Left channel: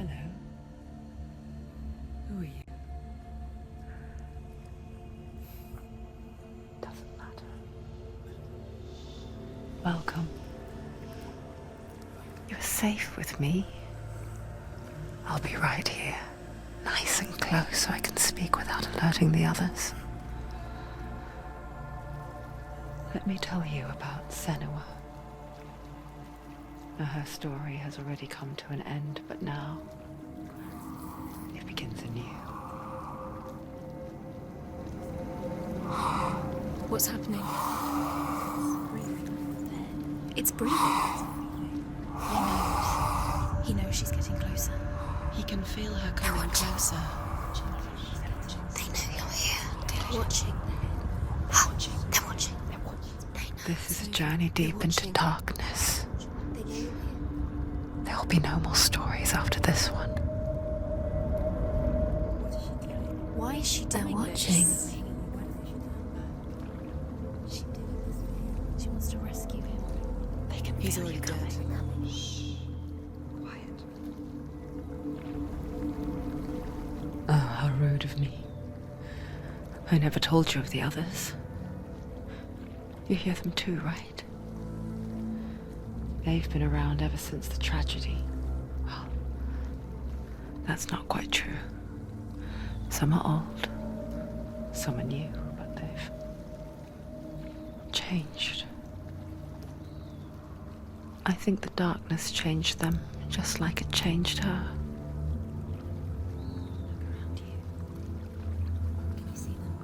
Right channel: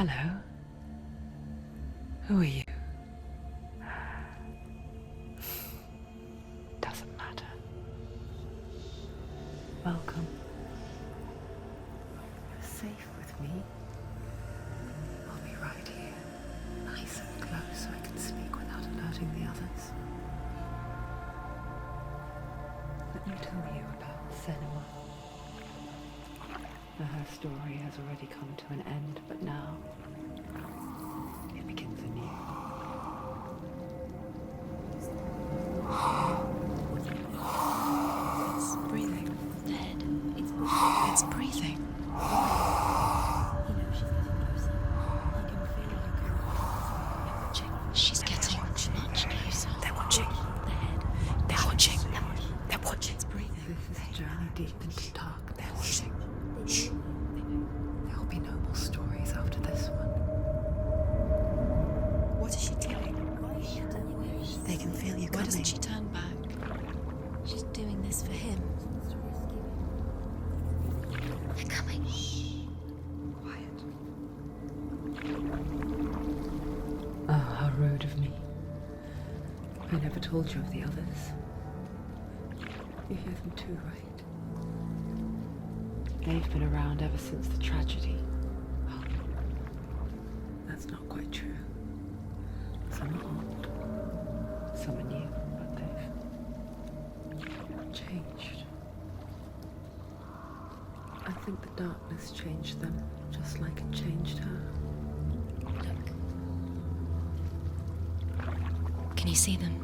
Hello. Who are you? Doesn't matter. Welcome. You're safe with me. I'll be right here, nice and close so I can speak without alerting the others. Let me tell you about Senua. Now, her story has already come to an end, but now it begins anew. What's happening? It's breathing. Dead. It's breathing. It's breathing. He knows she's getting closer. He can feel her coming closer. She's getting closer. They're watching. They're watching. They're watching. They're watching. This is a journey deep into darkness. There'll be no more stories after this one. What is she doing? Why is she doing watching. this? They can feel you Why doesn't coming. she turn back? She's doing this for him. She wants to rescue him. They can feel you coming. They're coming. Shh. Quiet. Oh, how rude of me. I never told you of the others. You hear them too, right? They've been around ever since the tragedy. Well, that's not quite true. Some are old, some are new, but they've changed. I think the darkness changed them, just like it changed her. Can you see them?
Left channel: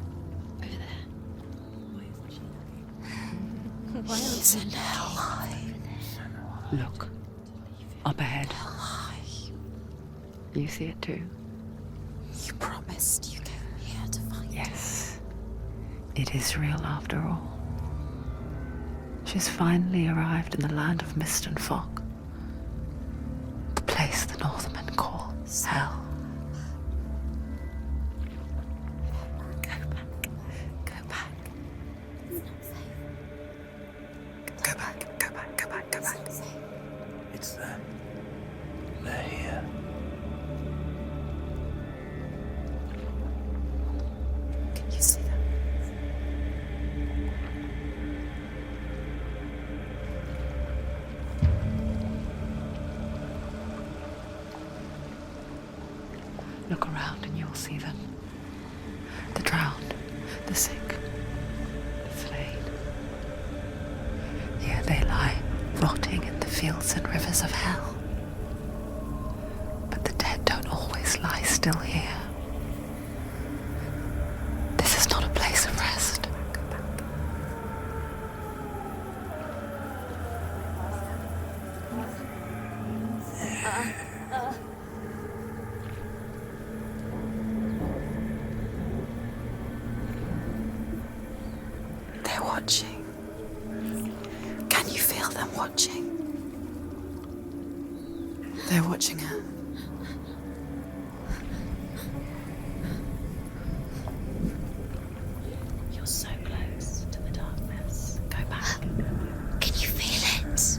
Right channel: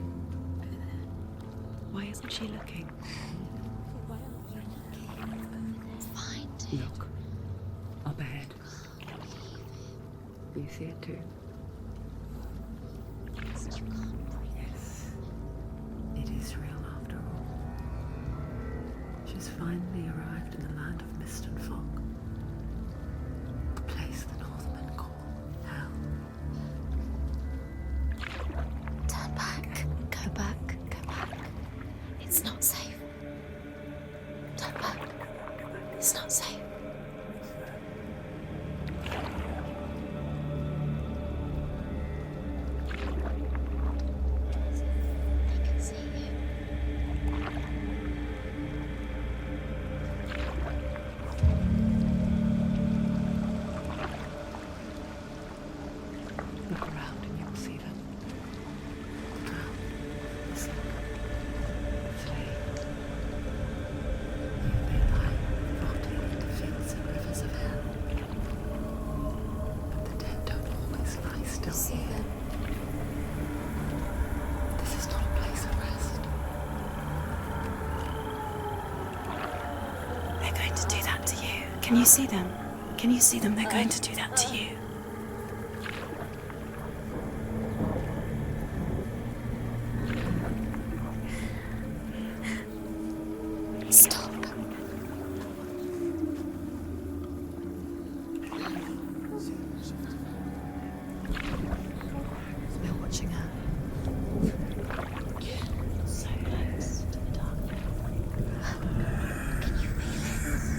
Over there. Why isn't she looking? Why She's in hell. Look, up ahead. You see it too? You promised you came here to find Yes, it is real after all. She's finally arrived in the land of mist and fog. The place the Northmen call hell. Turn back. Go back. Go back. It's not safe. Turn back. Go back, go back, go It's back. not safe. It's there. They're here. You see them? I can see you. Look around and you'll see them. The drowned, the sick, the slain. Here they lie, rotting in the fields and rivers of hell. But the dead don't always lie still here. This is not a place of rest. They're going to do that to you. Can you see them? Can you see them? They're going to do that to you. They're watching. Stop. Can you feel them watching? They're watching her. They're watching her. You're so close to the darkness. Go back. Can you feel it?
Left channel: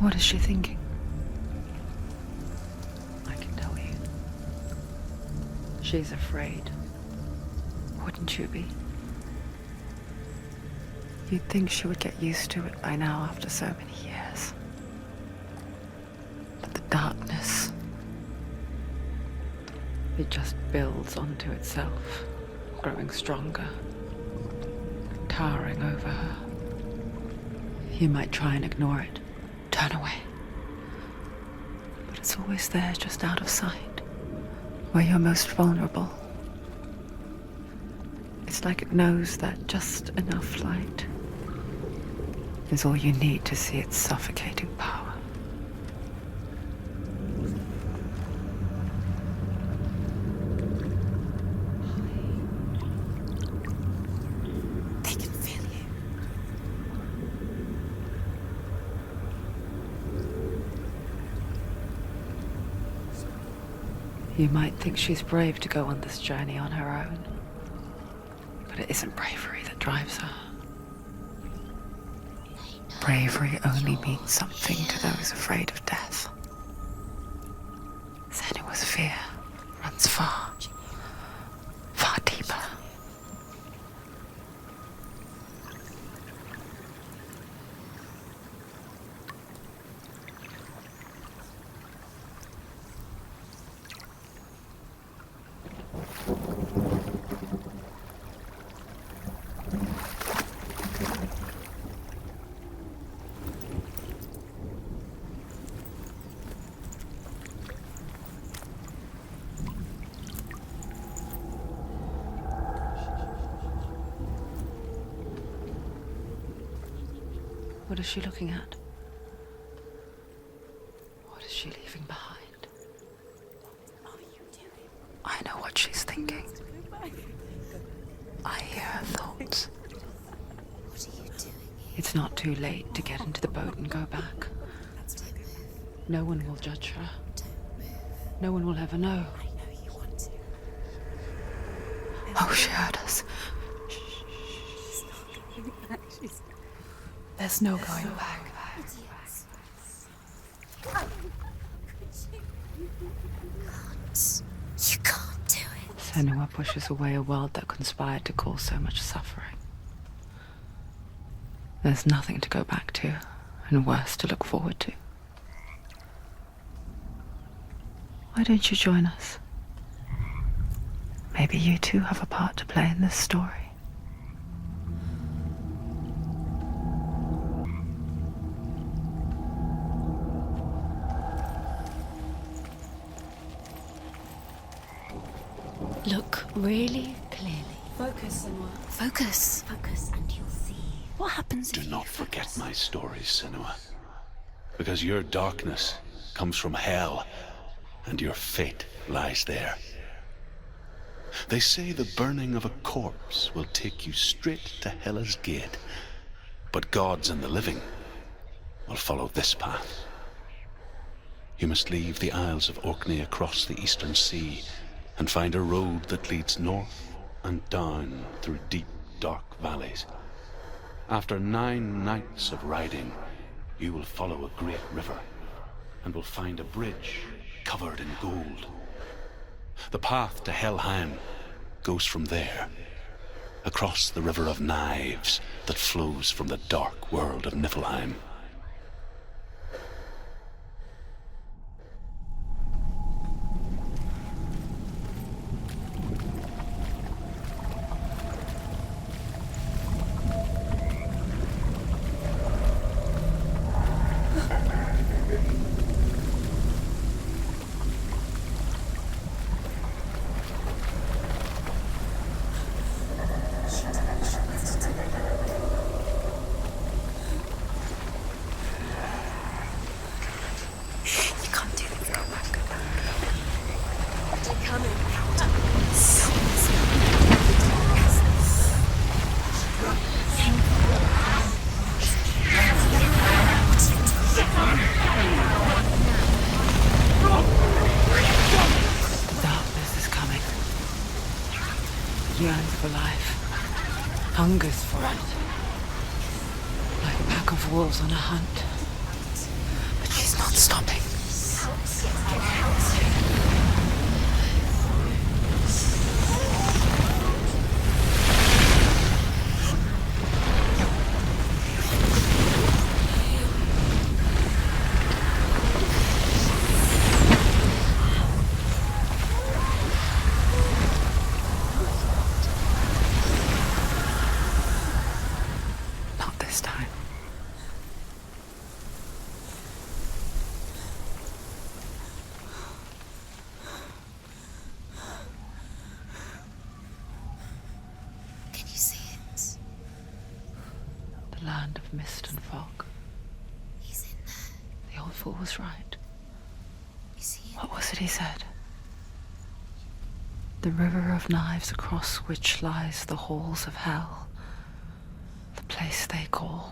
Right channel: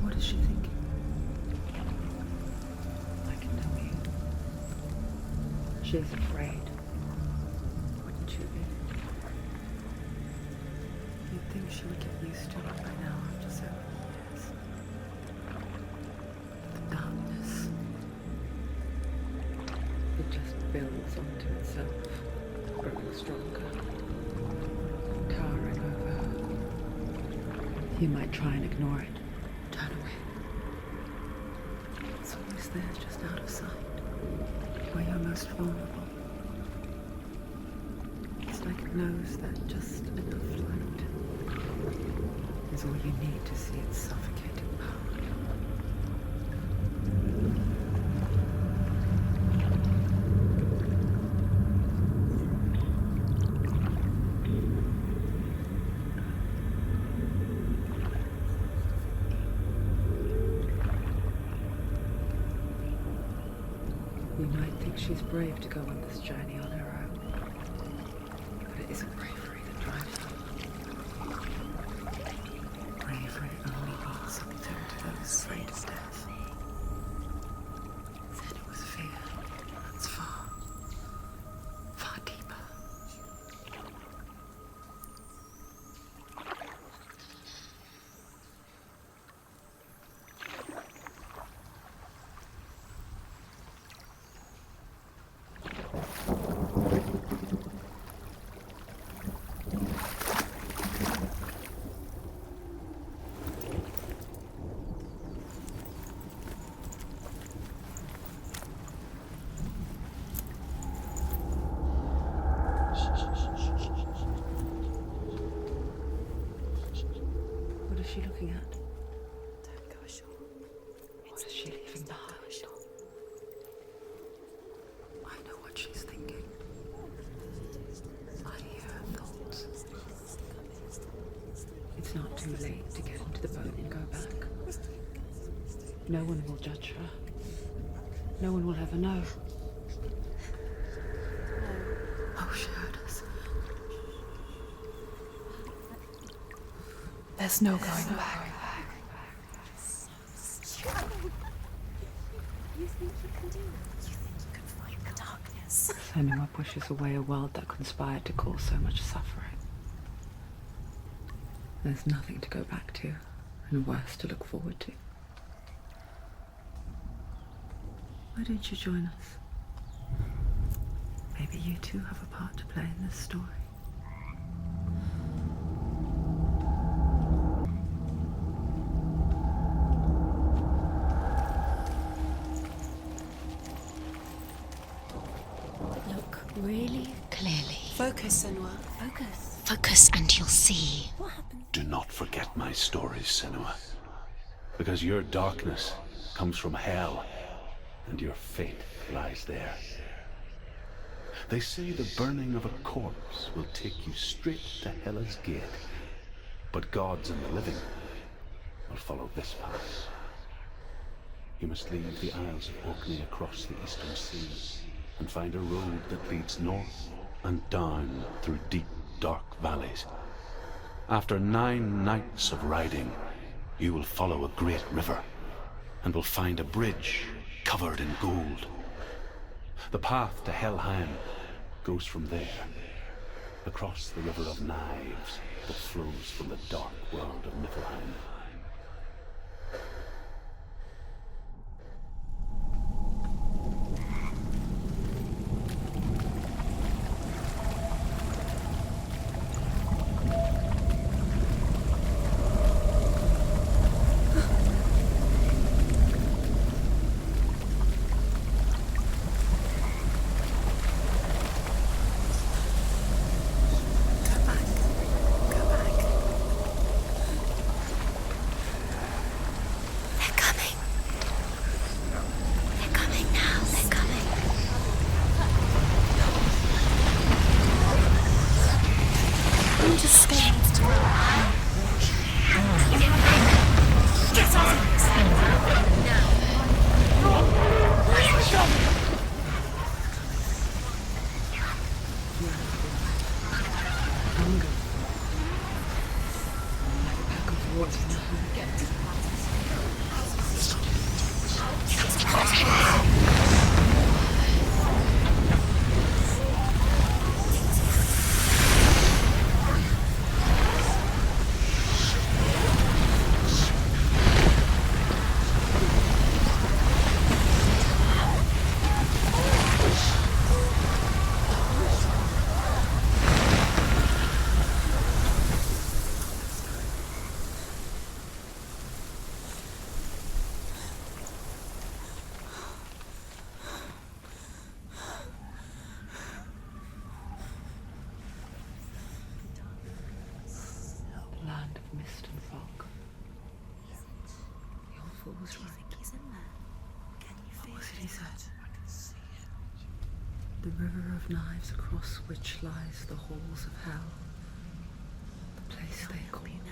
What is she thinking? I can tell you. She's afraid. Wouldn't you be? You'd think she would get used to it by now after so many years. But the darkness, it just builds onto itself, growing stronger, towering over her. You might try and ignore it, turn away. But it's always there, just out of sight, where you're most vulnerable. It's like it knows that just enough light is all you need to see its suffocating power. They can feel you. You might think she's brave to go on this journey on her own, but it isn't bravery that drives her. bravery only means something to those afraid of death. Senua's fear runs far, far deeper. What is she looking at? What is she leaving behind? I know what she's thinking. I hear her thoughts. It's not too late to get into the boat and go back. No one will judge her. No one will ever know. Oh, she heard us. There's no going back. You can't do it. Senua pushes away a world that conspired to cause so much suffering. There's nothing to go back to, and worse to look forward to. Why don't you join us? Maybe you too have a part to play in this story. Look really clearly. Focus, Senua. Focus. Focus and you'll see. What happens Do if not forget my stories, Senua. Because your darkness comes from hell, and your fate lies there. They say the burning of a corpse will take you straight to Hela's gate, but gods and the living will follow this path. You must leave the Isles of Orkney across the eastern sea and find a road that leads north and down through deep, dark valleys. After 9 nights of riding, you will follow a great river and will find a bridge covered in gold. The path to Helheim goes from there, across the river of knives that flows from the dark world of Niflheim. Darkness is coming. Yearns for life. Hungers for it. Like a pack of wolves on a hunt. But she's not stopping. Not this time. Can you see it? The land of mist and fog. He's in there. The old fool was right. You see it? What was it he said? The river of knives across which lies the halls of hell. The place they call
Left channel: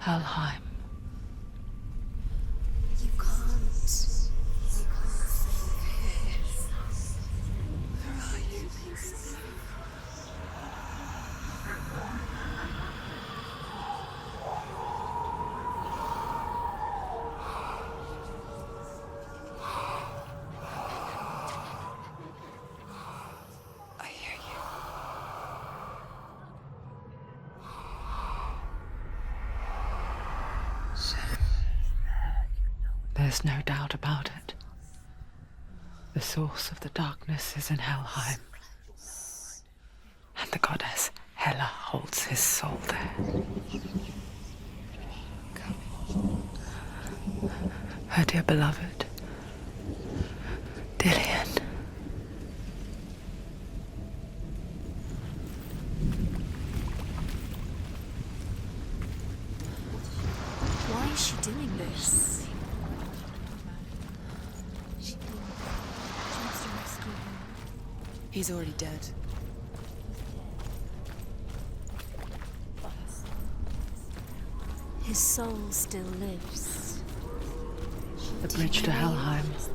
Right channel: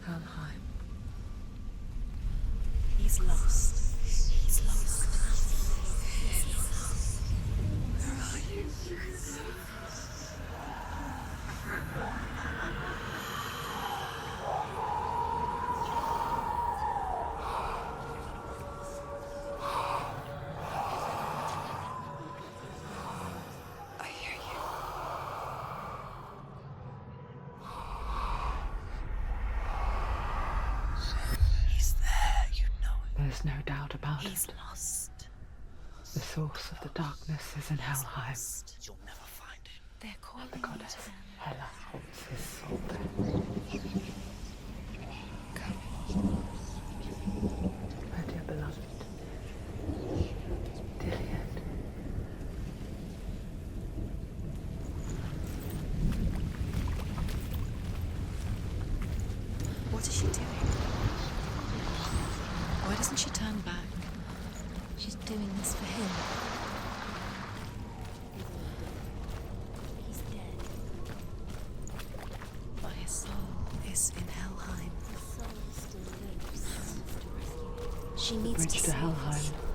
Helheim. He's lost. He's lost. Where are you? There's no doubt about He's it. lost. The source of the darkness is in Helheim, They're calling and the goddess Hela holds his soul there. Her dear beloved, Dillian. What is she doing? Why is she doing this? Why doesn't she turn back? She's doing this for him. He's already dead. He's dead. But his soul is in Helheim. His soul still lives. She The needs bridge to see Helheim. it.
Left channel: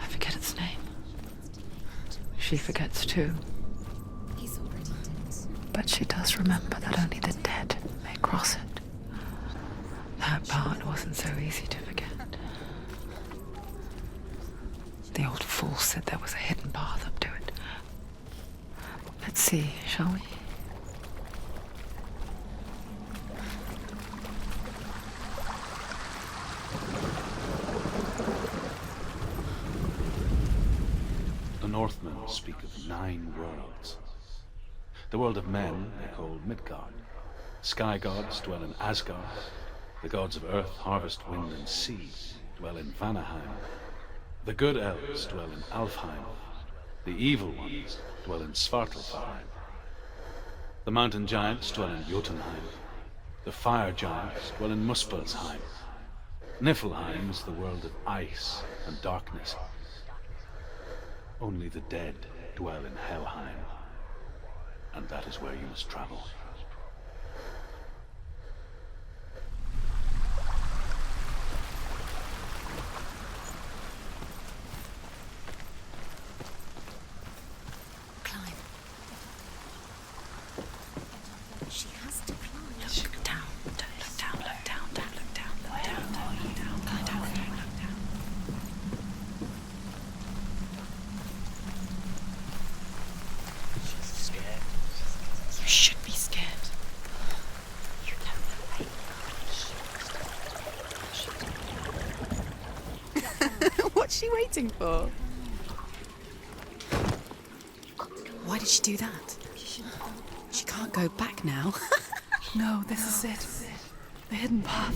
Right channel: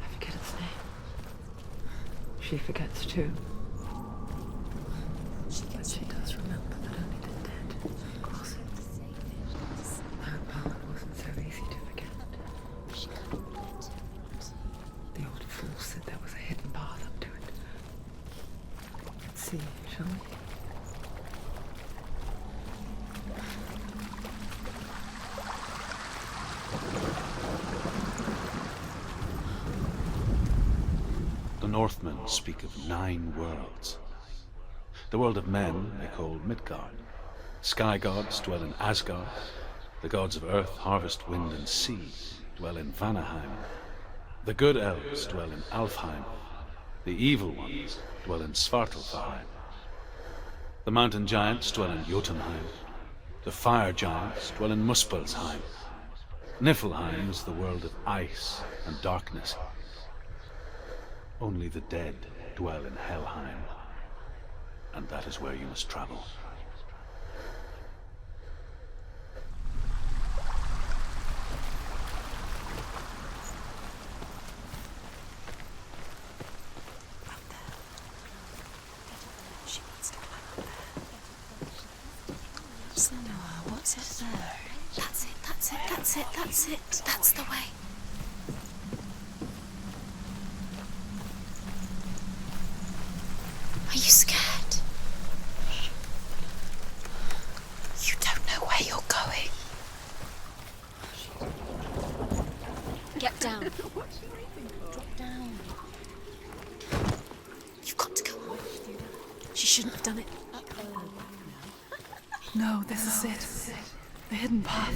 I forget its name. She forgets too, He's already dead. but she does remember that only the dead may cross it. That part wasn't so easy to forget. The old fool said there was a hidden path up to it. Let's see, shall we? The Northmen speak of 9 worlds. The world of men they call Midgard. Sky gods dwell in Asgard. The gods of earth, harvest, wind, and sea dwell in Vanaheim. The good elves dwell in Alfheim. The evil ones dwell in Svartalfheim. The mountain giants dwell in Jotunheim. The fire giants dwell in Muspelheim. Niflheim is the world of ice and darkness. Only the dead dwell in Helheim, and that is where you must travel. Climb. She wants to. She has to climb. Look down. What's it? Down. That's it. That's it. That's the way. Are you scared? You should be scared. You don't know where you're going. Get down. What's she waiting for? You've got to go. Why did she do that? She shouldn't have done it. She can't go back now. No, this is it. The hidden path.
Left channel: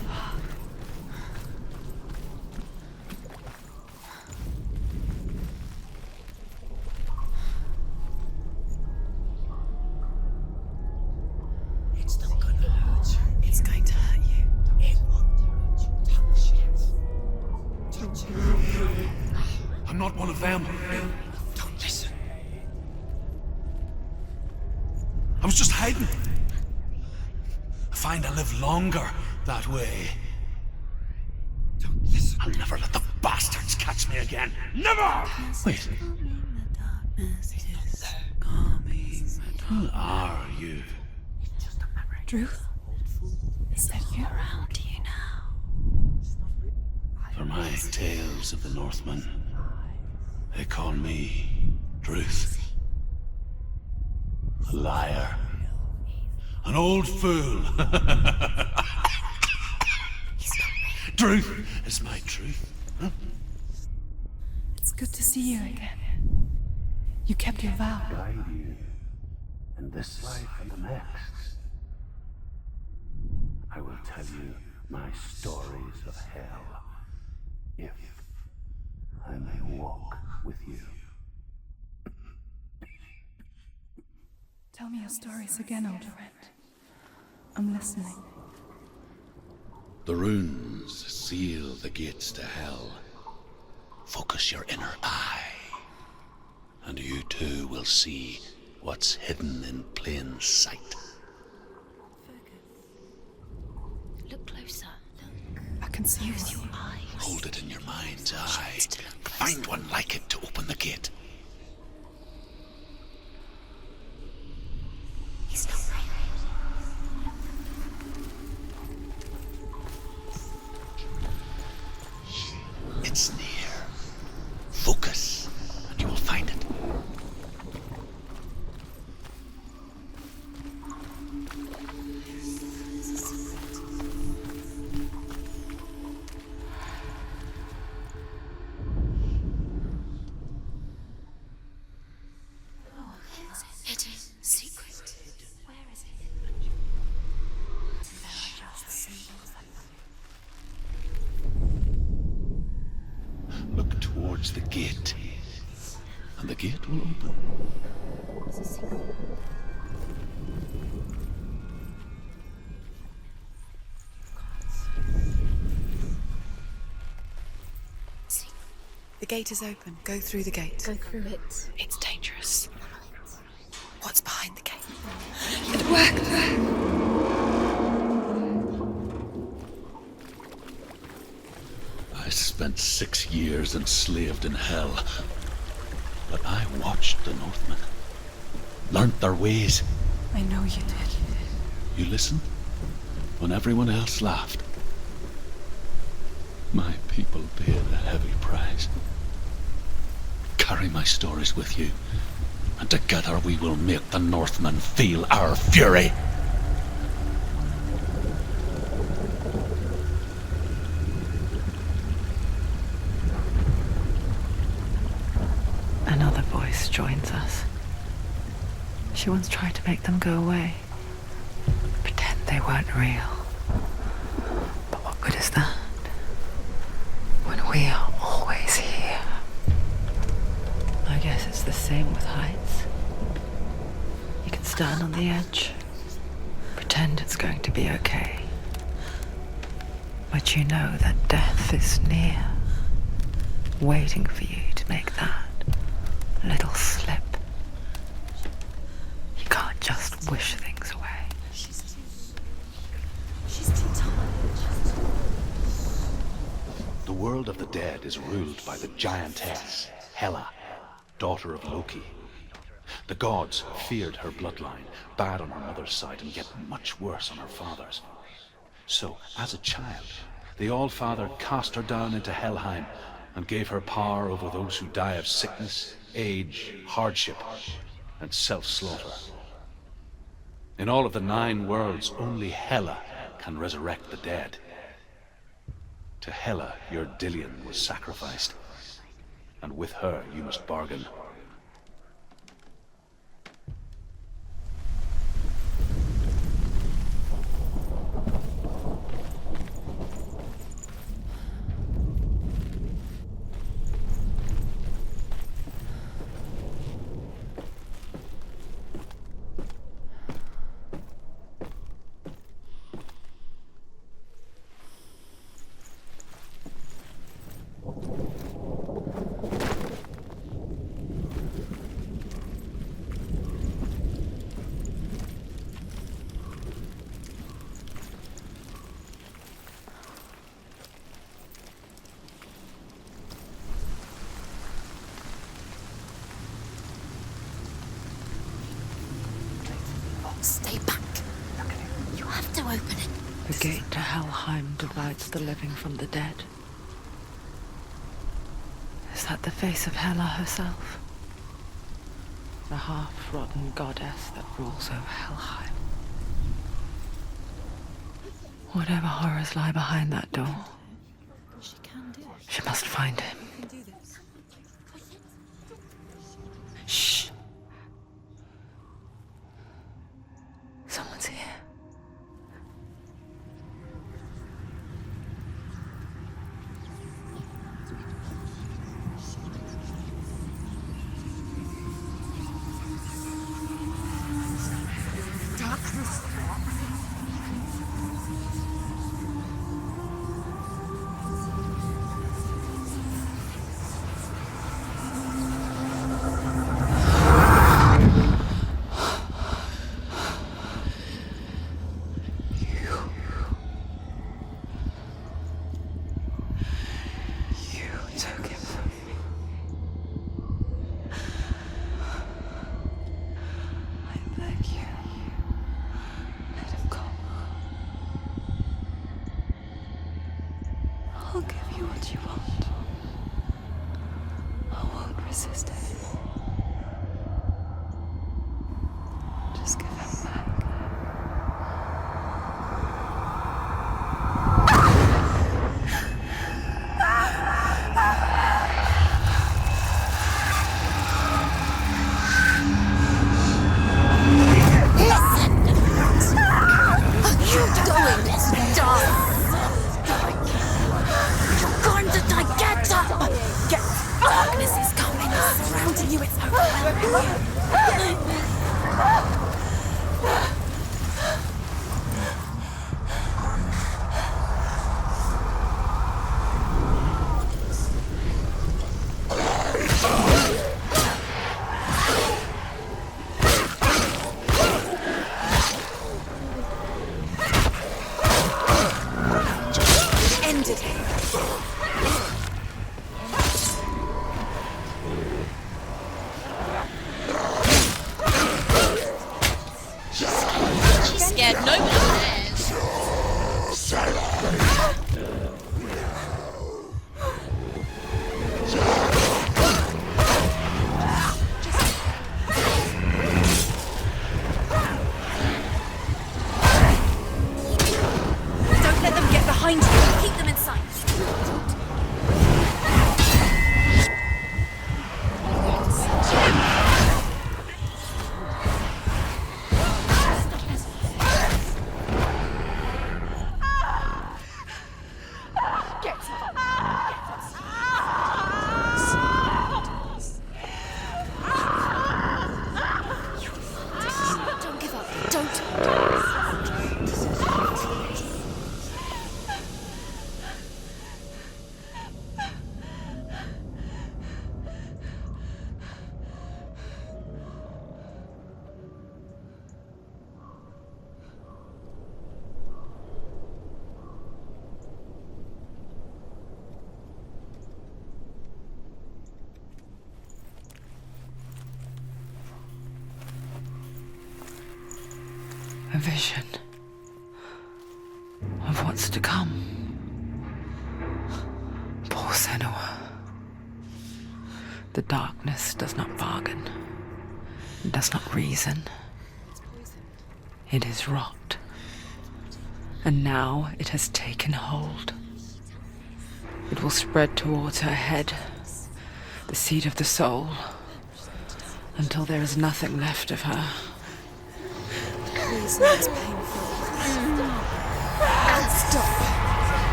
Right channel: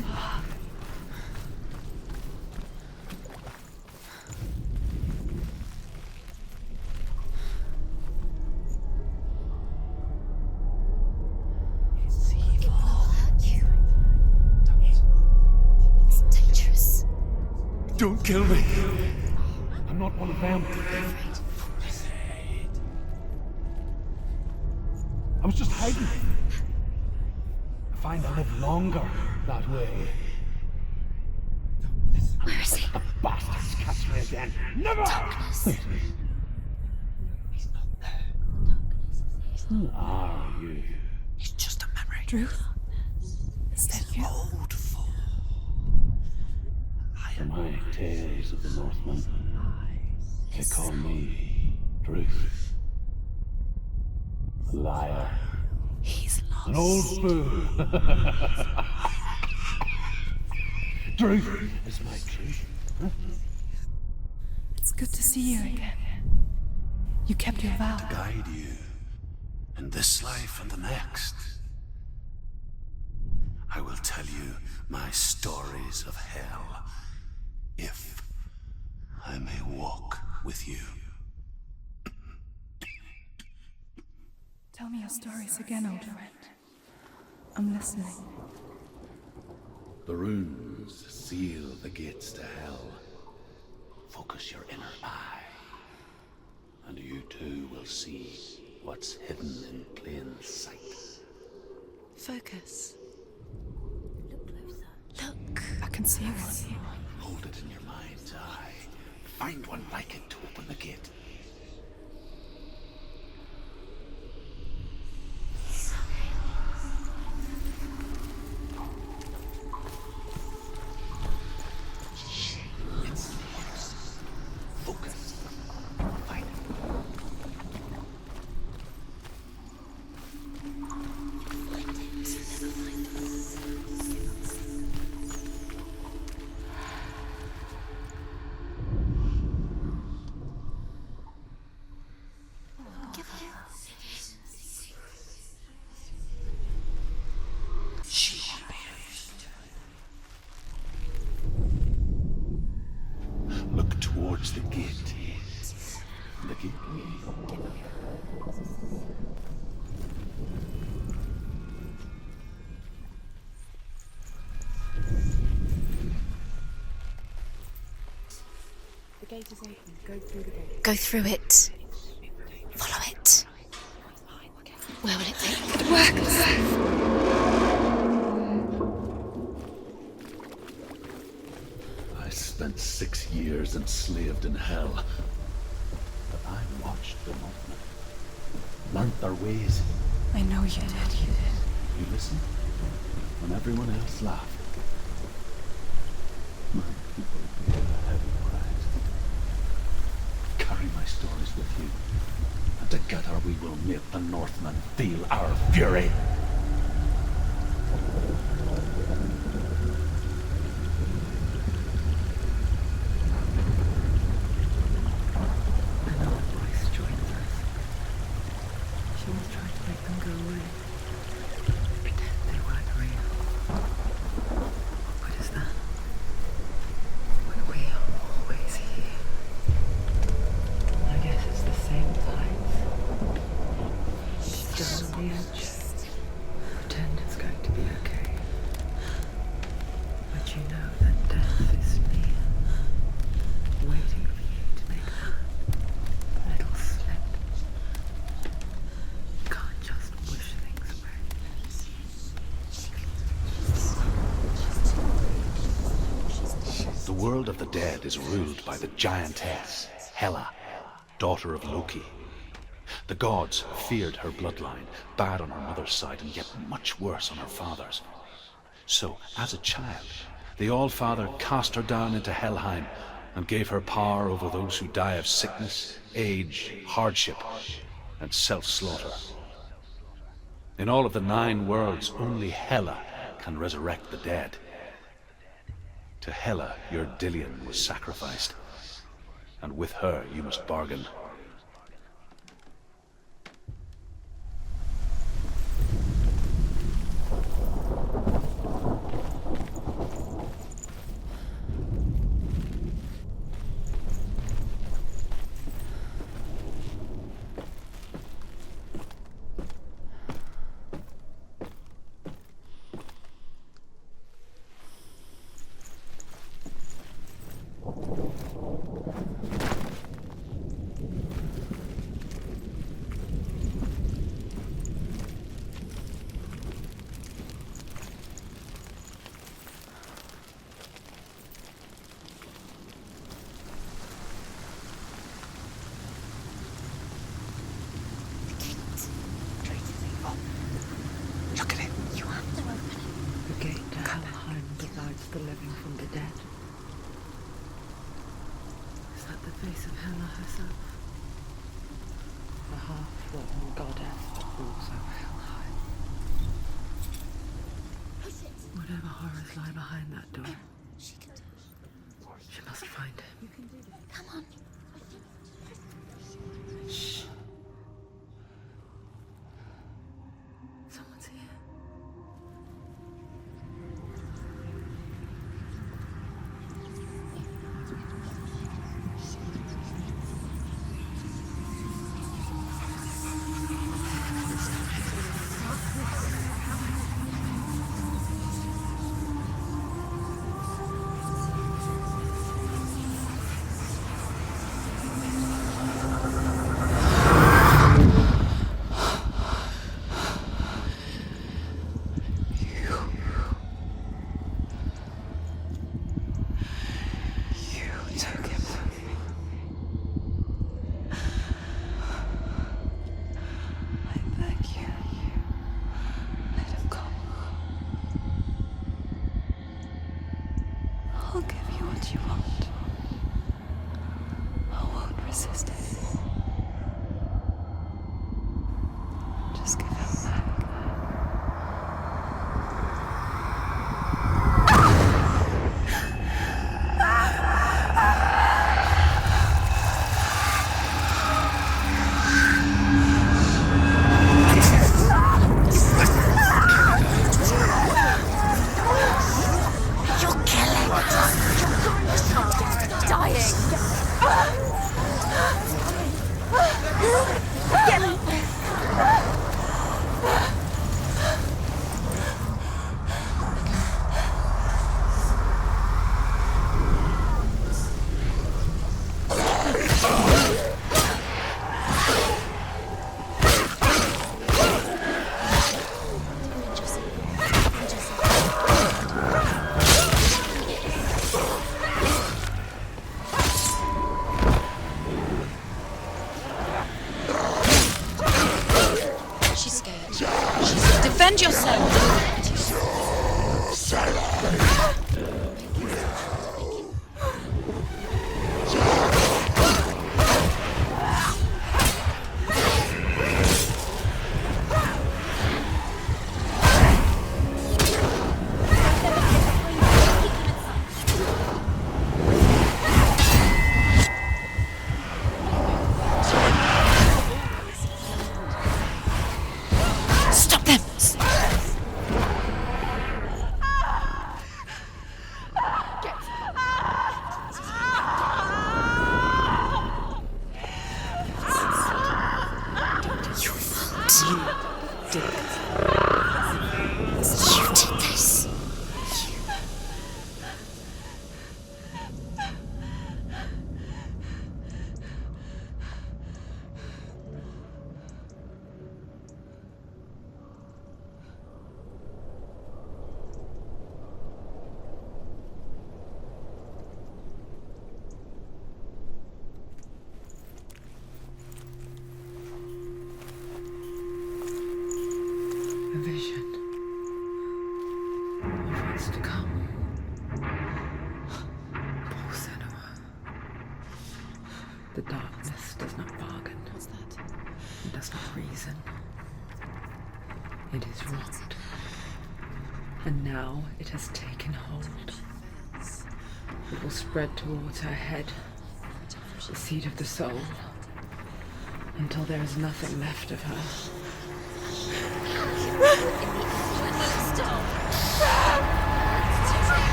It's going to hurt you. It's dangerous. Don't kill me. I'm not one of them. Don't listen. I was just hiding. I find I live longer that way. Don't listen. I'll never let the bastards catch me again. Never! Wait. Who are you? It's just a memory. Drew? Is that you? Around you now. For my tales of the Northmen, they call me Druth. A liar. He's lost. An old fool. He's not real. Truth is my truth. It's good to see you again. You kept your vow. Guide you in this life and the next. I will tell you my stories of hell, if I may walk with you. Tell me your stories again, old friend. I'm listening. The runes seal the gates to hell. Focus your inner eye, and you too will see what's hidden in plain sight. Focus. Look closer. Look. I can see one. Eyes. Hold it in your mind's eye. Needs to look closer. Find one like it to open the gate. He's not real. It's near. Focus, and you will find it. towards the gate. And the gate will open. The gate is open. Go through the gate. Go through it. It's dangerous. Follow it. What's behind the gate? Where will it take you? It works! I spent 6 years enslaved in hell. But I watched the Northmen. Learnt their ways. I know you did. You listened when everyone else laughed. My people paid a heavy price. Carry my stories with you, and together we will make the Northmen feel our fury. Another voice joins us. She once tried to make them go away. Pretend they weren't real. But what good is that? When we are always here. I guess it's the same with heights. You can stand on the edge, pretend it's going to be okay. But you know that death is near, waiting for you to make that little slip. You can't just wish things away. The world of the dead is ruled by the giantess, Hela, daughter of Loki. The gods feared her bloodline, bad on her mother's side and yet much worse on her father's. So, as a child, the All-Father cast her down into Helheim and gave her power over those who die of sickness, age, hardship, and self-slaughter. In all of the 9 worlds, only Hela can resurrect the dead. To Hela, your Dillion was sacrificed, and with her you must bargain. Stay back. Look at it. You have to open it. The gate to Helheim divides the living from the dead. Is that the face of Hela herself? The half-rotten goddess that rules over Helheim. Whatever horrors lie behind that door, she must find him. Shh. Someone's here. I'll give you what you want. I won't resist anymore. Just give him back. You're going to die. Get dying. A vision of what's to come. Poor Senua. The darkness does not bargain. It does not reason. It is rot. And now it has taken hold. It will spread towards her head, the seat of the soul, until there is nothing left of her.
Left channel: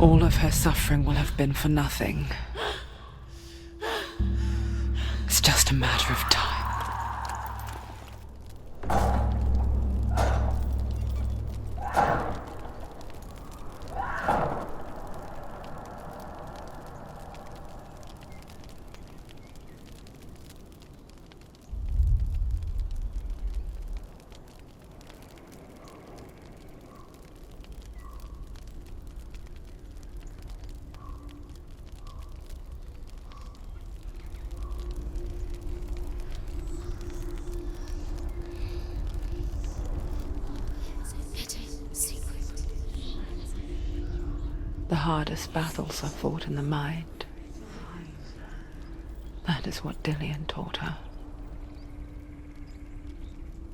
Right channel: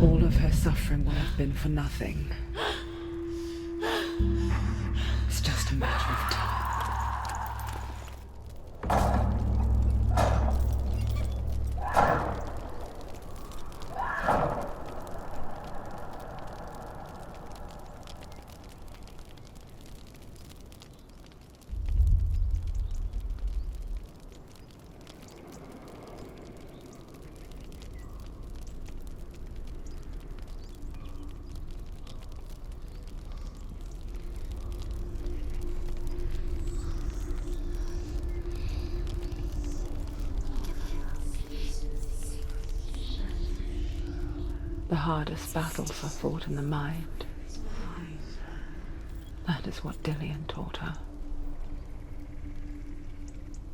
All of her suffering will have been for nothing. It's just a matter of time. The hardest battles are fought in the mind. That is what Dillian taught her.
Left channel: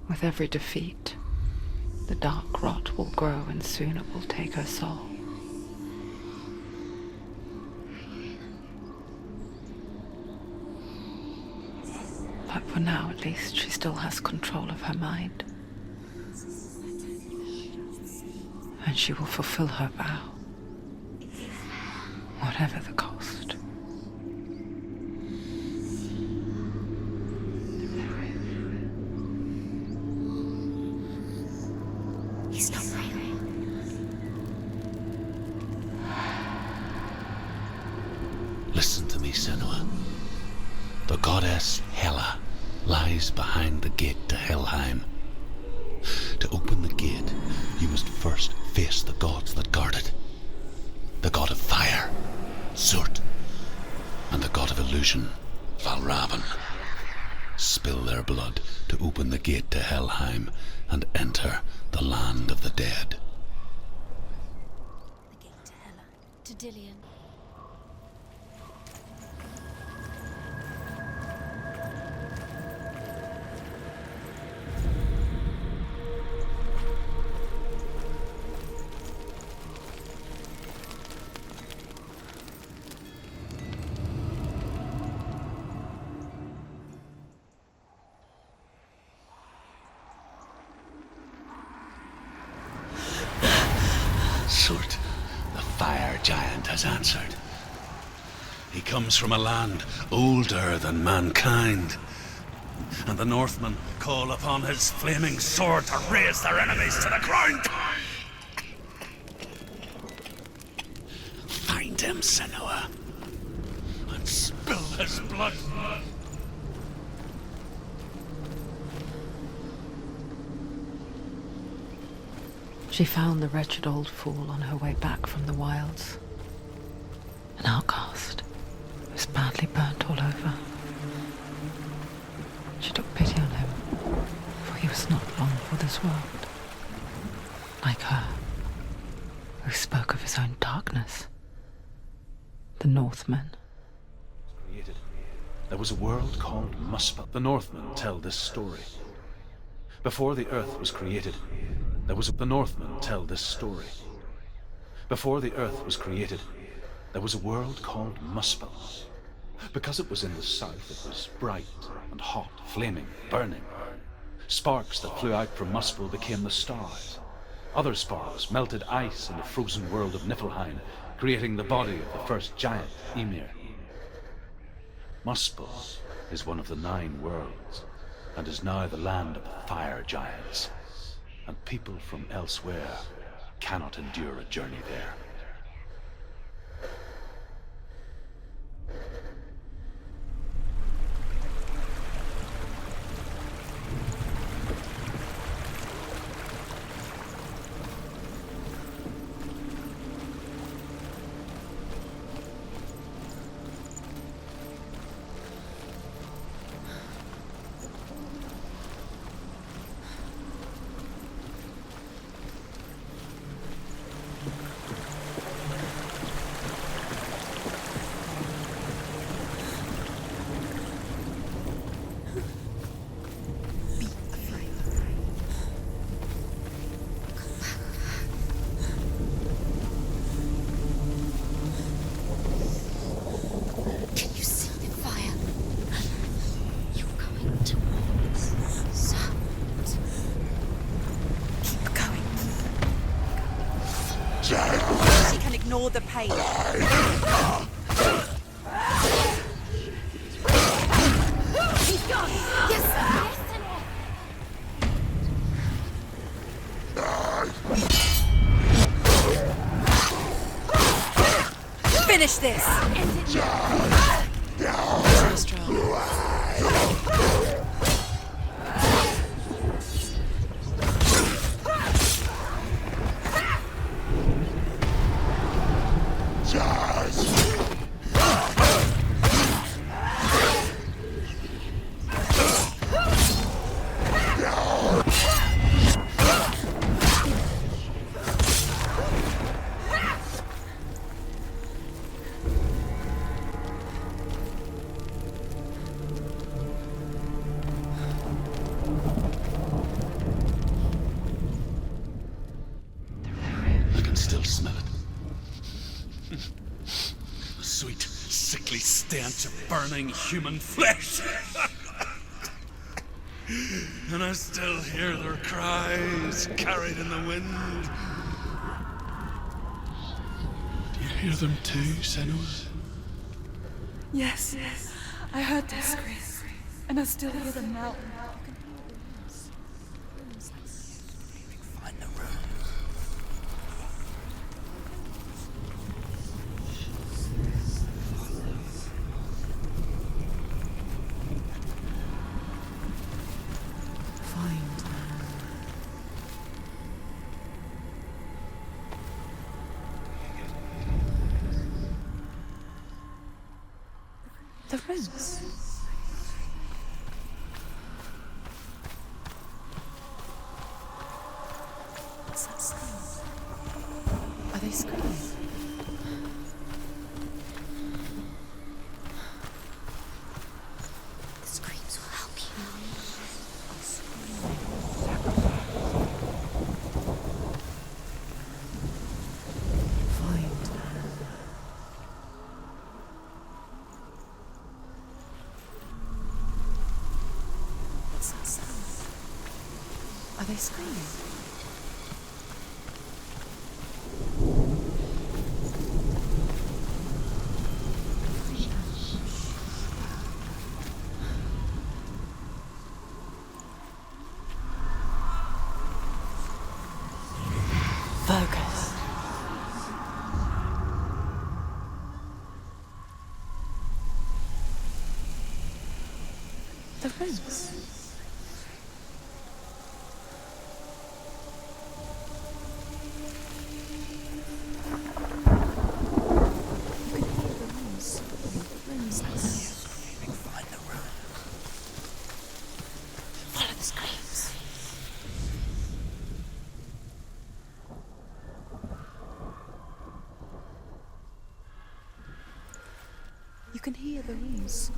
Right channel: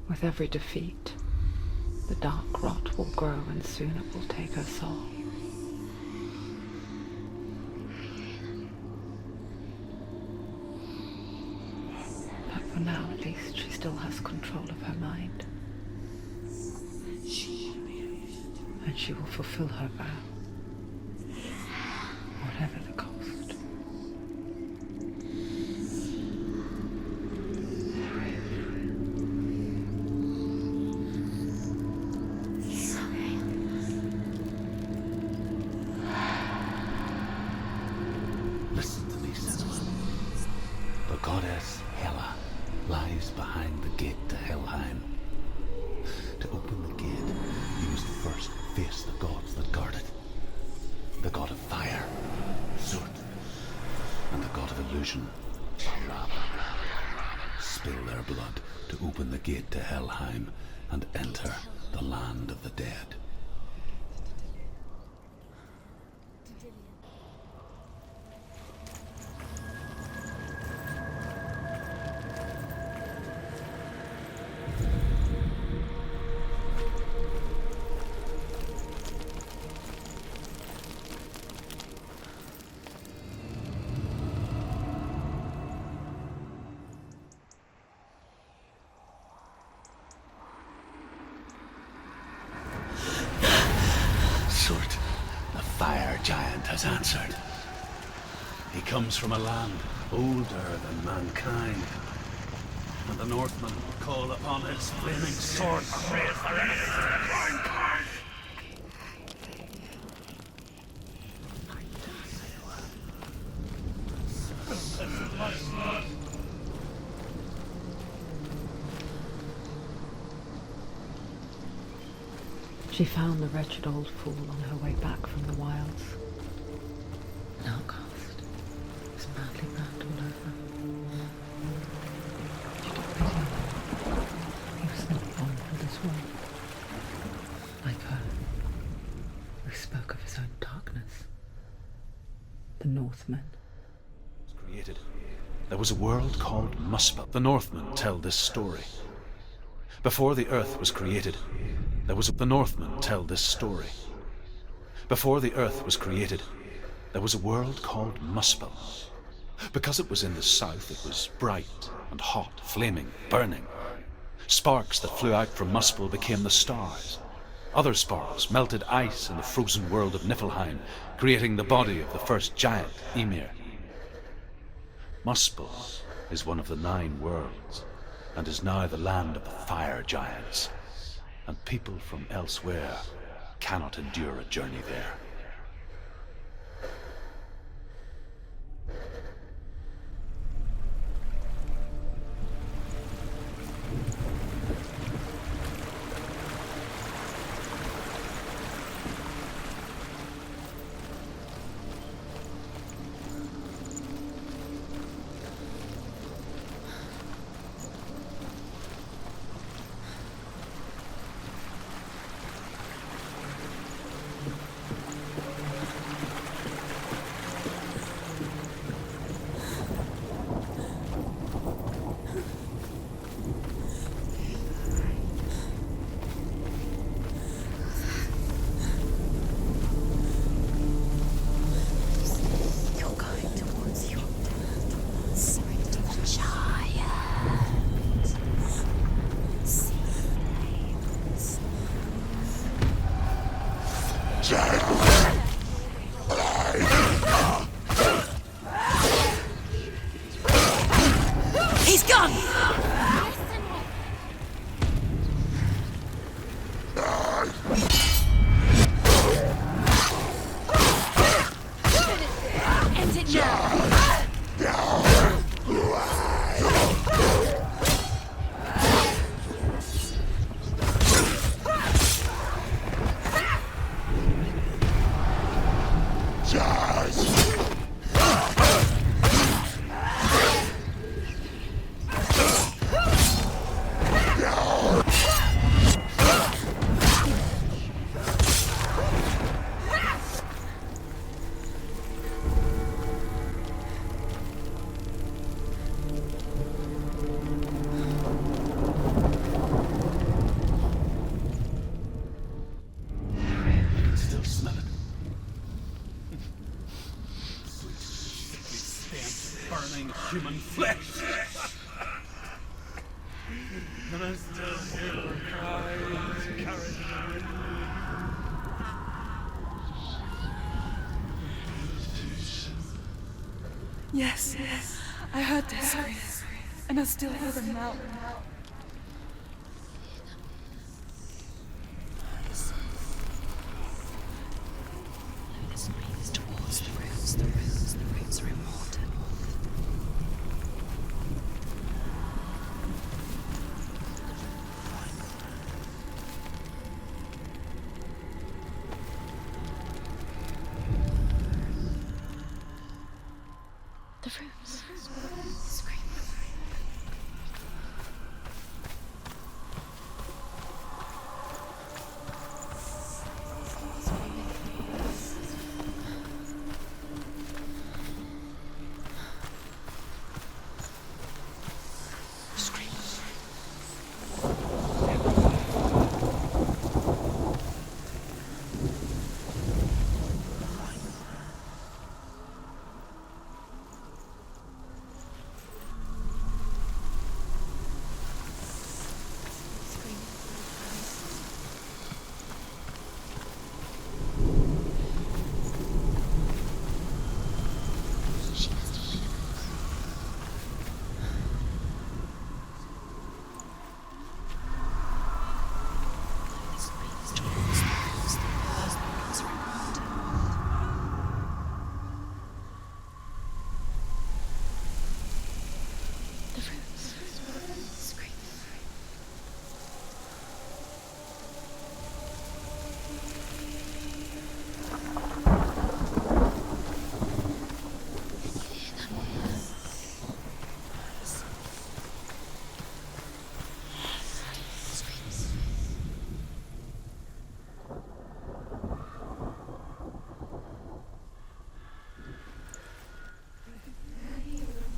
With every defeat, the dark rot will grow and soon it will take her soul. But for now, at least, she still has control of her mind. And she will fulfill her vow. Whatever the cost. He's not breathing. Listen to me, Senua. The goddess Hela lies behind the gate to Helheim. To open the gate, you must first face the gods that guard it. The god of fire, Surt, and the god of illusion, Valravan. Spill their blood to open the gate to Helheim and enter the land of the dead. To Dillian. Surt, the fire giant, has answered. He comes from a land older than mankind, and the Northmen call upon his flaming sword to raise their enemies to the ground. Find him, Senua, and spill his blood. She found the wretched old fool on her way back from the wilds. An outcast. He was badly burnt all over. She took pity on him, for he was not long for this world. Like her, who spoke of his own darkness. The Northmen. Created. There was a world called Muspel. The Northmen tell this story. Before the earth was created, the Northmen tell this story. Before the earth was created, there was a world called Muspel. Because it was in the south, it was bright and hot, flaming, burning. Sparks that flew out from Muspel became the stars. Other sparks melted ice in the frozen world of Niflheim, creating the body of the first giant, Ymir. Muspel is one of the 9 worlds, and is now the land of the fire giants. And people from elsewhere cannot endure a journey there. And ignore the pain. He's gone! Yes, Senua. Finish this! End it now! I can still smell it. A sweet, sickly stench of burning human flesh. And I still hear their cries carried in the wind. Do you hear them too, Senua? Yes, I heard their screams, and I still hear them now. The runes. Are they screams? Screams will help you. Screams. Are they screams? The runes. You can hear the runes.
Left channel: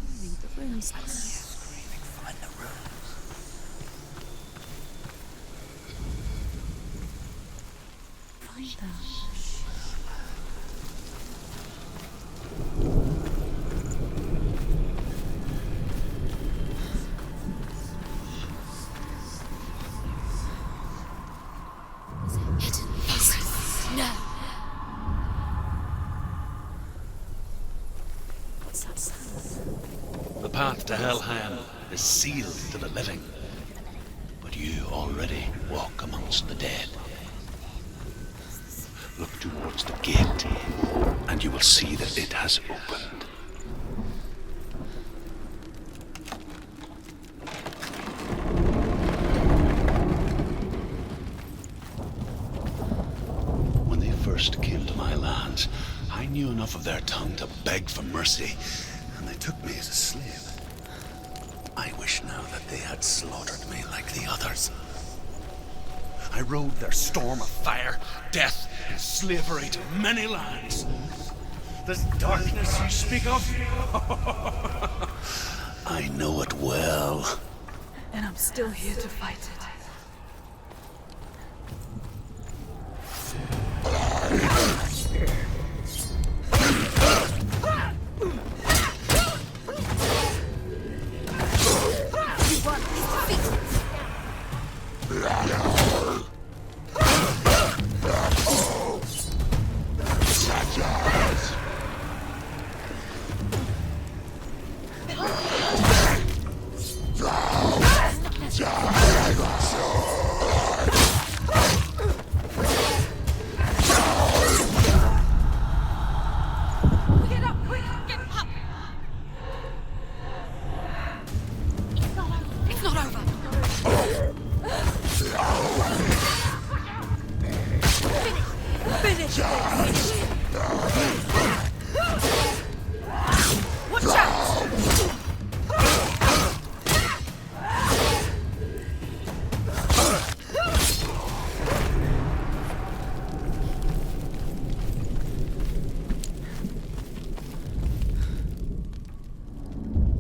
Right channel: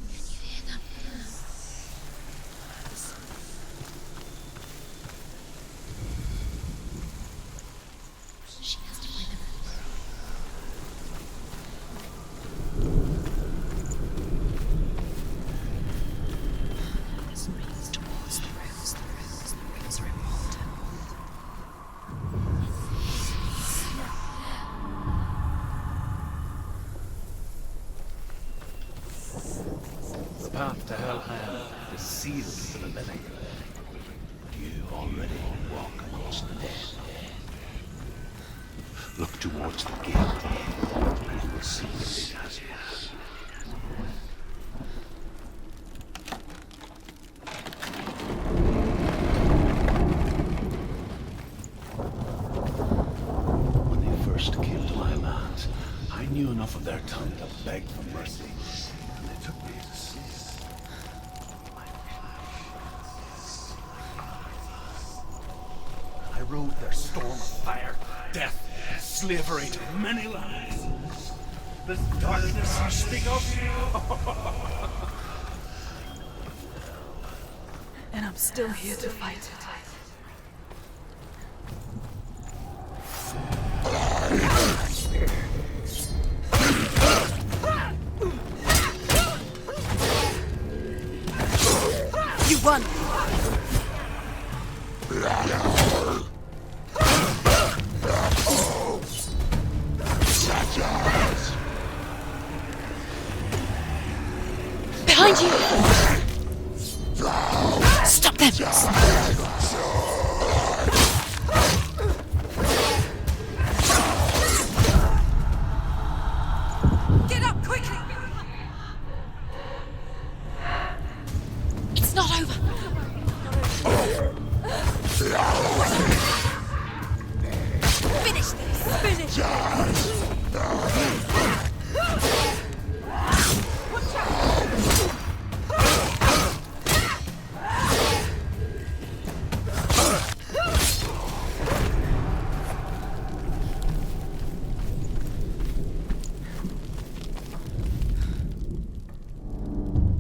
The path to Helheim is sealed to the living, but you already walk amongst the dead. Look towards the gate, and you will see that it has opened. When they first came to my lands, I knew enough of their tongue to beg for mercy, and they took me as a slave. I wish now that they had slaughtered me like the others. I rode their storm of fire, death, and slavery to many lands. This darkness you speak of, I know it well. And I'm still here to fight it. You won!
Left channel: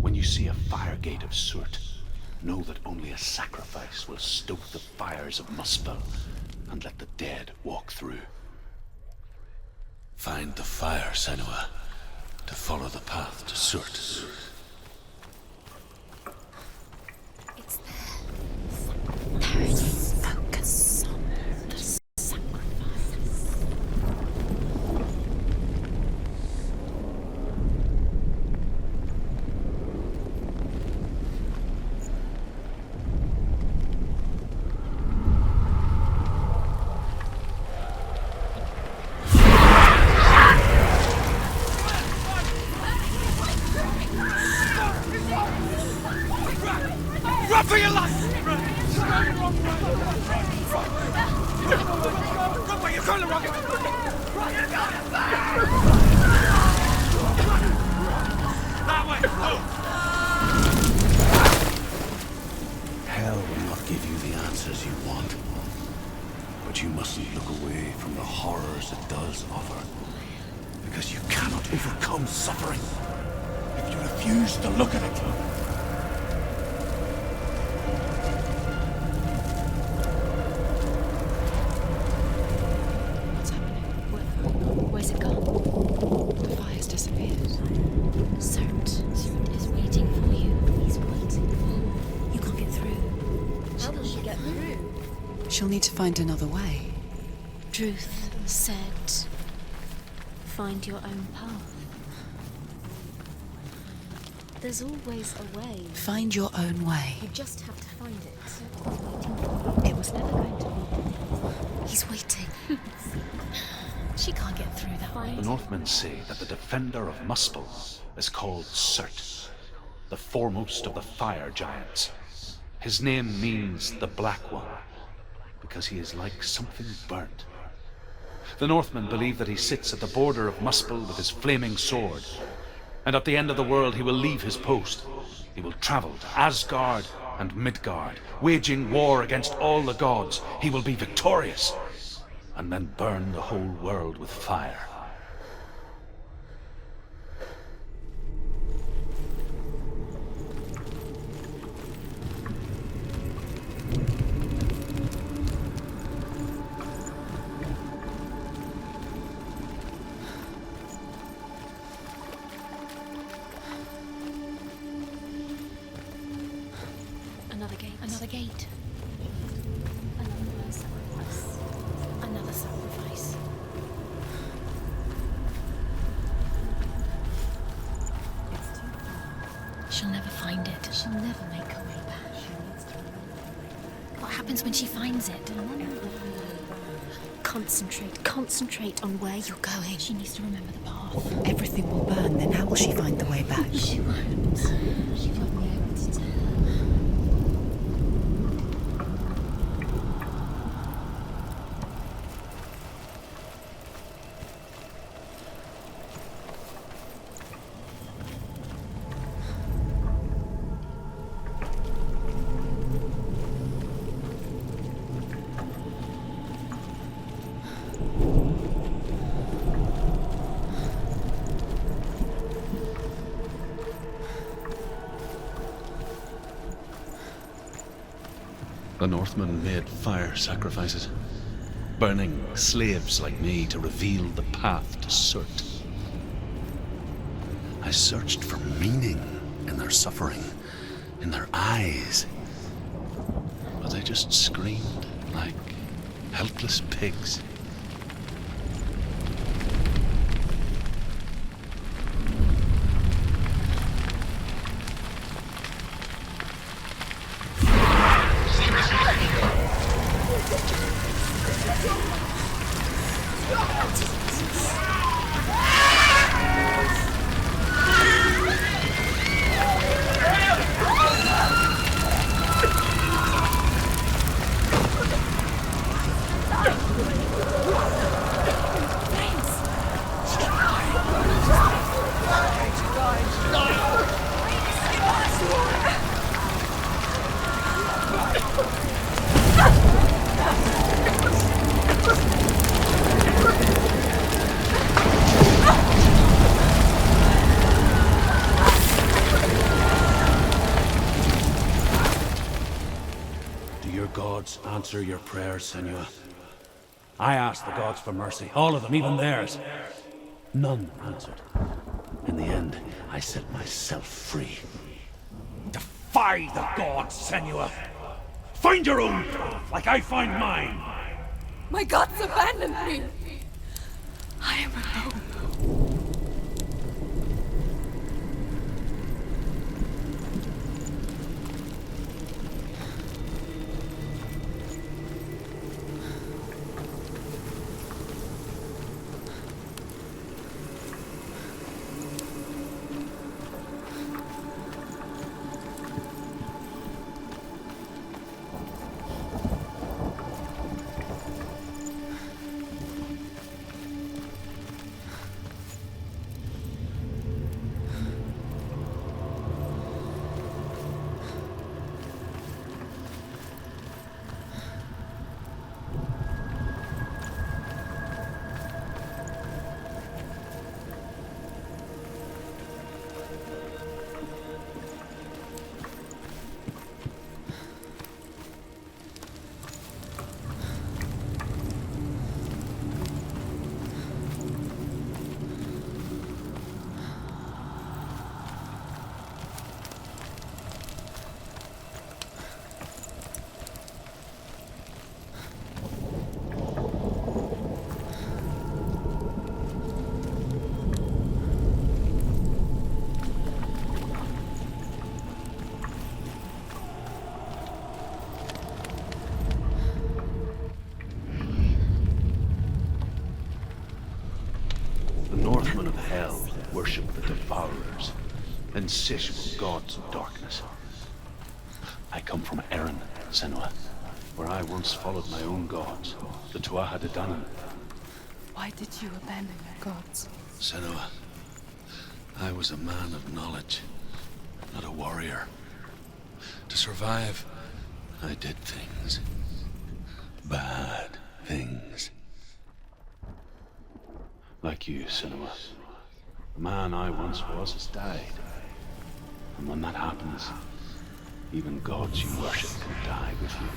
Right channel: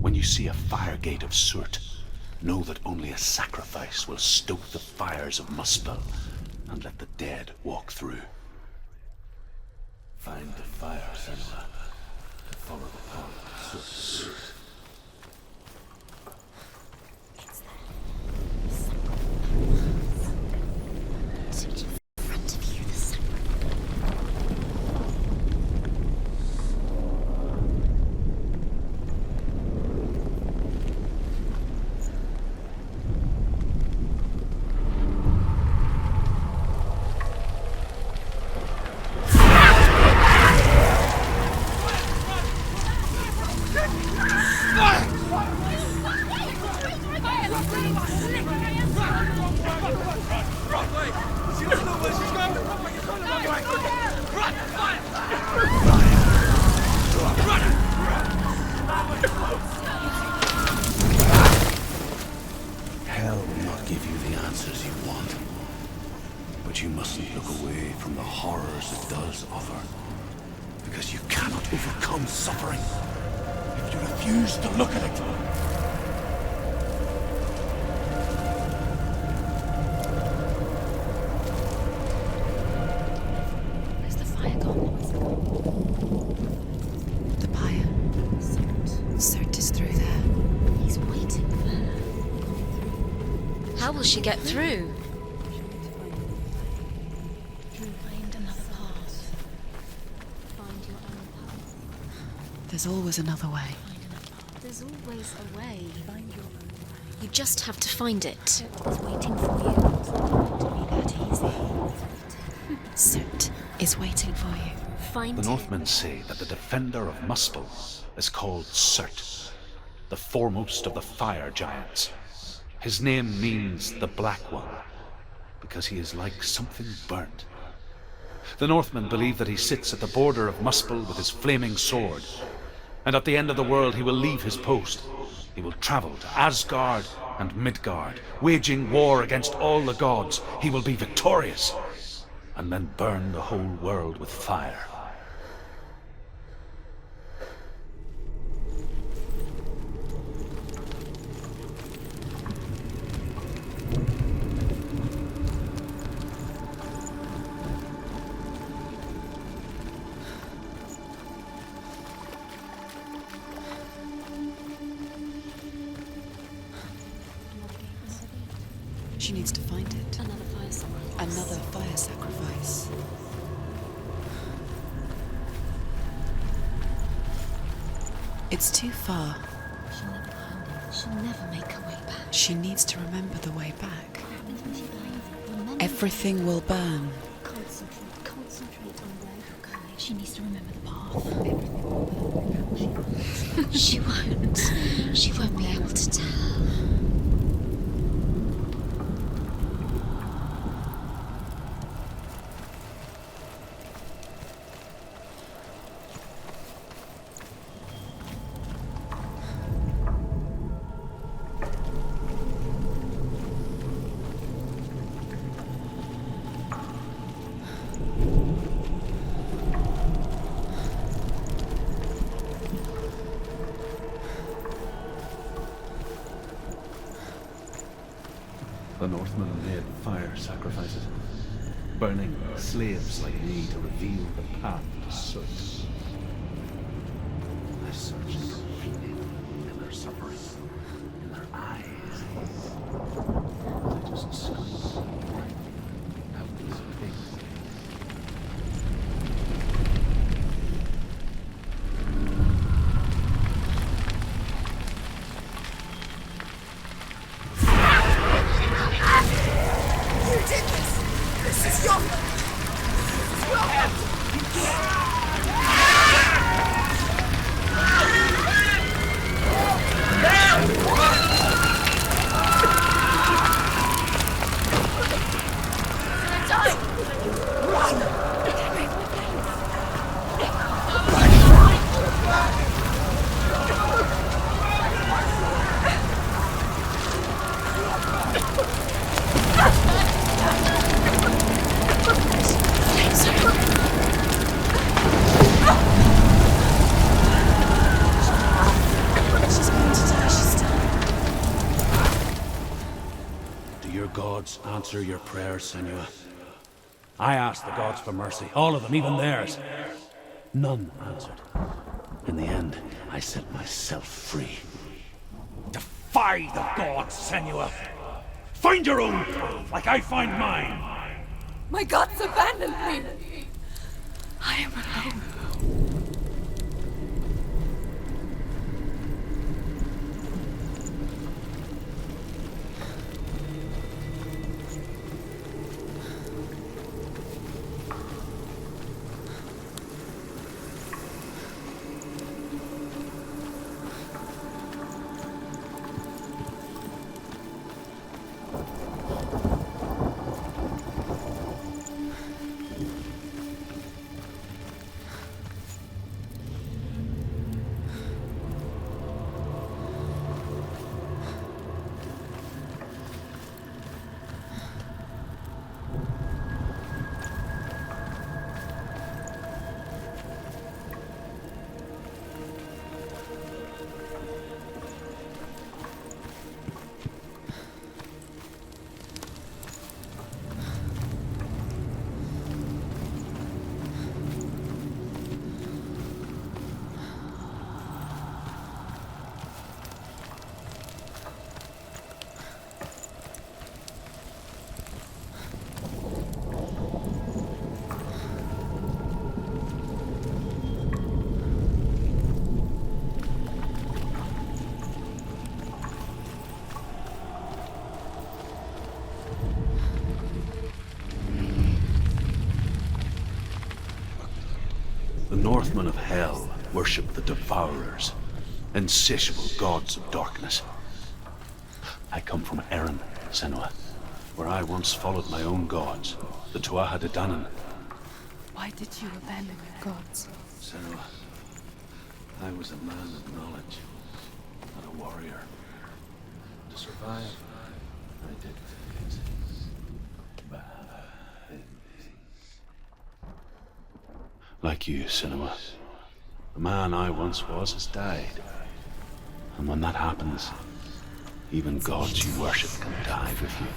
When you see a fire gate of Surt, know that only a sacrifice will stoke the fires of Muspel and let the dead walk through. Find the fire, Senua, to follow the path to Surt. Focus on it. Hell will not give you the answers you want. But you mustn't look away from the horrors it does offer. Because you cannot overcome suffering if you refuse to look at it. What's happening? Is the fire gone? Where's it gone? The fire's disappeared. The fire. Surt is through there. He's waiting. You can't get through. How will she get through? She'll need to find another way. Truth said, find your own path. There's always another way. There's always a way. Find your own way. You just have to find it. He's waiting for you. It was never meant to be that easy. He's waiting. Surt is waiting. He can't get through there. Find The Northmen say that the defender of Muspel is called Surt, the foremost of the fire giants. His name means the Black One, because he is like something burnt. The Northmen believe that he sits at the border of Muspel with his flaming sword, and at the end of the world he will leave his post. He will travel to Asgard and Midgard, waging war against all the gods. He will be victorious, and then burn the whole world with fire. another gate. Another gate. She needs to find it. Another fire sacrifice. Another fire Another sacrifice. sacrifice. It's too far. She'll never find it. She'll never make her way back. She needs to remember the way back. What happens when she finds it? Remember. Everything will burn. Concentrate. Concentrate on where you're going. She needs to remember the path. Everything will burn. Then how will she find the way back? She won't. She won't be able to tell. The Northmen made fire sacrifices, burning slaves like me to reveal the path to Surt. I searched for meaning in their suffering, in their eyes. But they just screamed like helpless pigs. answer your prayers, Senua. I asked the gods for mercy, all of them, even theirs. None answered. In the end, I set myself free. Defy the gods, Senua! Find your own path, like I find mine! My gods abandoned me! I am alone. The Northmen of Hell worship the Devourers, insatiable gods of darkness. I come from Erin, Senua, where I once followed my own gods, the Tuatha De Danann. Why did you abandon your gods? Senua, I was a man of knowledge, not a warrior. To survive, I did things. Bad things. Like you, Senua. The man I once was has died. And when that happens, even gods you worship can die with you.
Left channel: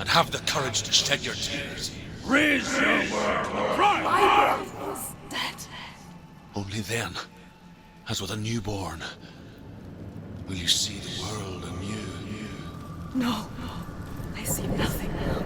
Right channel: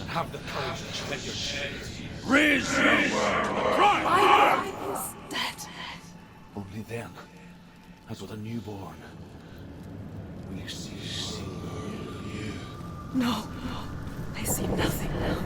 and have the courage to shed your tears. Raise your world to the prime! My world is dead. Only then, as with a newborn, will you see the world anew. No, I see nothing now.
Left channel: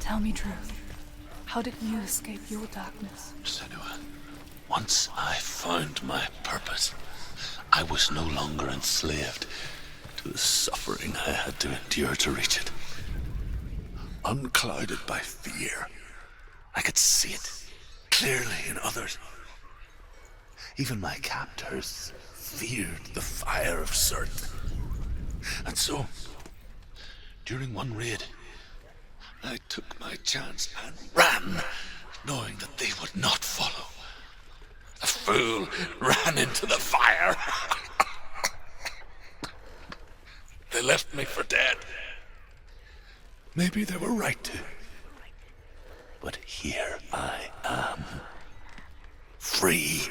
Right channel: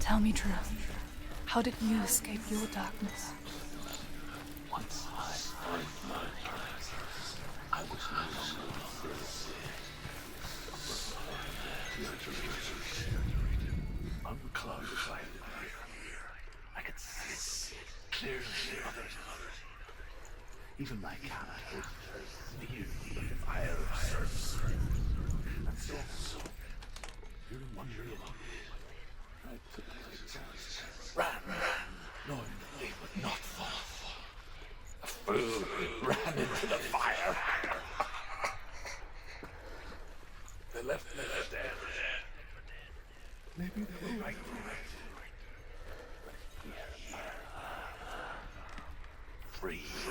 Tell me truth. How did you escape your darkness? Senua, once I found my purpose, I was no longer enslaved to the suffering I had to endure to reach it. Unclouded by fear, I could see it clearly in others. Even my captors feared the fire of Surt. And so, during one raid, I took my chance and ran, knowing that they would not follow. The fool ran into the fire. They left me for dead. Maybe they were right to. But here I am. Free.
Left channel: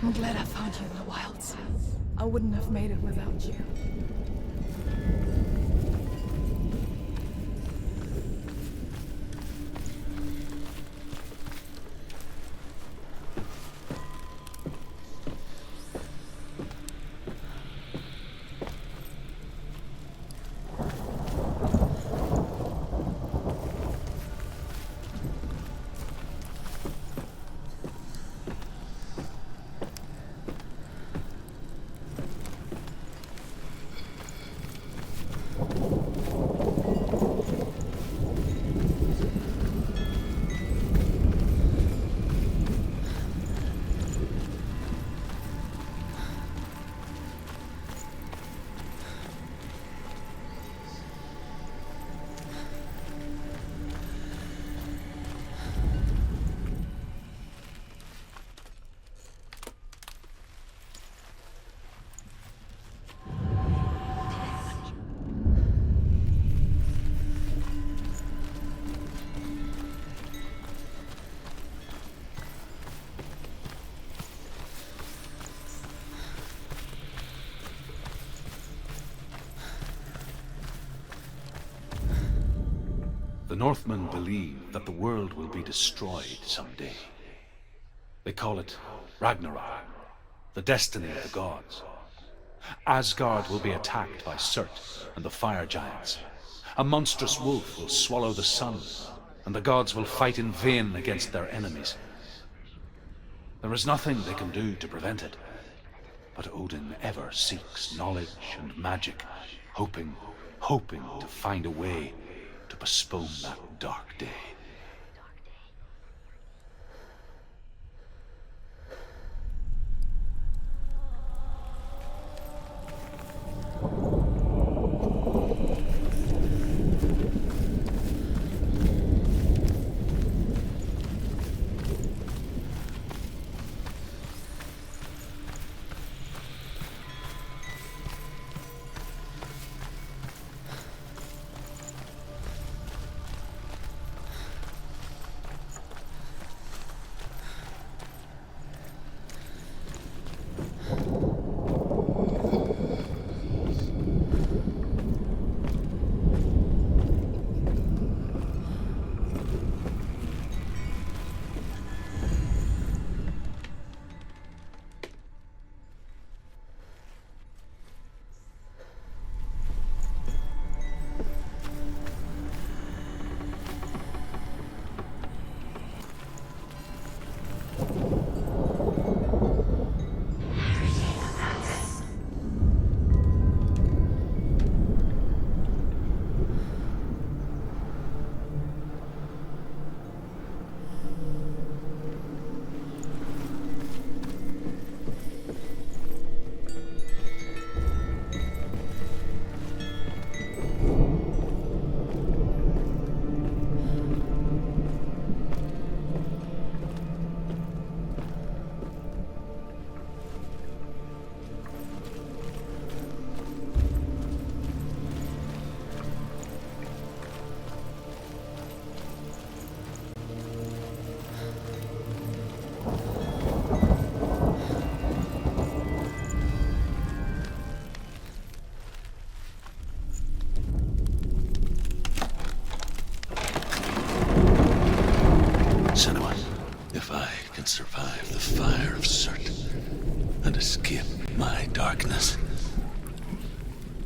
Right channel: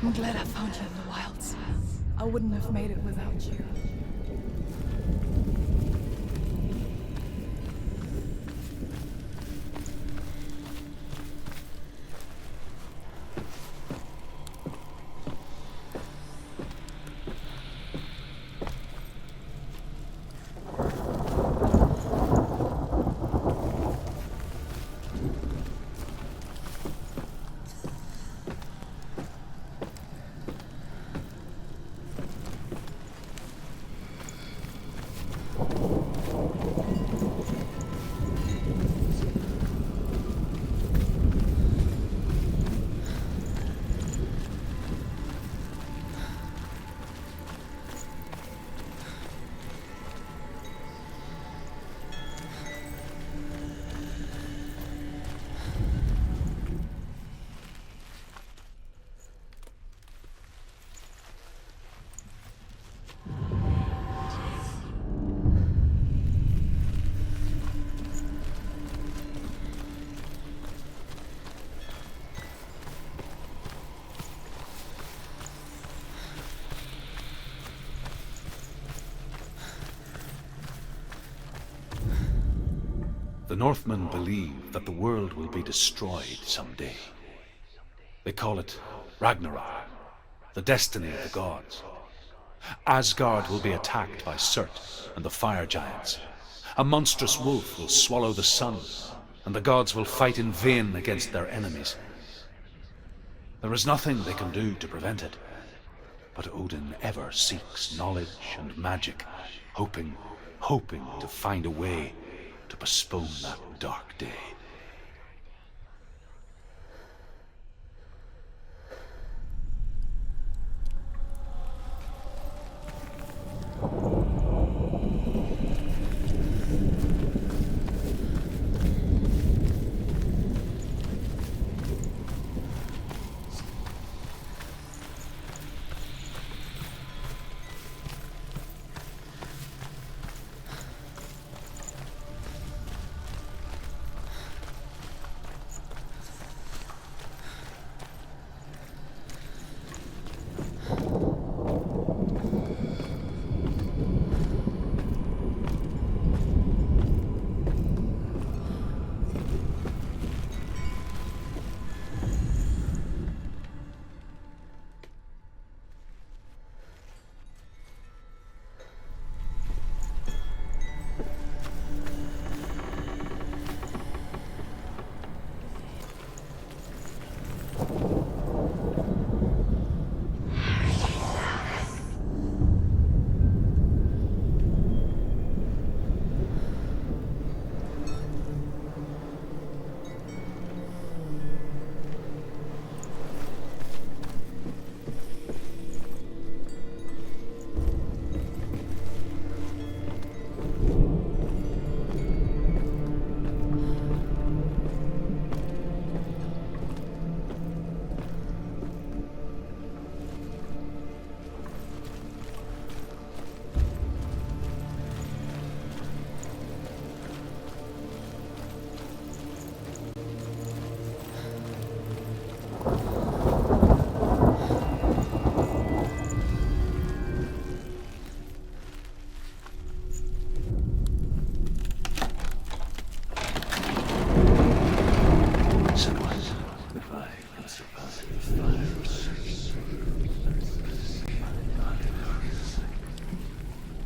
I'm glad I found you in the wilds. I wouldn't have made it without you. The Northmen believe that the world will be destroyed someday. They call it Ragnarok, the destiny of the gods. Asgard will be attacked by Surt and the fire giants. A monstrous wolf will swallow the sun, and the gods will fight in vain against their enemies. There is nothing they can do to prevent it, but Odin ever seeks knowledge and magic, hoping to find a way to postpone that dark day.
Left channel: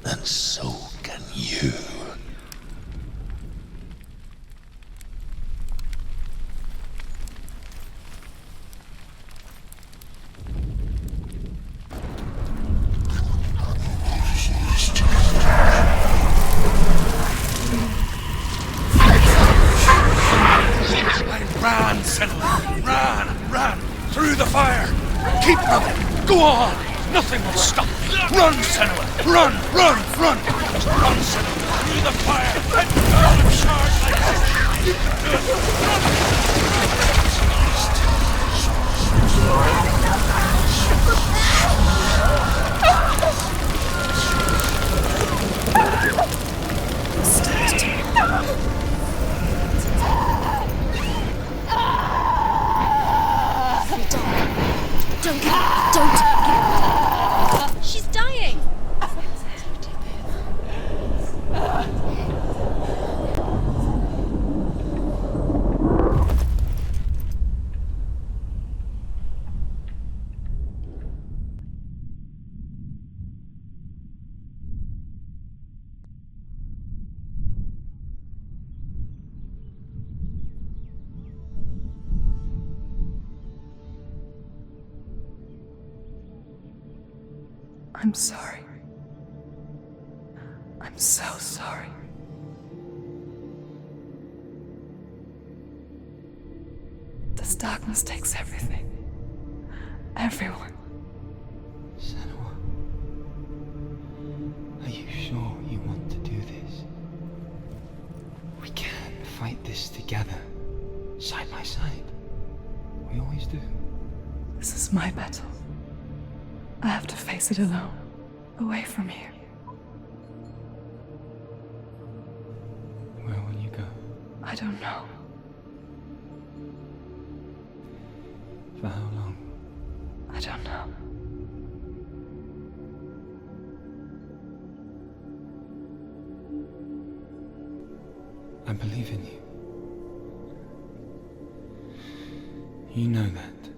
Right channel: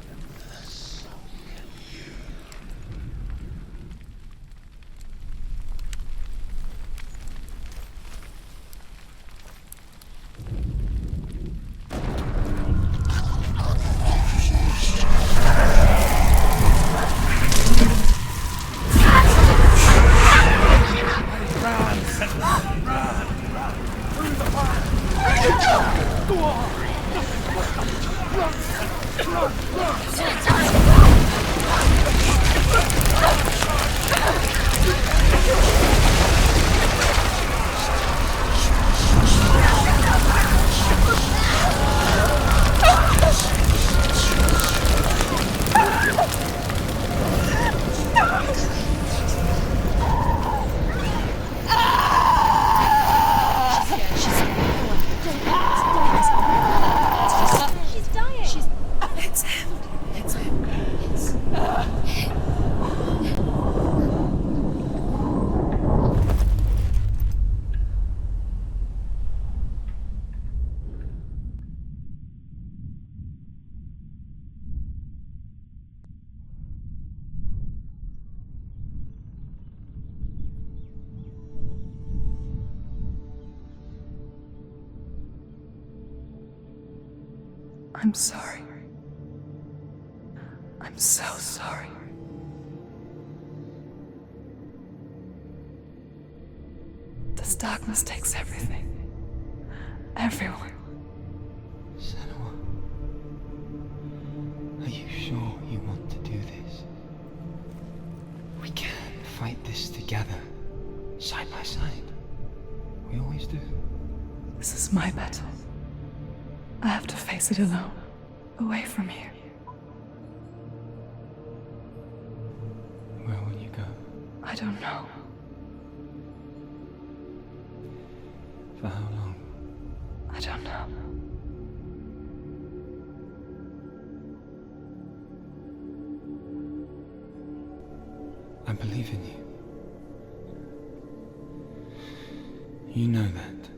and so can you. Run! Through the fire! Keep coming! Go on! Nothing will stop! Run, Senua! Run! Through the fire! She's dying. It's him. It's him. I'm sorry. I'm so sorry. This darkness takes everything. Everyone. Senua, are you sure you want to do this? We can fight this together, side by side. We always do. This is my battle. I have to face it alone, away from here. Where will you go? I don't know. For how long? I don't know. I believe in you. You know that.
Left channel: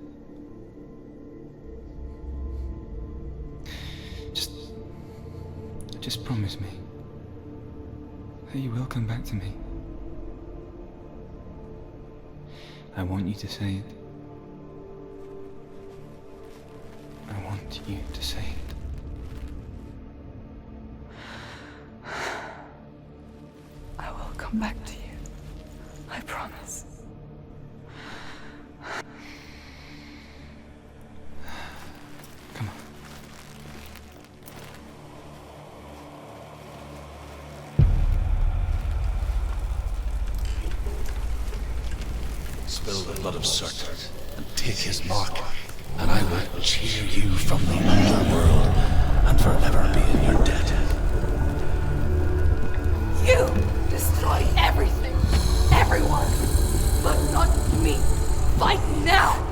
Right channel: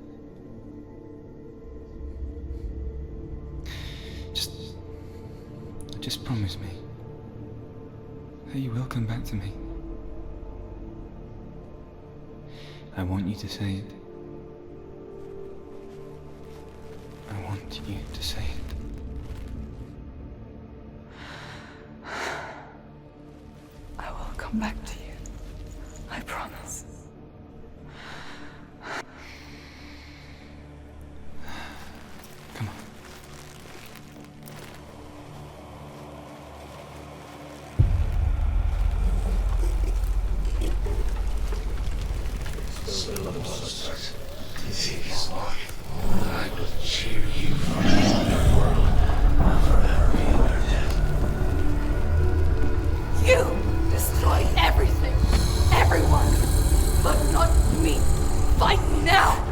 Just promise me that you will come back to me. I want you to say it. I want you to say it. I will come back to you. I promise. Come on. Spill the blood of Surt and take his mark, and I will cheer you from the world and forever be in your debt. You destroyed everything, everyone, but not me. Fight now!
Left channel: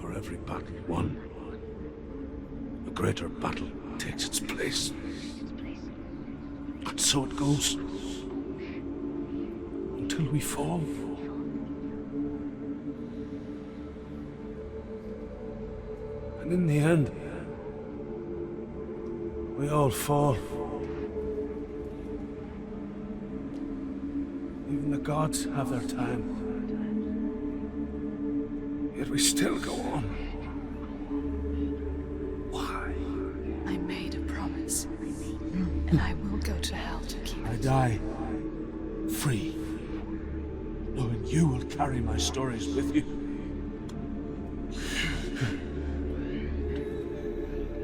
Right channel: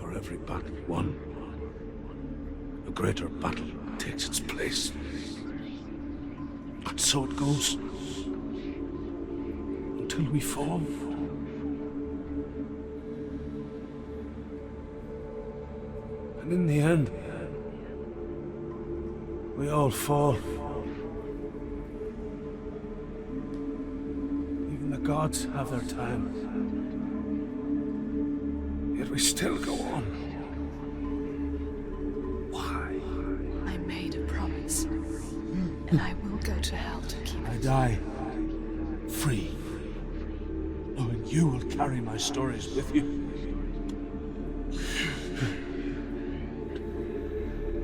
For every battle won, a greater battle takes its place. And so it goes. Until we fall. And in the end, we all fall. Even the gods have their time. Yet we still go on. Why? I made a promise. And I will go to hell to keep I it. die free, knowing you will carry my stories with you.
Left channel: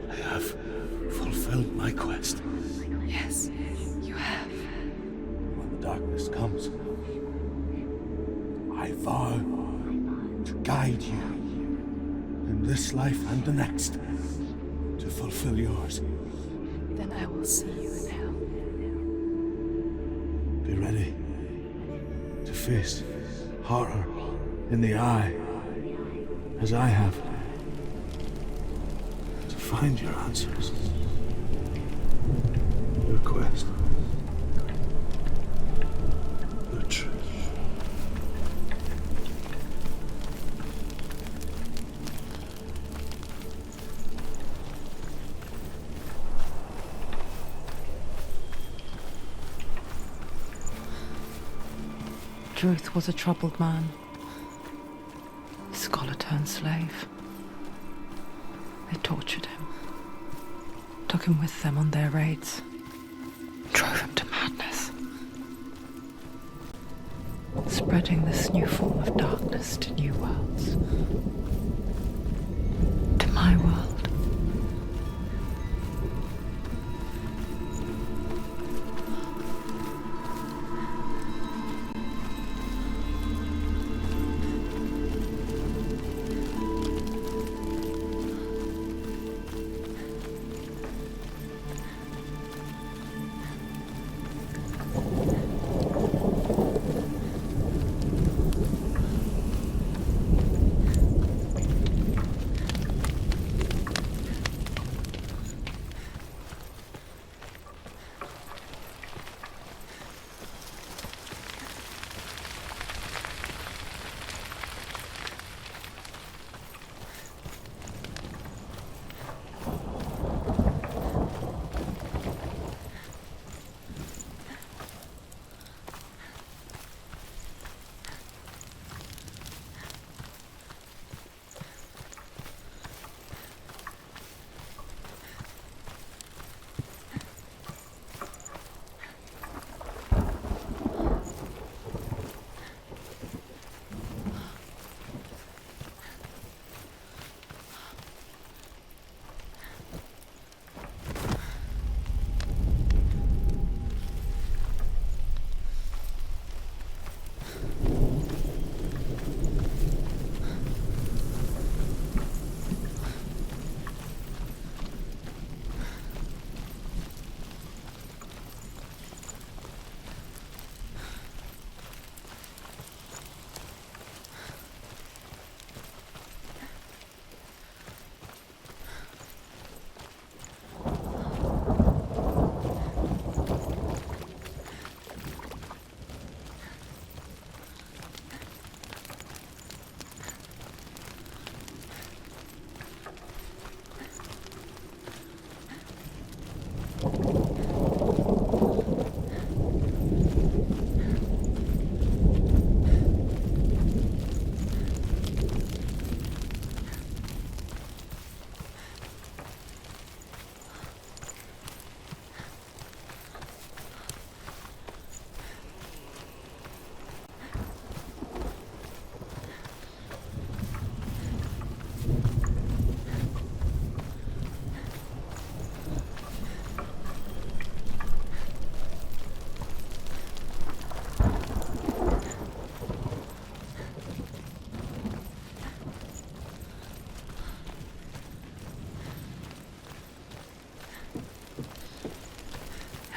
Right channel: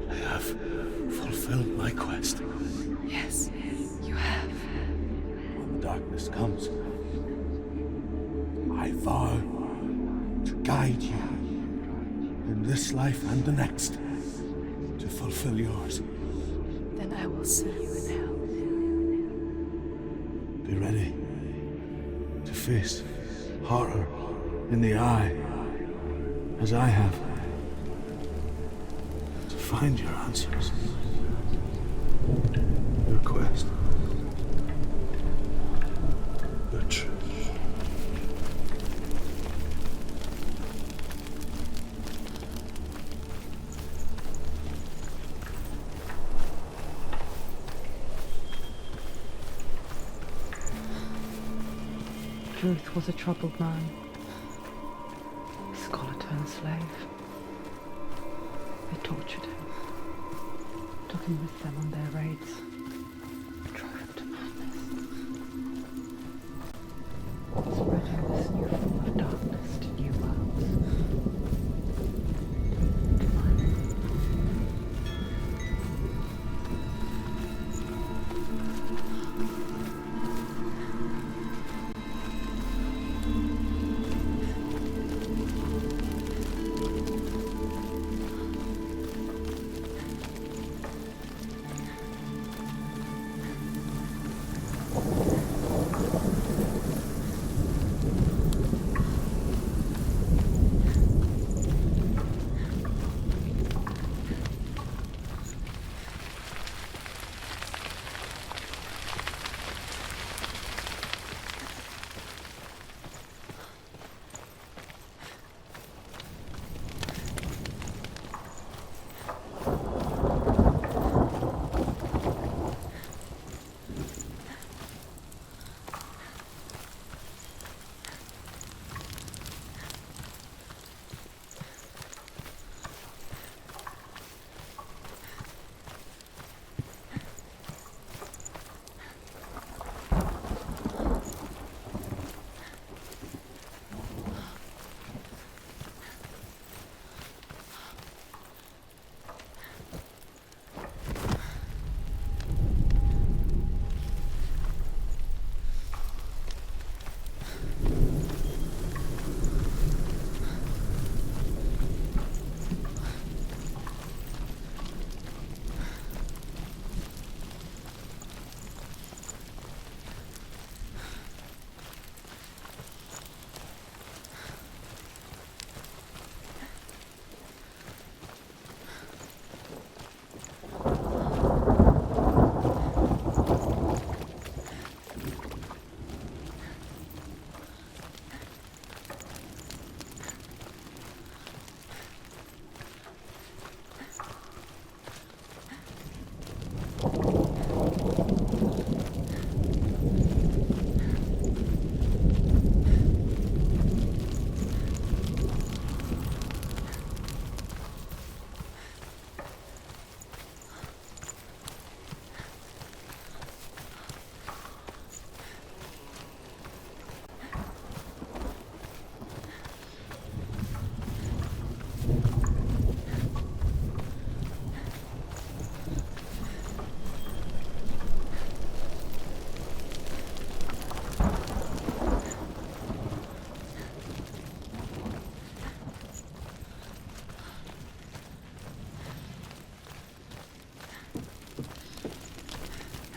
I have fulfilled my quest. Yes, you have. When the darkness comes, I vow to guide you in this life and the next to fulfill yours. Then I will see you in hell. Be ready to face horror in the eye, as I have. To find your answers. Your quest. Your truth. Druth was a troubled man. Scholar turned slave. They tortured him. Took him with them on their raids. Drove him to madness. Spreading this new form of darkness to new worlds. To my world.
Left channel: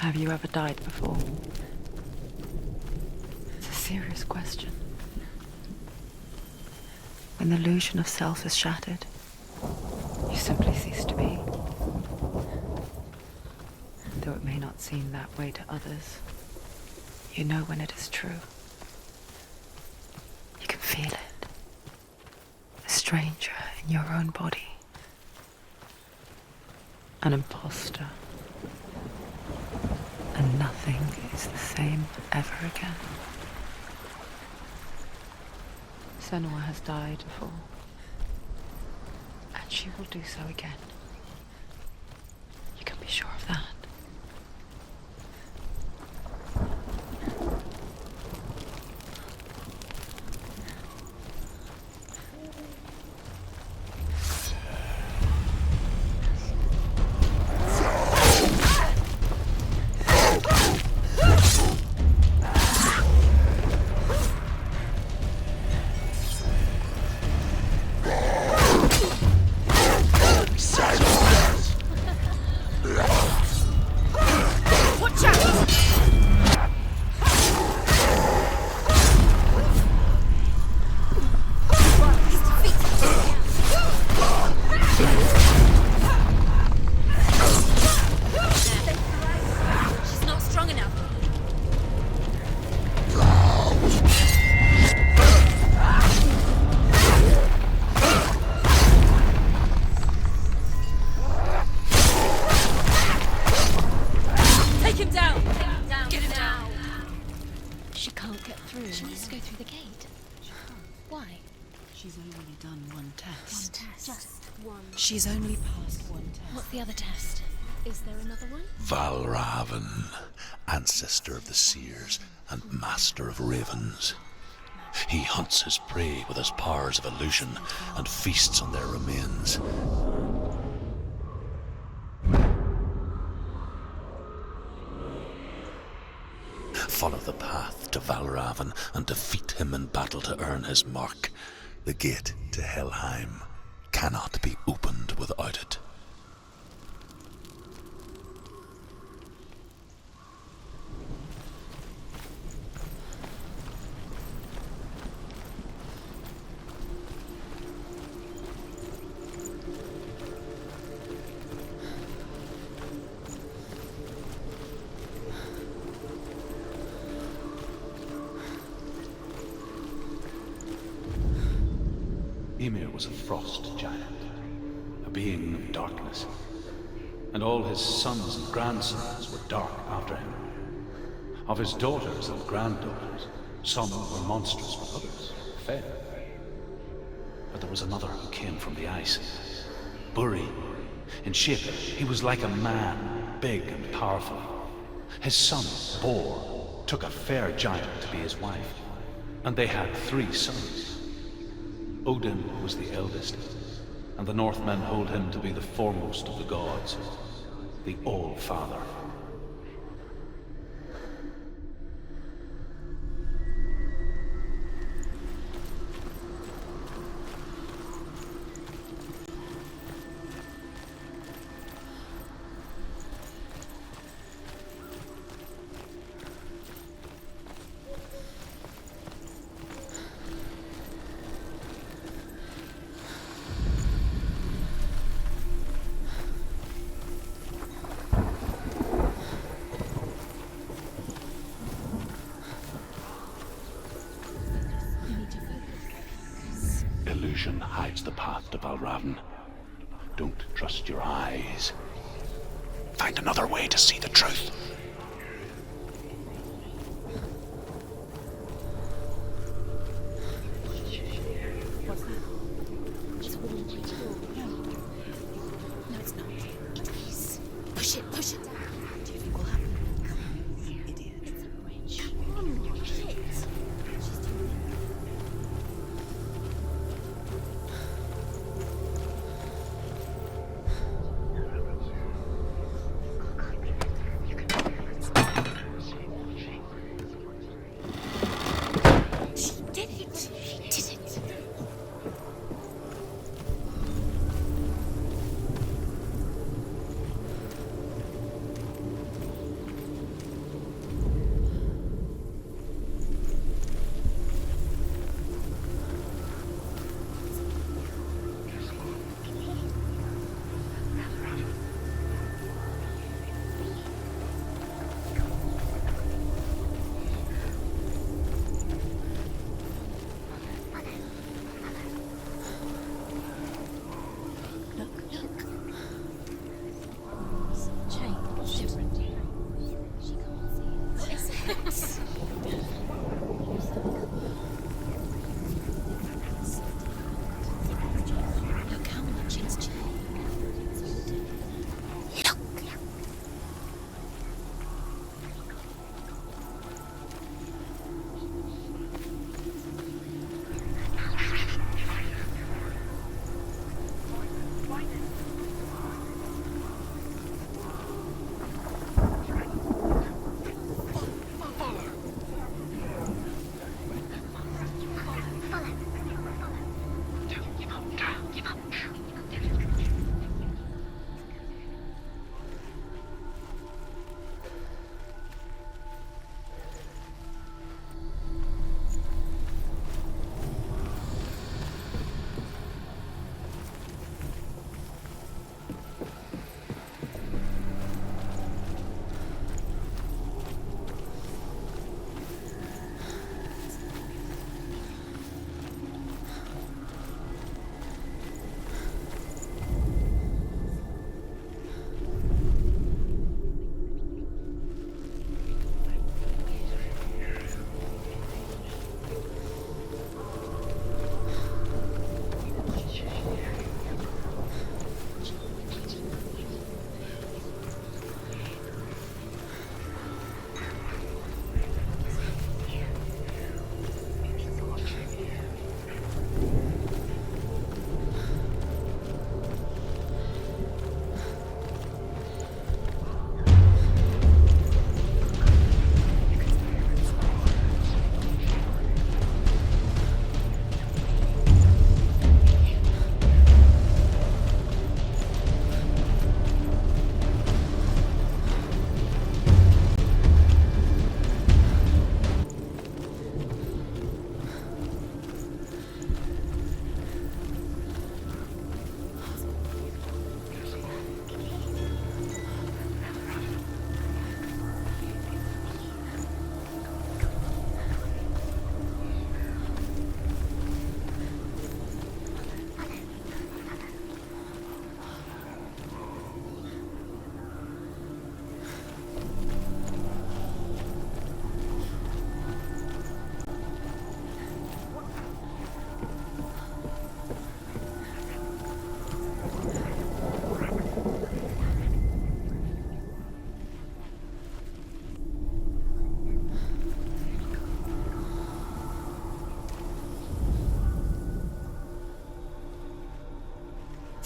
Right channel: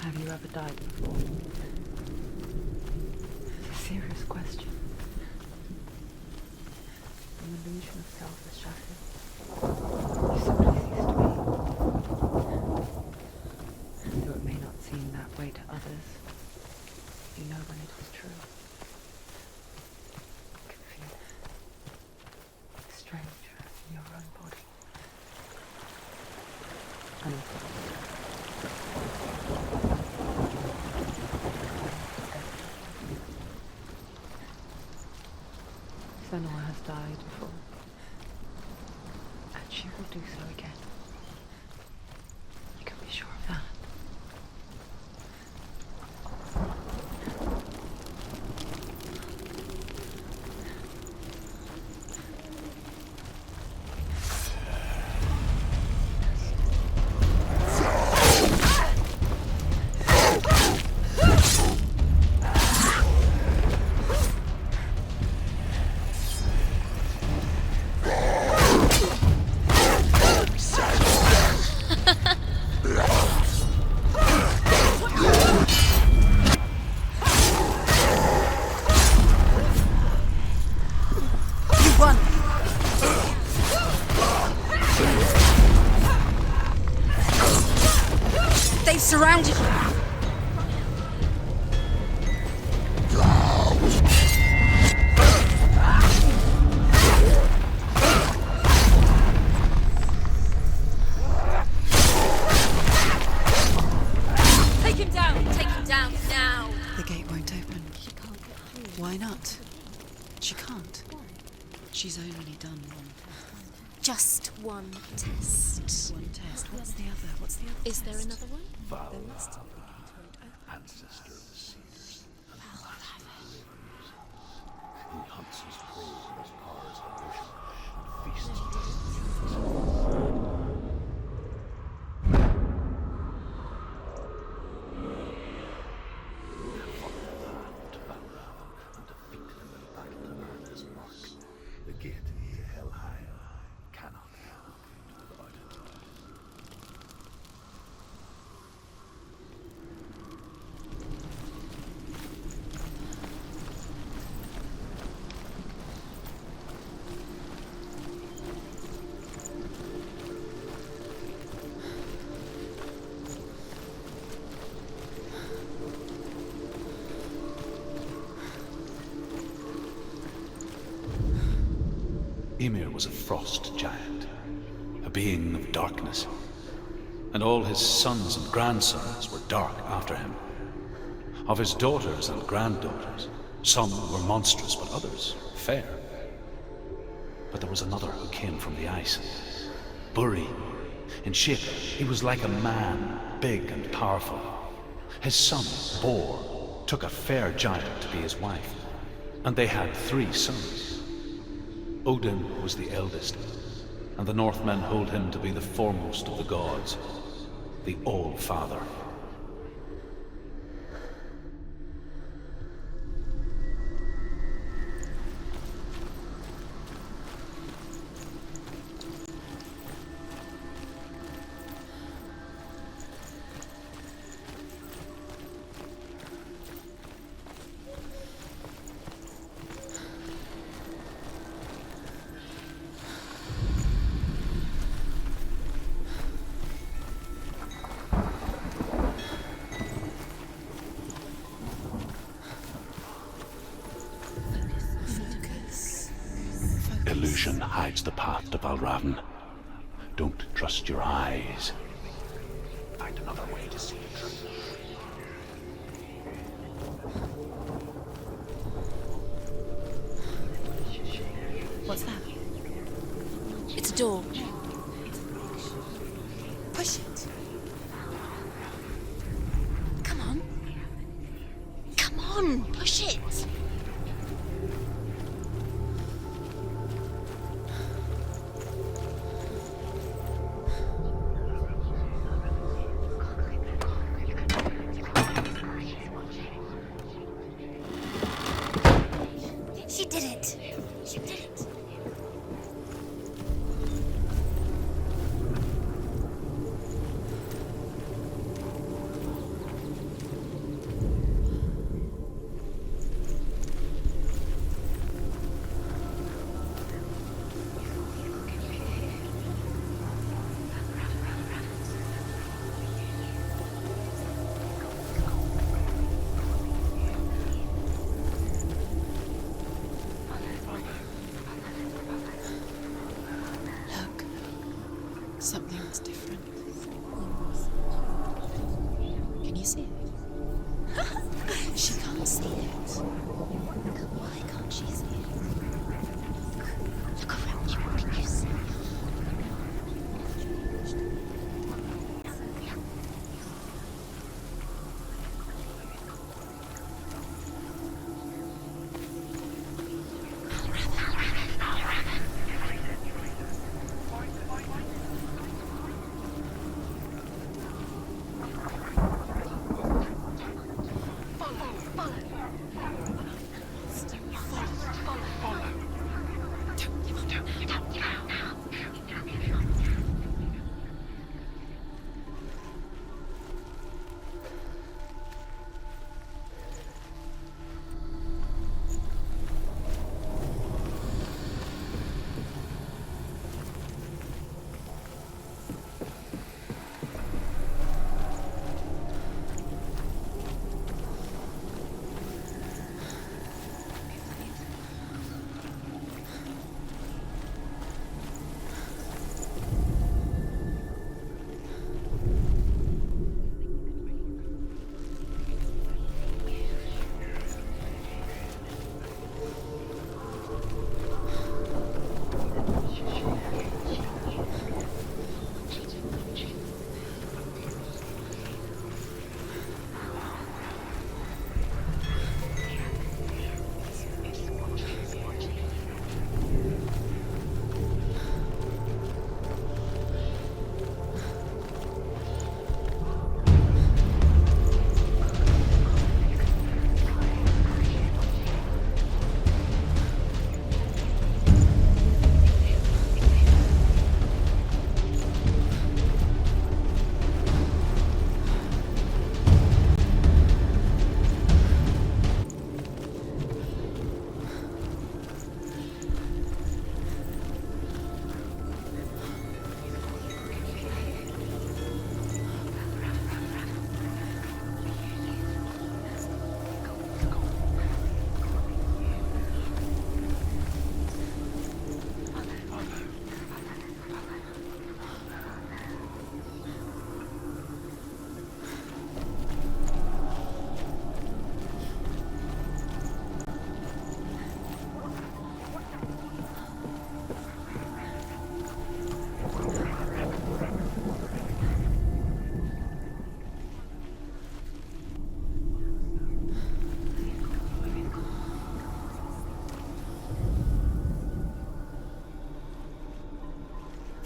Have you ever died before? It's a serious question. when the illusion of self is shattered, you simply cease to be. Though it may not seem that way to others, you know when it is true. You can feel it. A stranger in your own body. An imposter. And nothing is the same ever again. Senua has died before. And she will do so again. You can be sure of that. She's only done one test. Just one. She's only passed one test. What's the other test? Is there another one? Valravan, ancestor of the seers and master of ravens. He hunts his prey with his powers of illusion and feasts on their remains. Follow the path to Valravan and defeat him in battle to earn his mark. The gate to Helheim cannot be opened without it. Ymir was a frost giant, a being of darkness, and all his sons and grandsons were dark after him. Of his daughters and granddaughters, some were monstrous, but others fair. But there was another who came from the ice. Buri. In shape, he was like a man, big and powerful. His son, Bor, took a fair giant to be his wife, and they had 3 sons. Odin was the eldest, and the Northmen hold him to be the foremost of the gods, the All-Father. Illusion hides the path to Valravan. Don't trust your eyes. Find another way to see the truth. What's that? It's a door. Push it. Push it. Push it. Come on. Come on. Push it.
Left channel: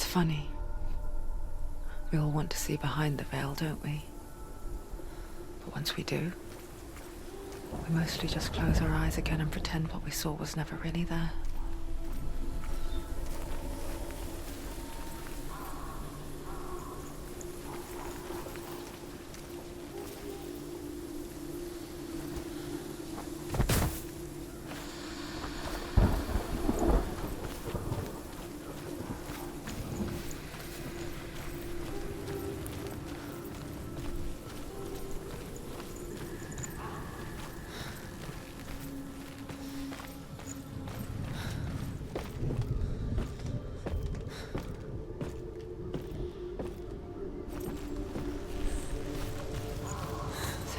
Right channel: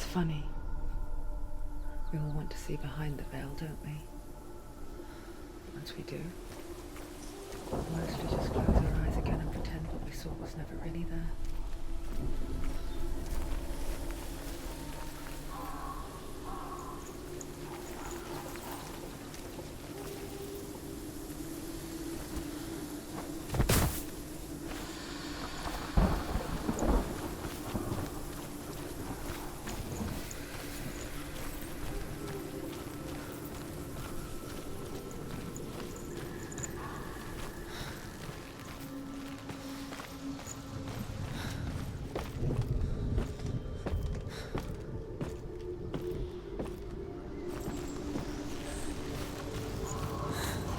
funny. We all want to see behind the veil, don't we? But once we do, we mostly just close our eyes again and pretend what we saw was never really there.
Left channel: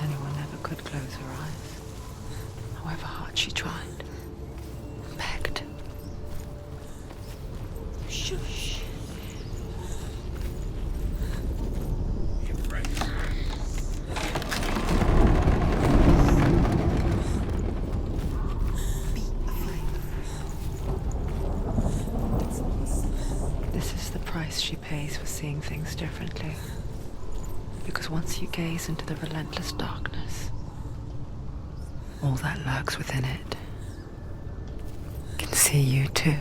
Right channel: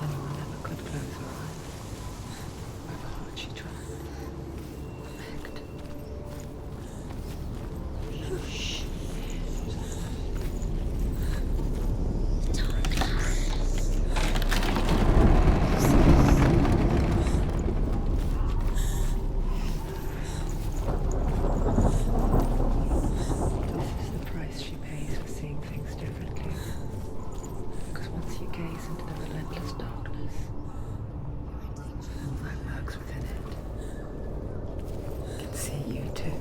Senua never could close her eyes, however hard she tried. Begged. Shush. This is the price she pays for seeing things differently. Because once you gaze into the relentless darkness, all that lurks within it can see you too.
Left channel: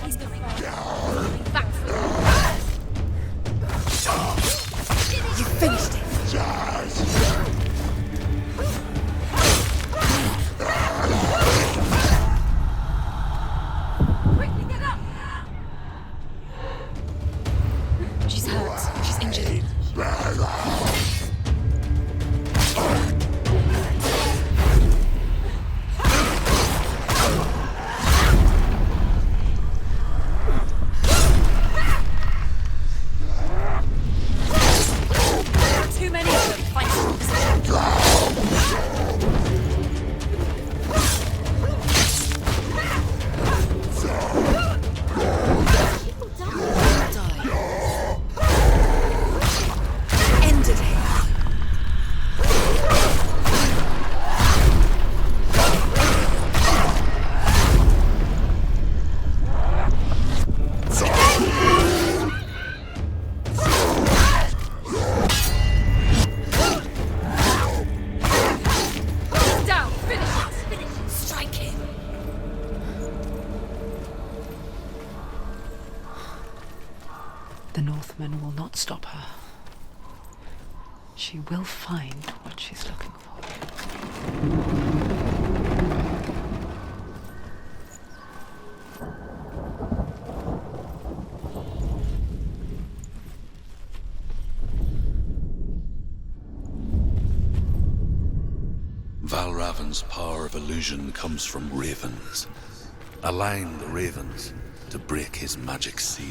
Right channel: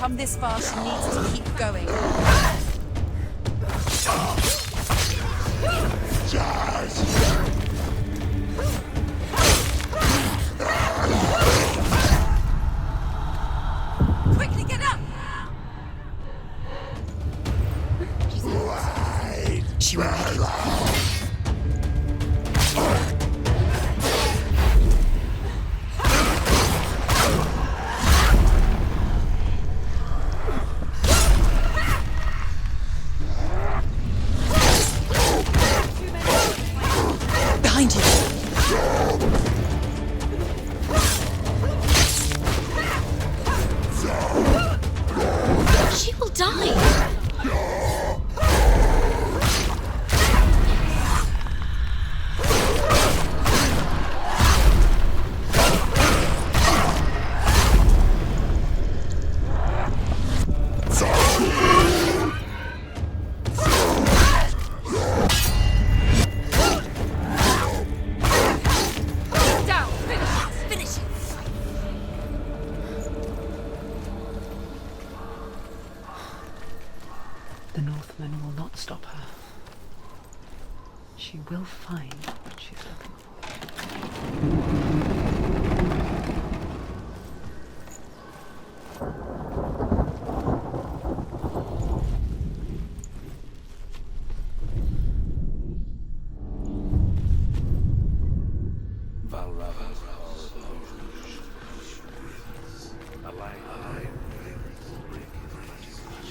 Come this far, she needs to keep going. Quickly get up! She's hurt. She's injured. She won't make it. Too many. Behind you. She will die. End it. Down. Finish it. Finish it. Strike it. The Northman will not stop her. She will find what she's looking for. Valravan's power of illusion comes from ravens. Align the ravens to break his magic seal.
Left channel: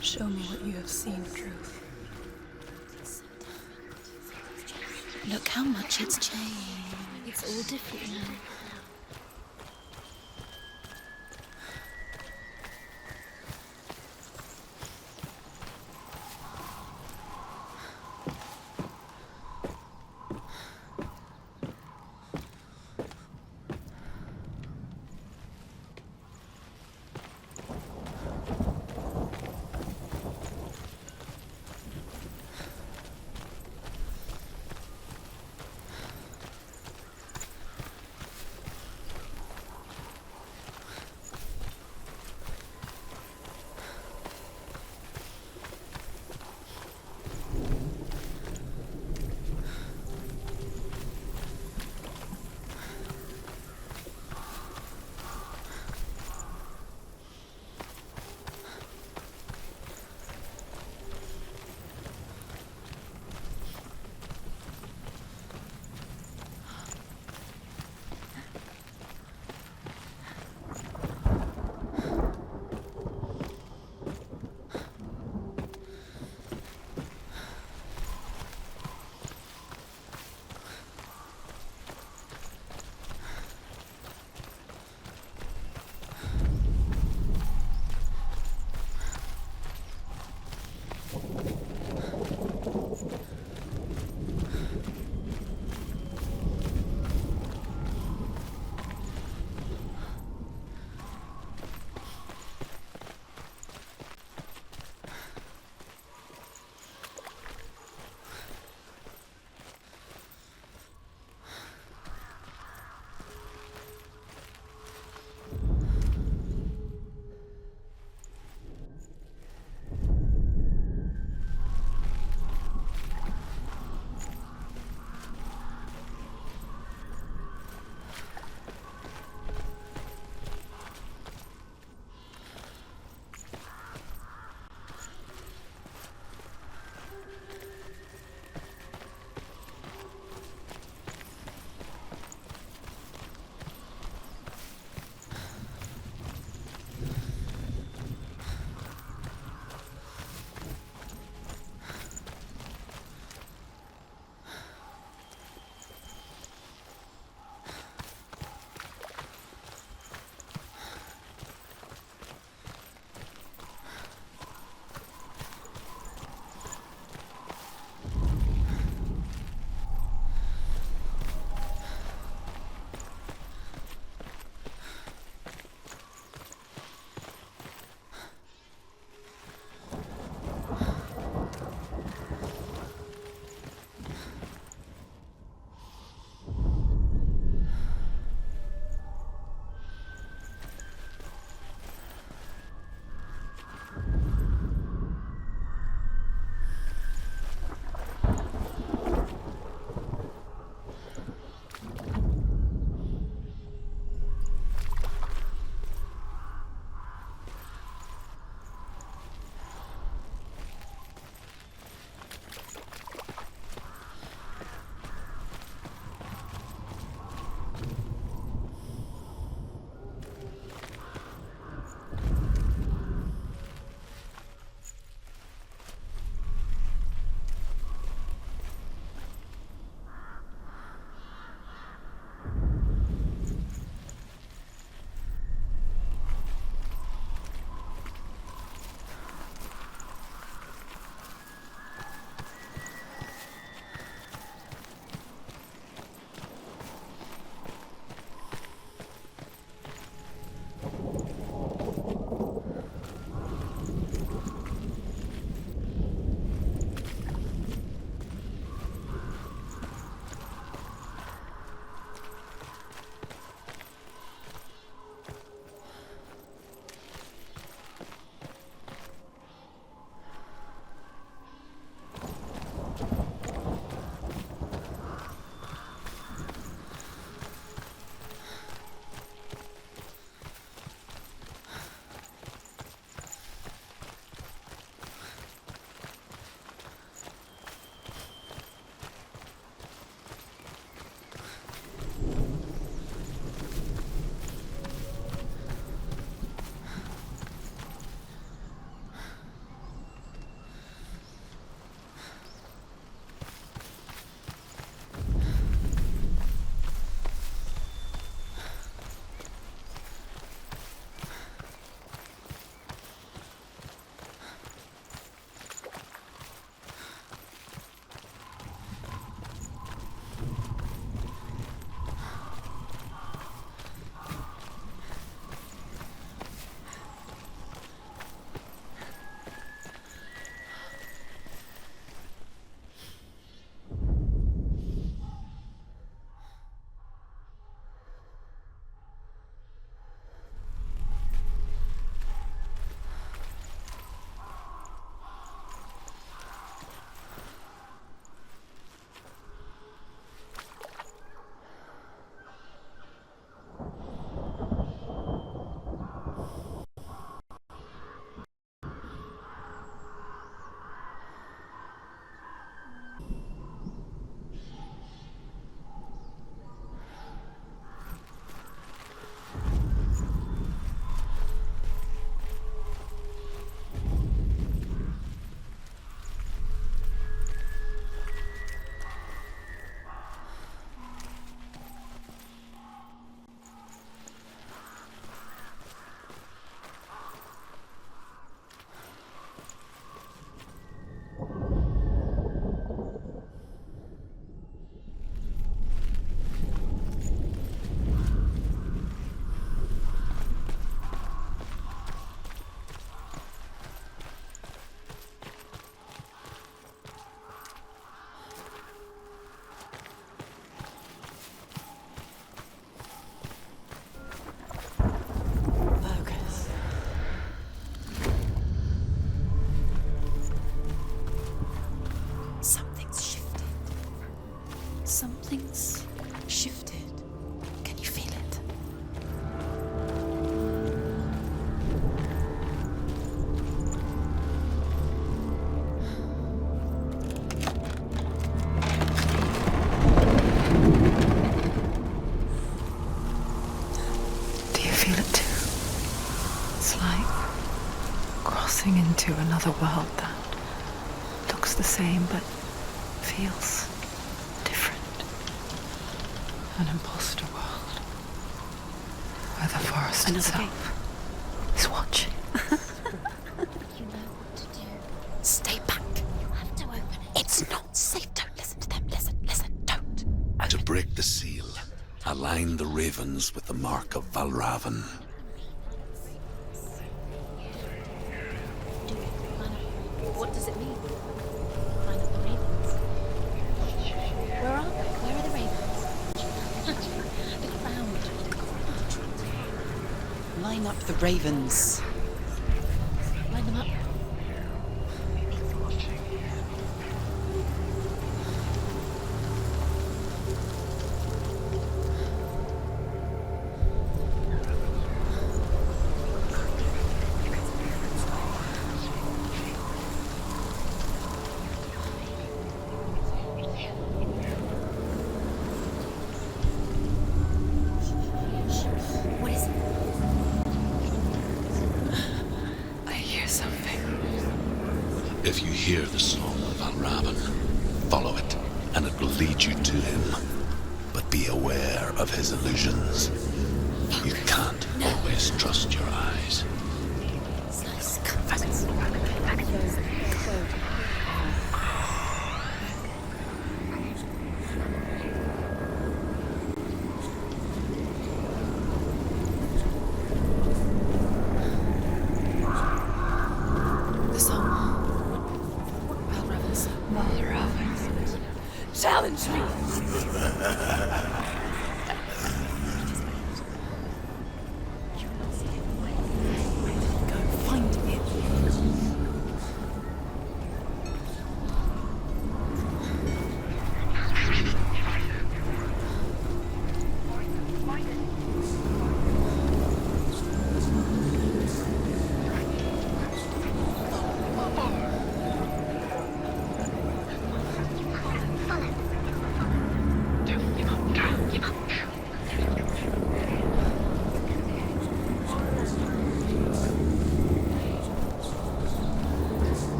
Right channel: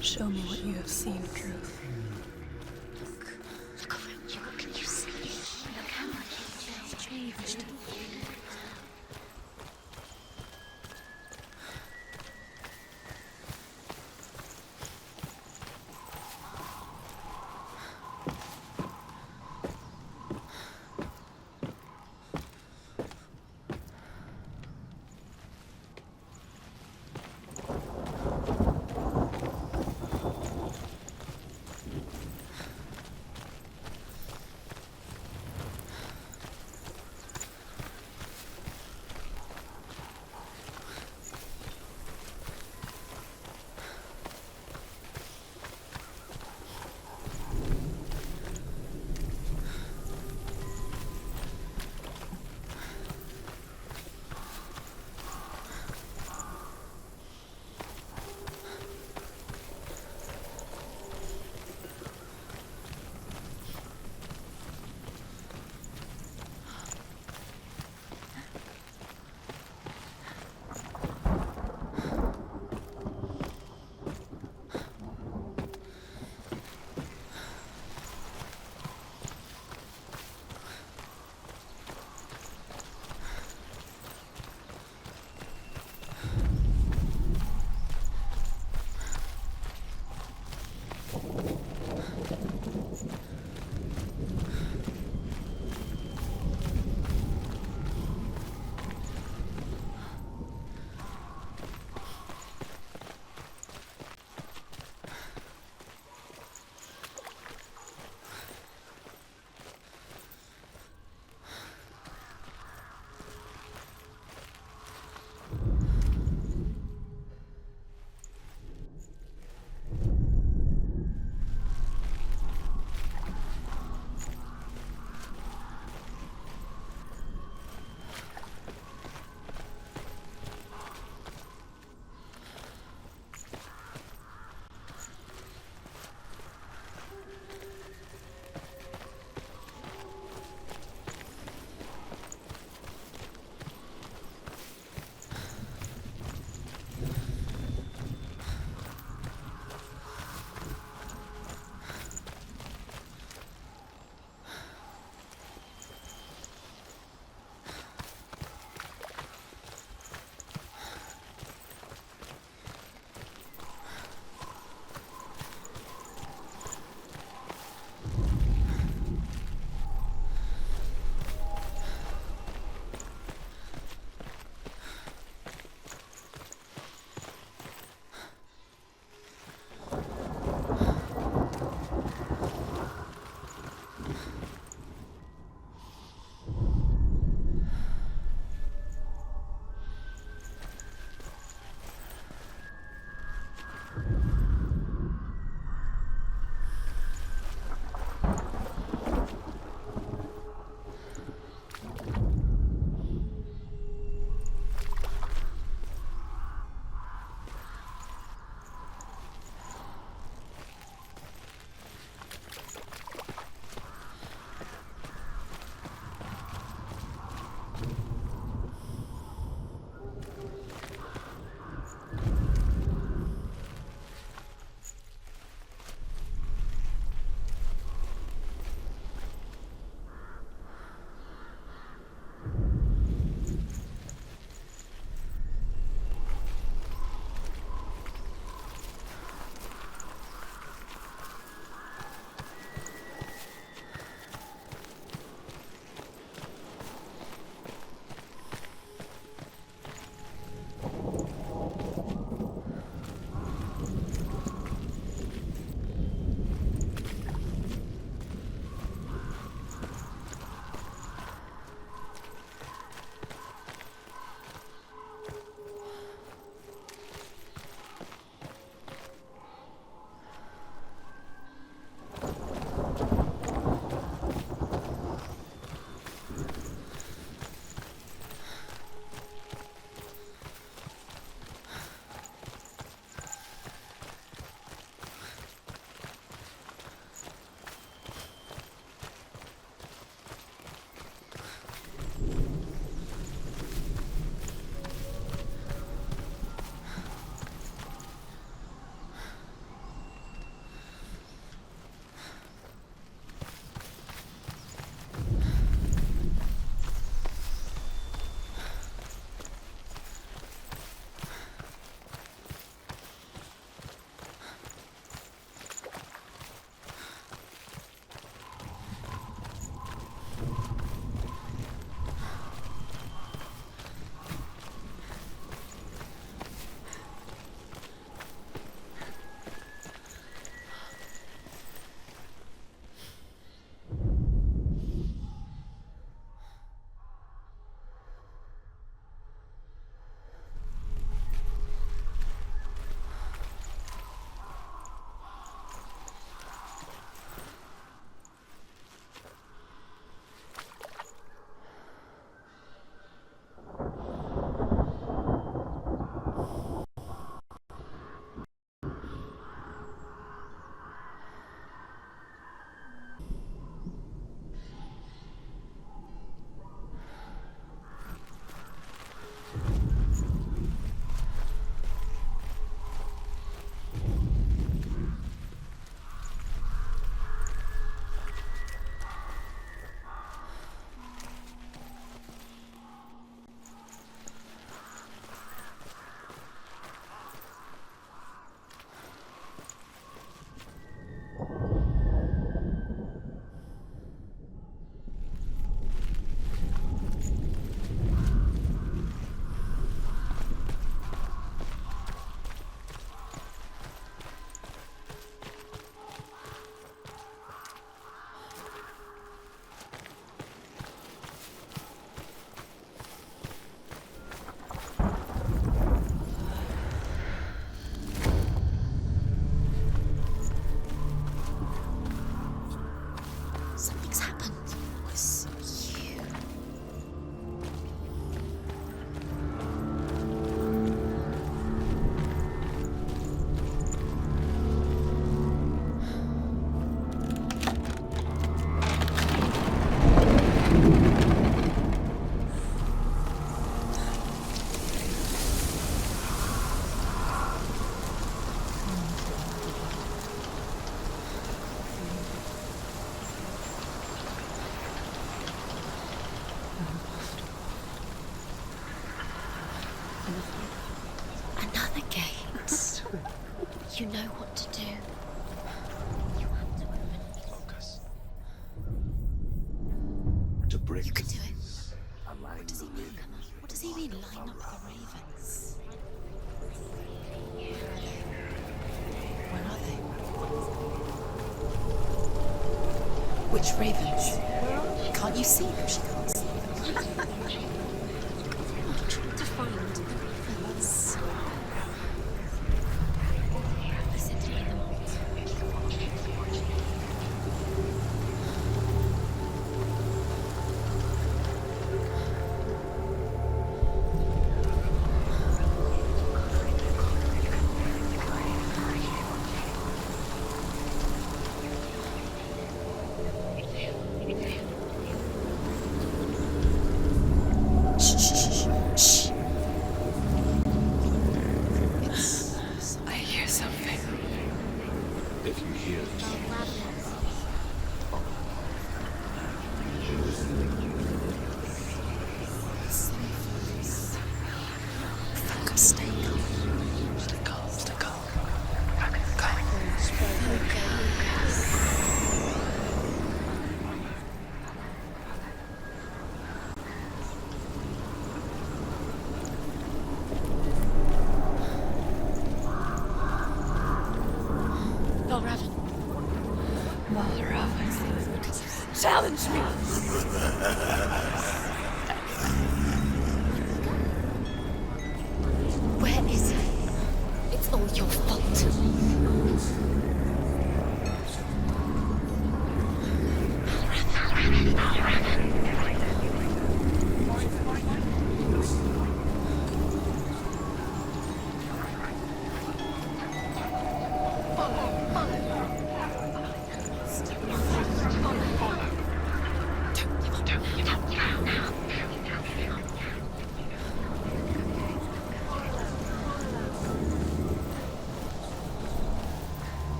Show me what you have seen, Truth. Look how much it's changed. It's all different. another world that looks the same but feels different. An imposter world where the forest itself is watching. You know what to do. Stay back. You have to open it. It's not safe. Don't listen to them. Listen, don't. To break the seal, align the ravens with the mark of Valravan. What does it mean? Which ravens? Can't you see them? Line up the ravens. If you hear the soul of Valravan, follow it, and it will lead you to him. But be aware of his illusions. You can't always trust your eyes. Challenge me! Where is it? It's not your fault.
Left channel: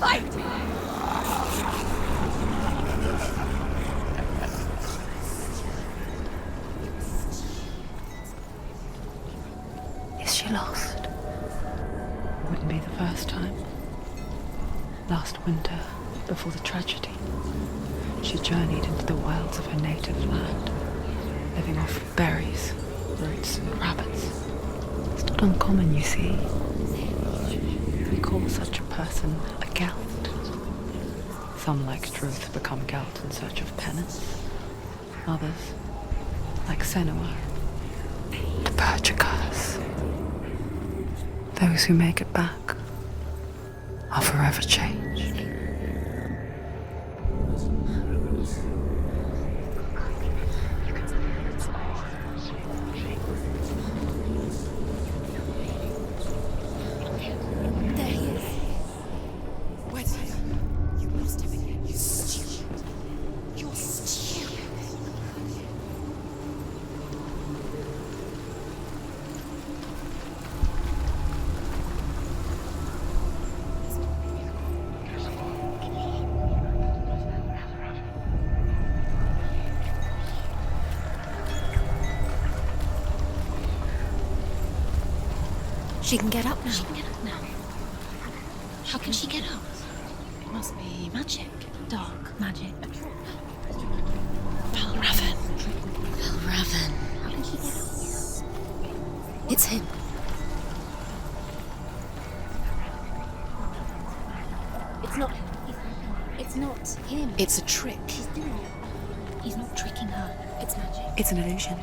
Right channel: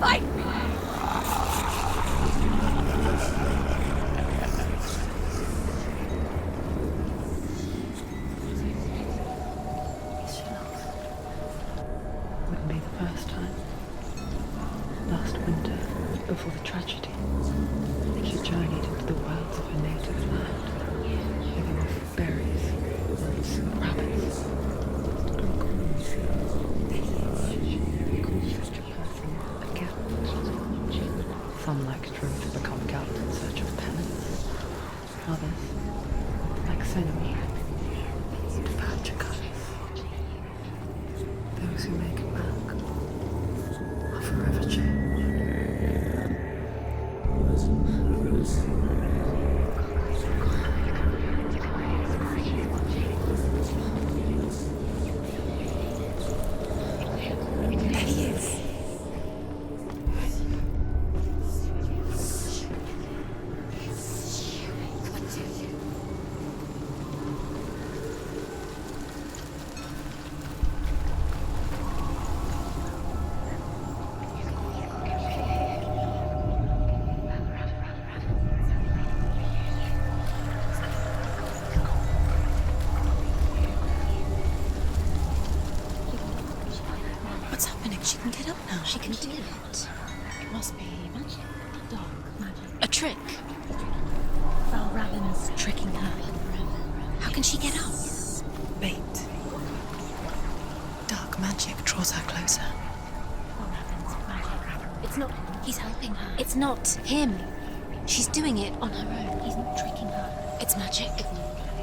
Fight me! Is she lost? Wouldn't be the first time. Last winter, before the tragedy, she journeyed into the wilds of her native land, living off berries, roots, and rabbits. It's not uncommon, you see. We call such a person a Gelt. Some, like Truth, become Gelt in search of penance. Others, like Senua, to purge a curse. Those who make it back are forever changed. She can get up now. What's happening? She can get up now. How can she get out? Must be magic. Dark magic. A trick. Valravan. Tricking her. Valravan. How can she get out? Bait. It's him. Dark magic draws her closer. It's not him. He's helping her. It's not him. It's a trick. She's doing it on her own. He's not tricking her. It's magic. It's an illusion.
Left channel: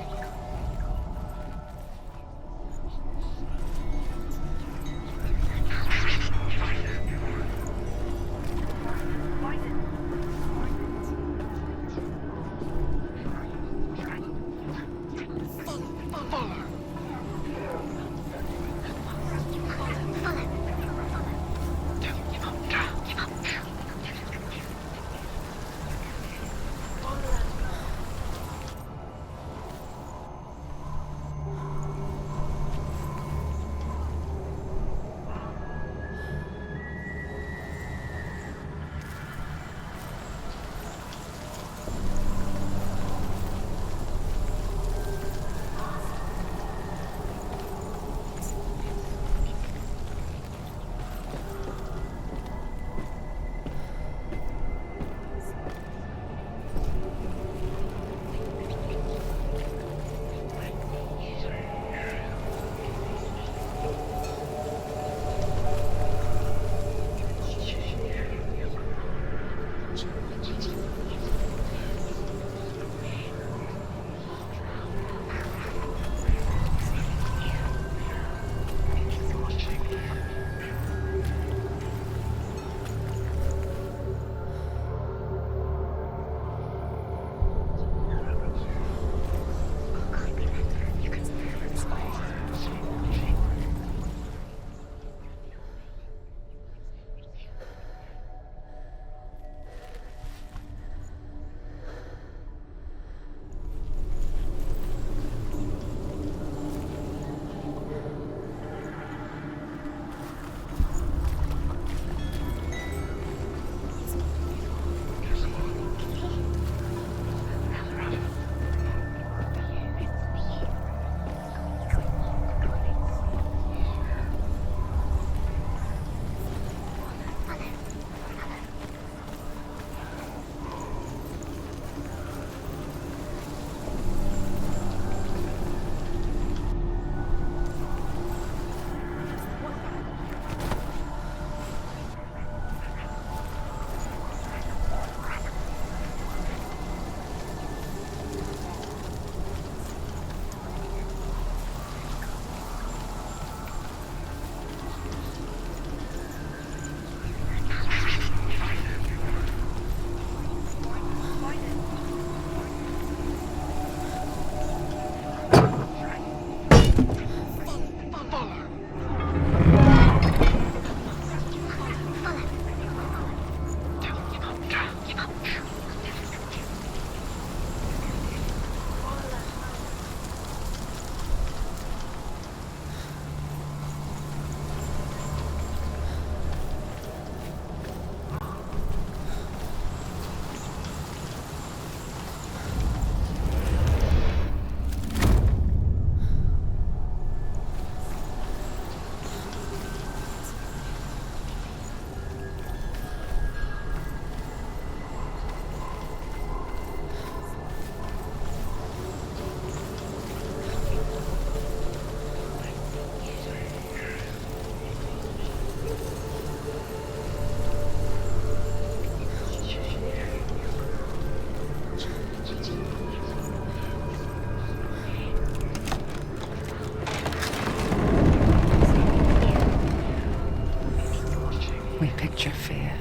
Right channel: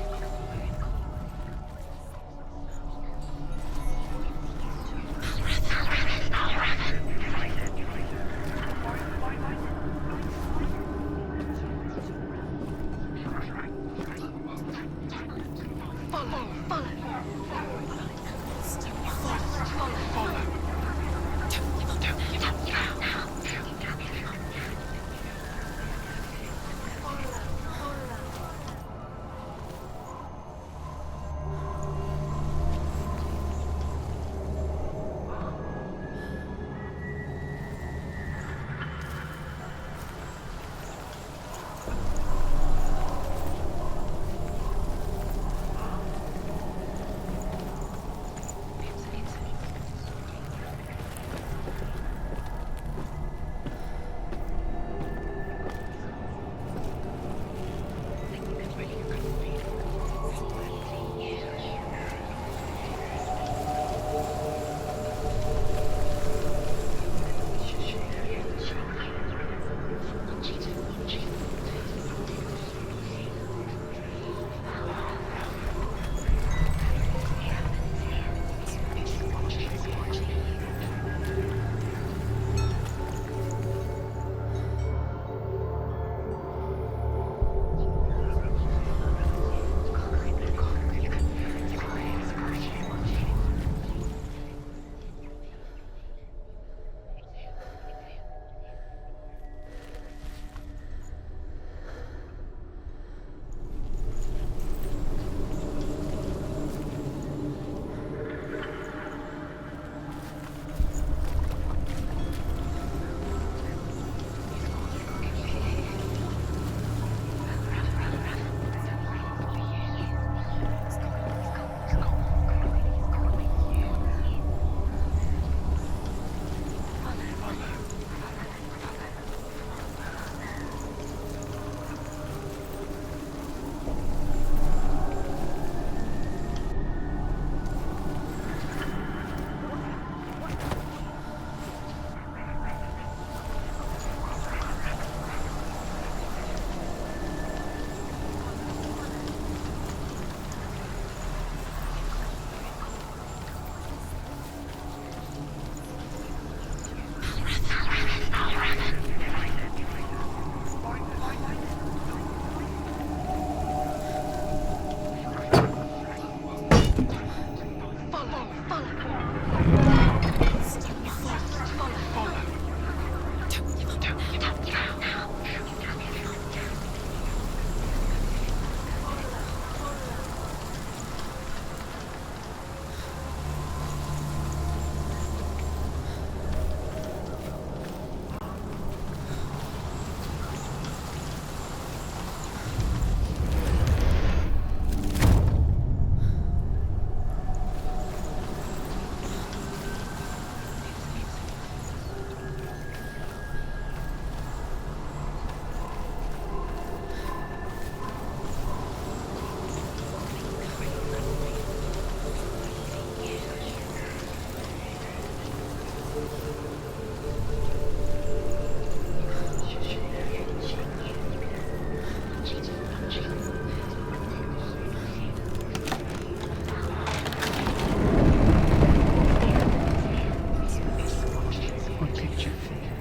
We picture fear,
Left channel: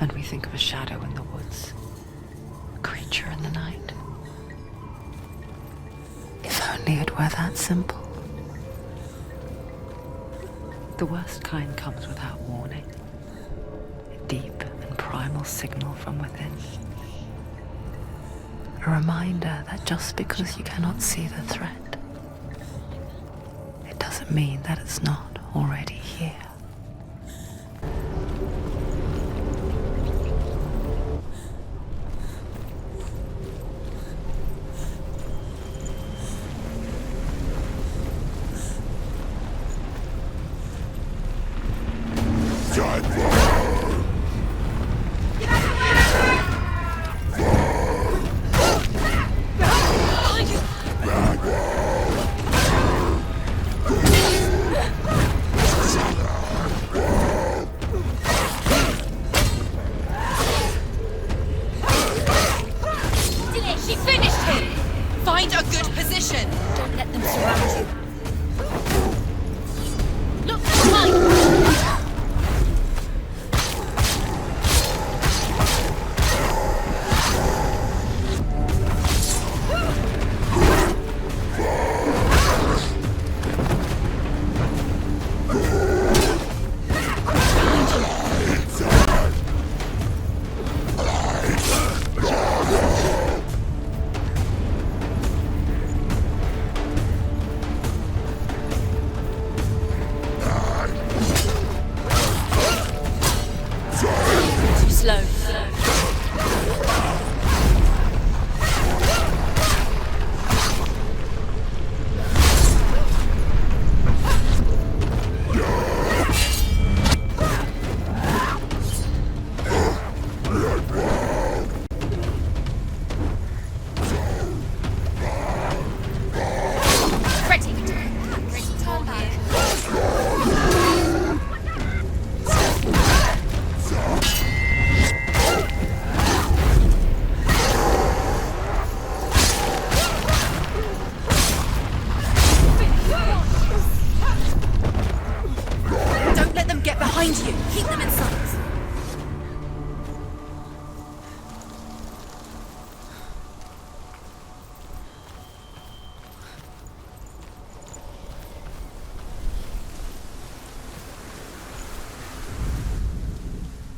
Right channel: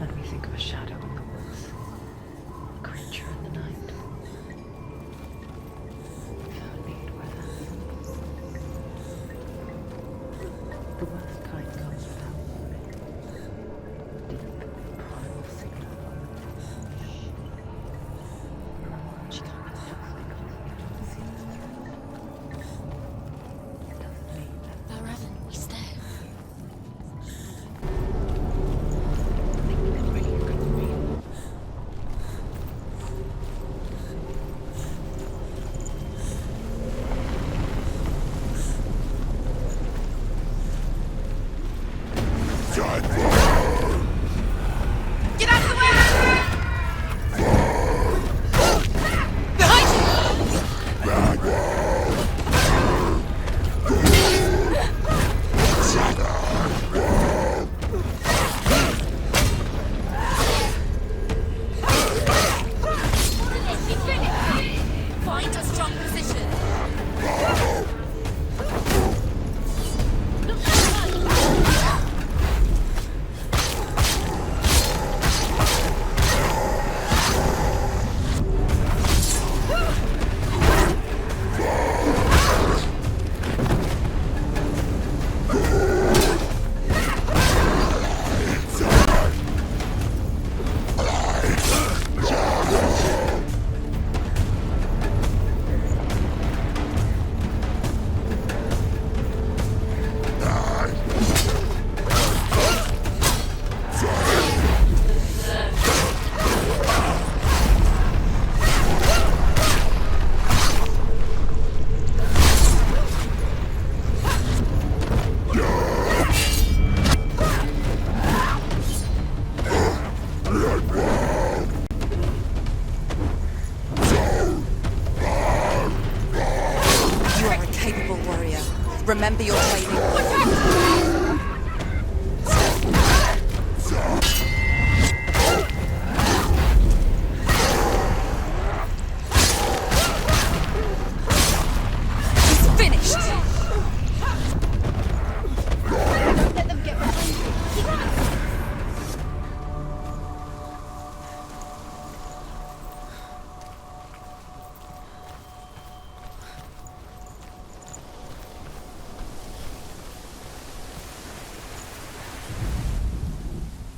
and we think of a shadow in the woods, a creature in the night. If only it were that simple. The worst kind comes without warning, a deep and primal signal from within. A reminder that just because you cannot see the threat, it doesn't mean that it's not already here.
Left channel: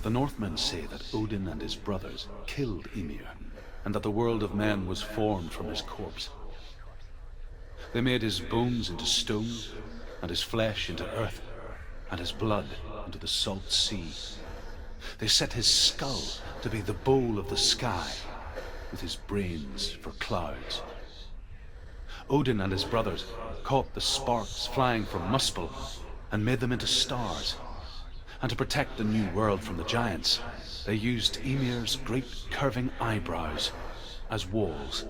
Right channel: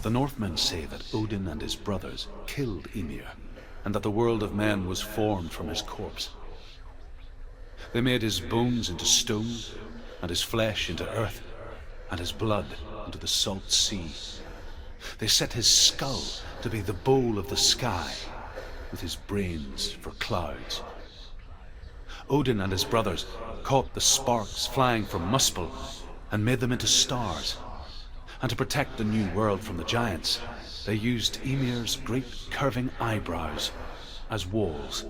The Northmen say that Odin and his brothers killed Ymir, and that the world of men was formed from his corpse. They made his bones into stone, and his flesh into earth, and his blood into the salt sea. They set his skull to be the bowl of the sky, with his brains for clouds. Odin and his brothers caught the sparks flying from Muspel and made them into stars. And to protect the new world from the giants, they used Ymir's great curving eyebrows as walls.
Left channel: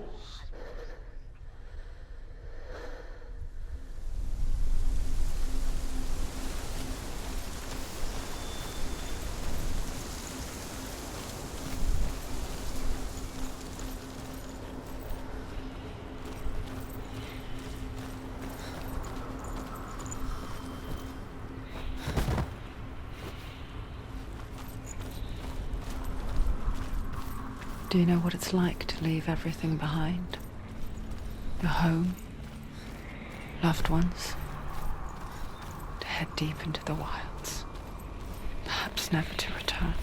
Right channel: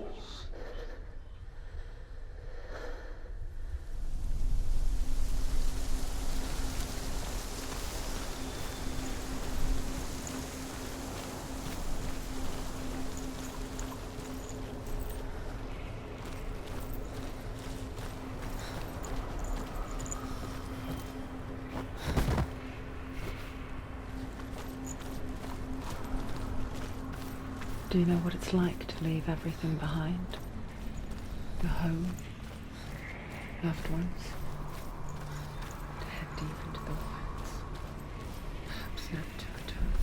Do you know what it's like to leave everything behind? The home, loved ones, head deep into the wilds, perhaps never to return.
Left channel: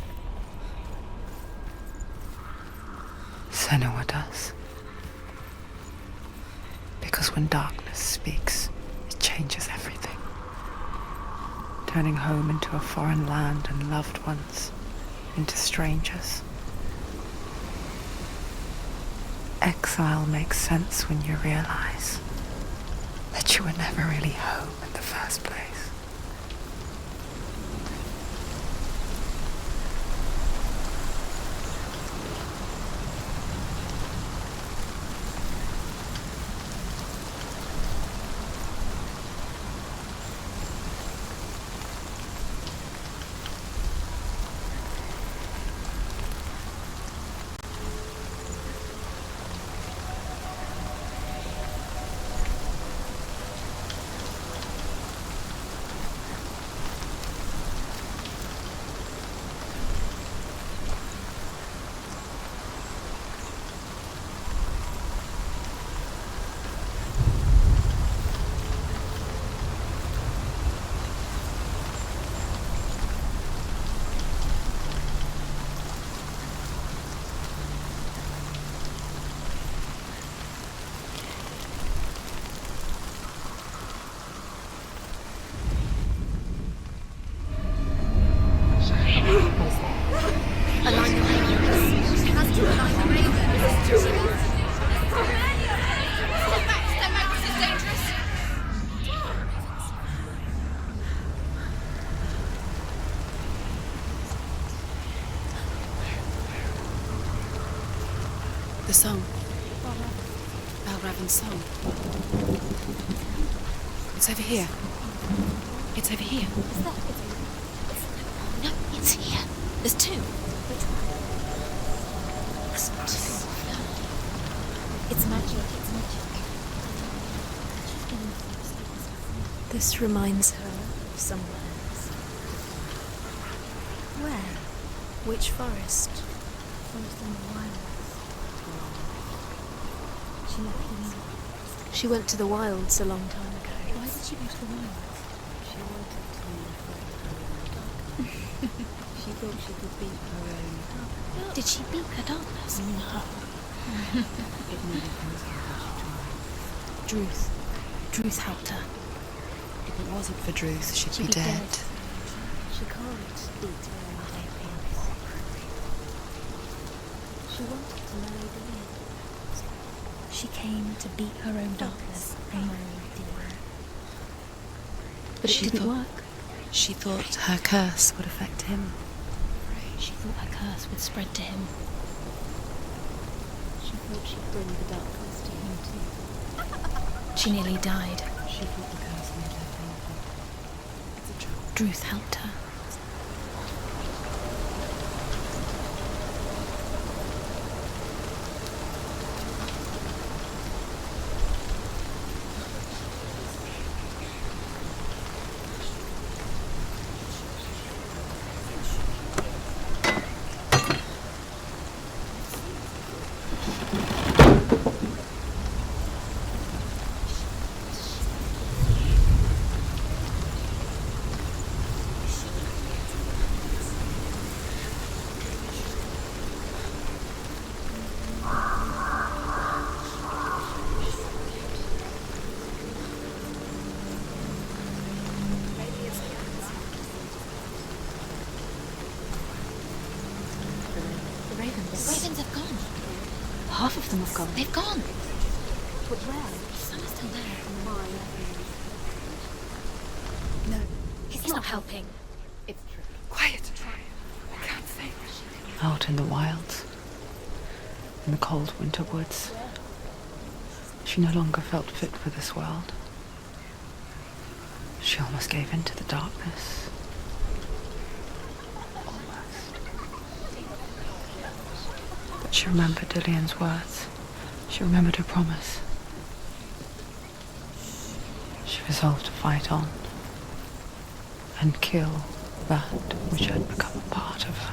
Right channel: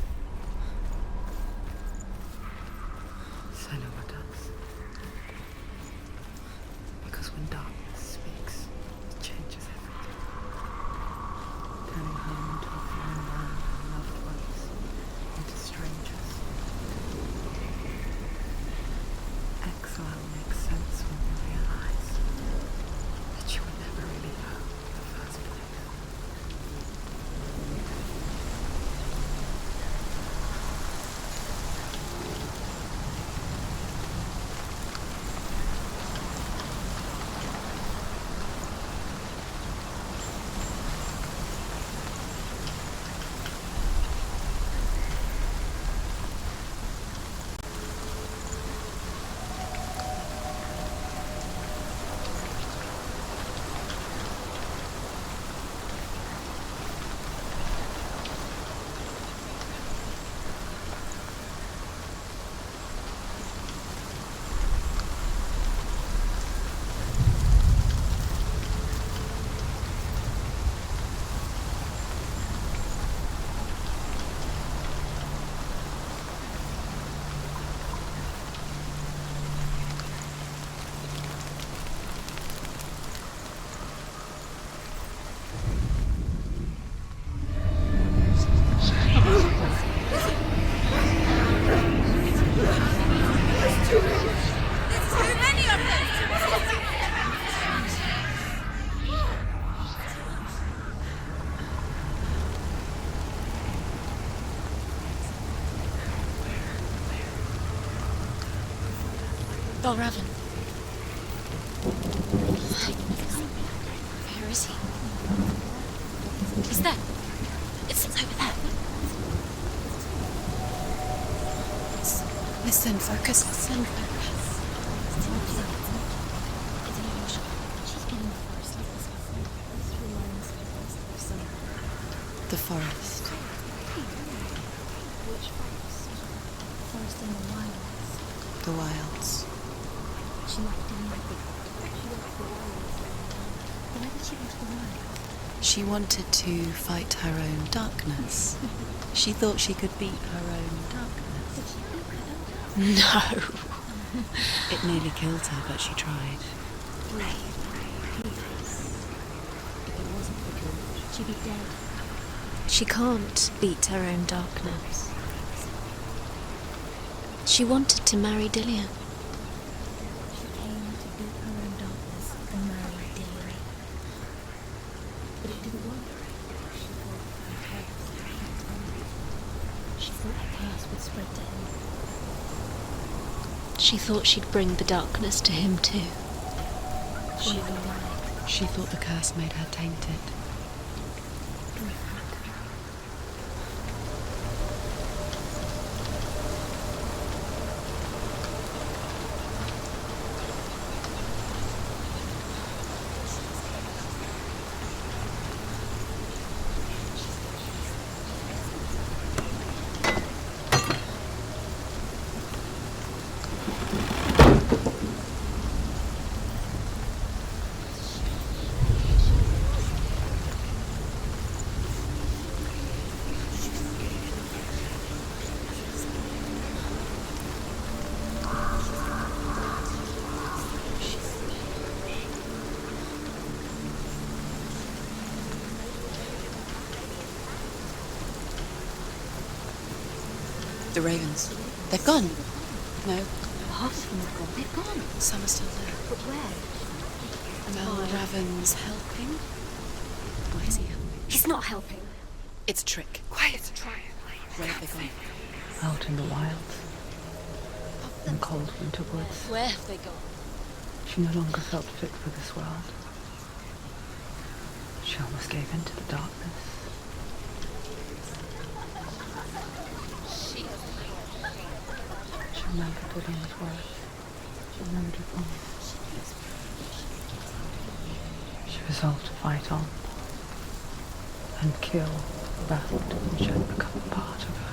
Senua does. Because when darkness speaks, it changes everything, turning home into a foreign land and loved ones into strangers. Exile makes sense when you realize that you were never really home in the first place. The song. Balraven's song. It's over here. It's over here. Is that? It's over there. No, it's here. There's two. Listen, focus. Listen. It's magic. This reminds her of somewhere. The forest. Where? Which forest? Forest in the wild. The wilds. She left in. She went to the wilds a long time ago. Why did she go to the wilds? She wanted to fight her own darkness. She thought she could beat her own darkness. Did she beat her darkness? No. It nearly killed her, but she tried. Druth helped her. If it wasn't for Druth, she'd be dead. She can't beat her own darkness. She wanted to marry Dillian. She came to beat her own darkness and marry Dillian. But it didn't work. She thought her curse would affect him. She thought her curse would spread to him. She thought she'd bring the darkness to him too. She nearly died. She thought the curse made her tainted. Druth helped her. The ravens. The ravens. They've gone. They've gone. No. Half of them have gone. They've gone. Some are still there. But where? Some are still there. No. Raven's helping. He's not helping. It's a trick. Quiet! I can't think. Out in the wilds, in cold winter woods, Where have they gone? she no longer felt fit for this world. She almost gave in to the darkness. She remembered Dillian's words. She remembered her promise. She resolved to fight on and kill that which had become part of her.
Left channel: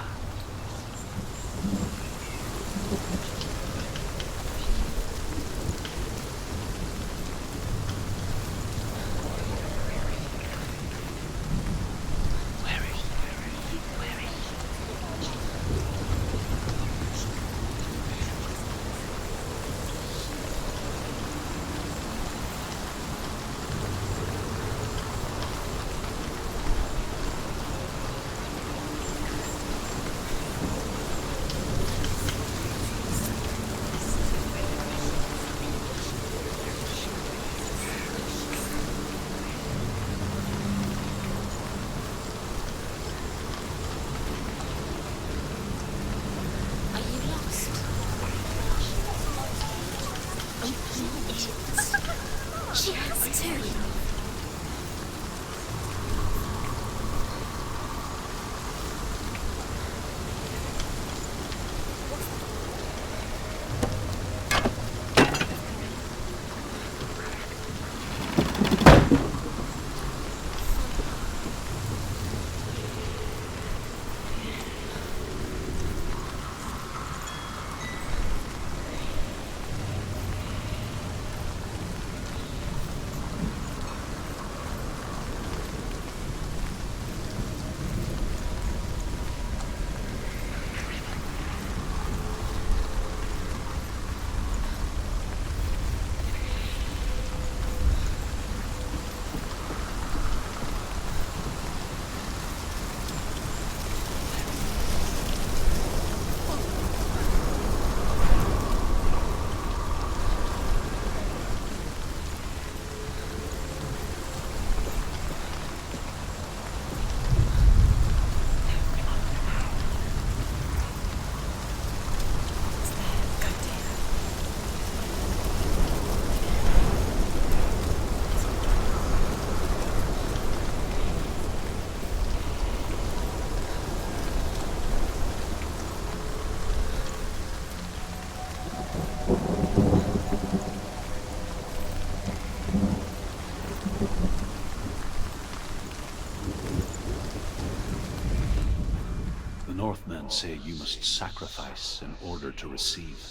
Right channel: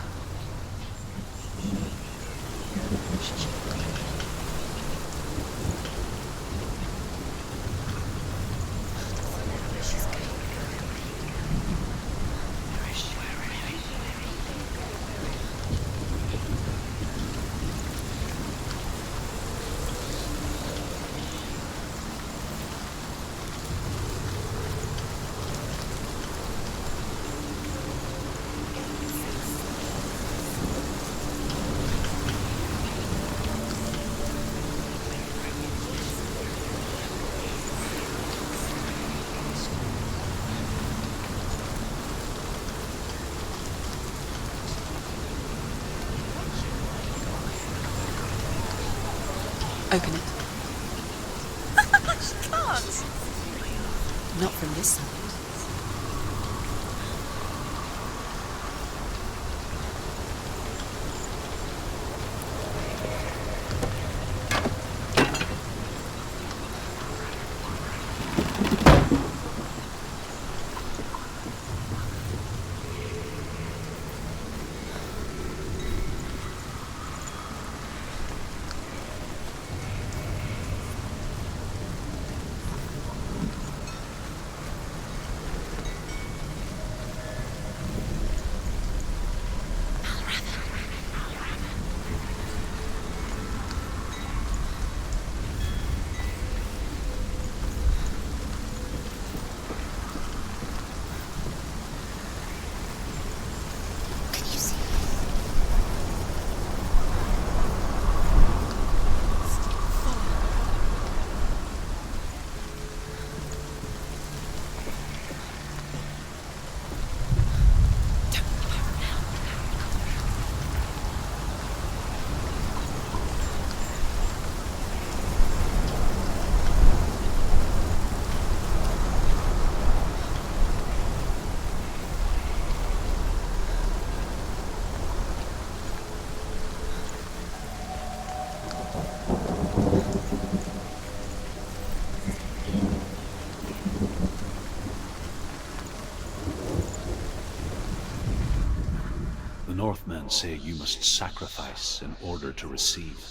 Northmen say you must sacrifice in order to receive.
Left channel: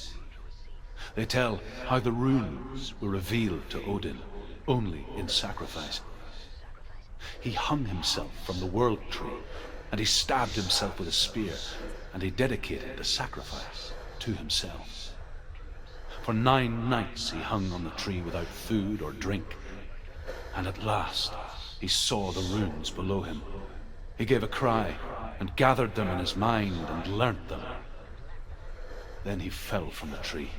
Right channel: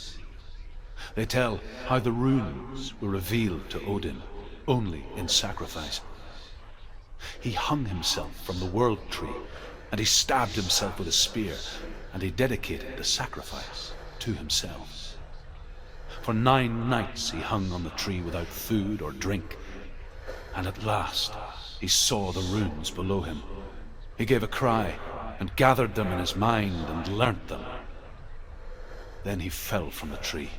They tell how the runes were revealed to Odin only in sacrifice. He hung himself from the world tree, and he stabbed himself with a spear, and he dedicated the sacrifice to himself. For 9 nights he hung on the tree without food or drink, and at last he saw the runes below him. He gave a cry, and gathered them in his mind and learnt them. Then he fell from the tree.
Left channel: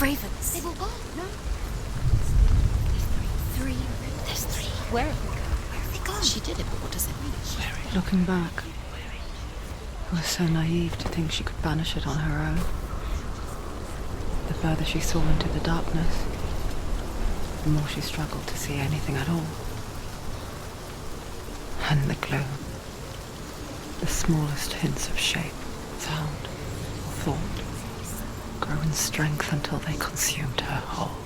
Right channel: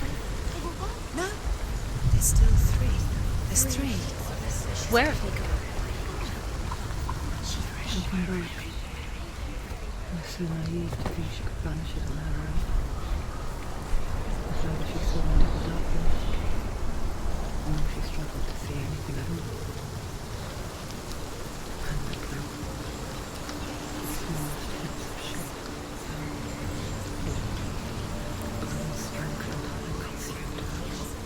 ravens. They will go. No. There's still three. There's three. There's three. Where have they gone? She did it. What does it mean? Looking back, I was so naive to think she could banish it on her own. The further she saw into the darkness, the more she struggled to see anything at all. And the glow, the smallest hints of shape, sound, thought, grew in strength until they consumed her whole.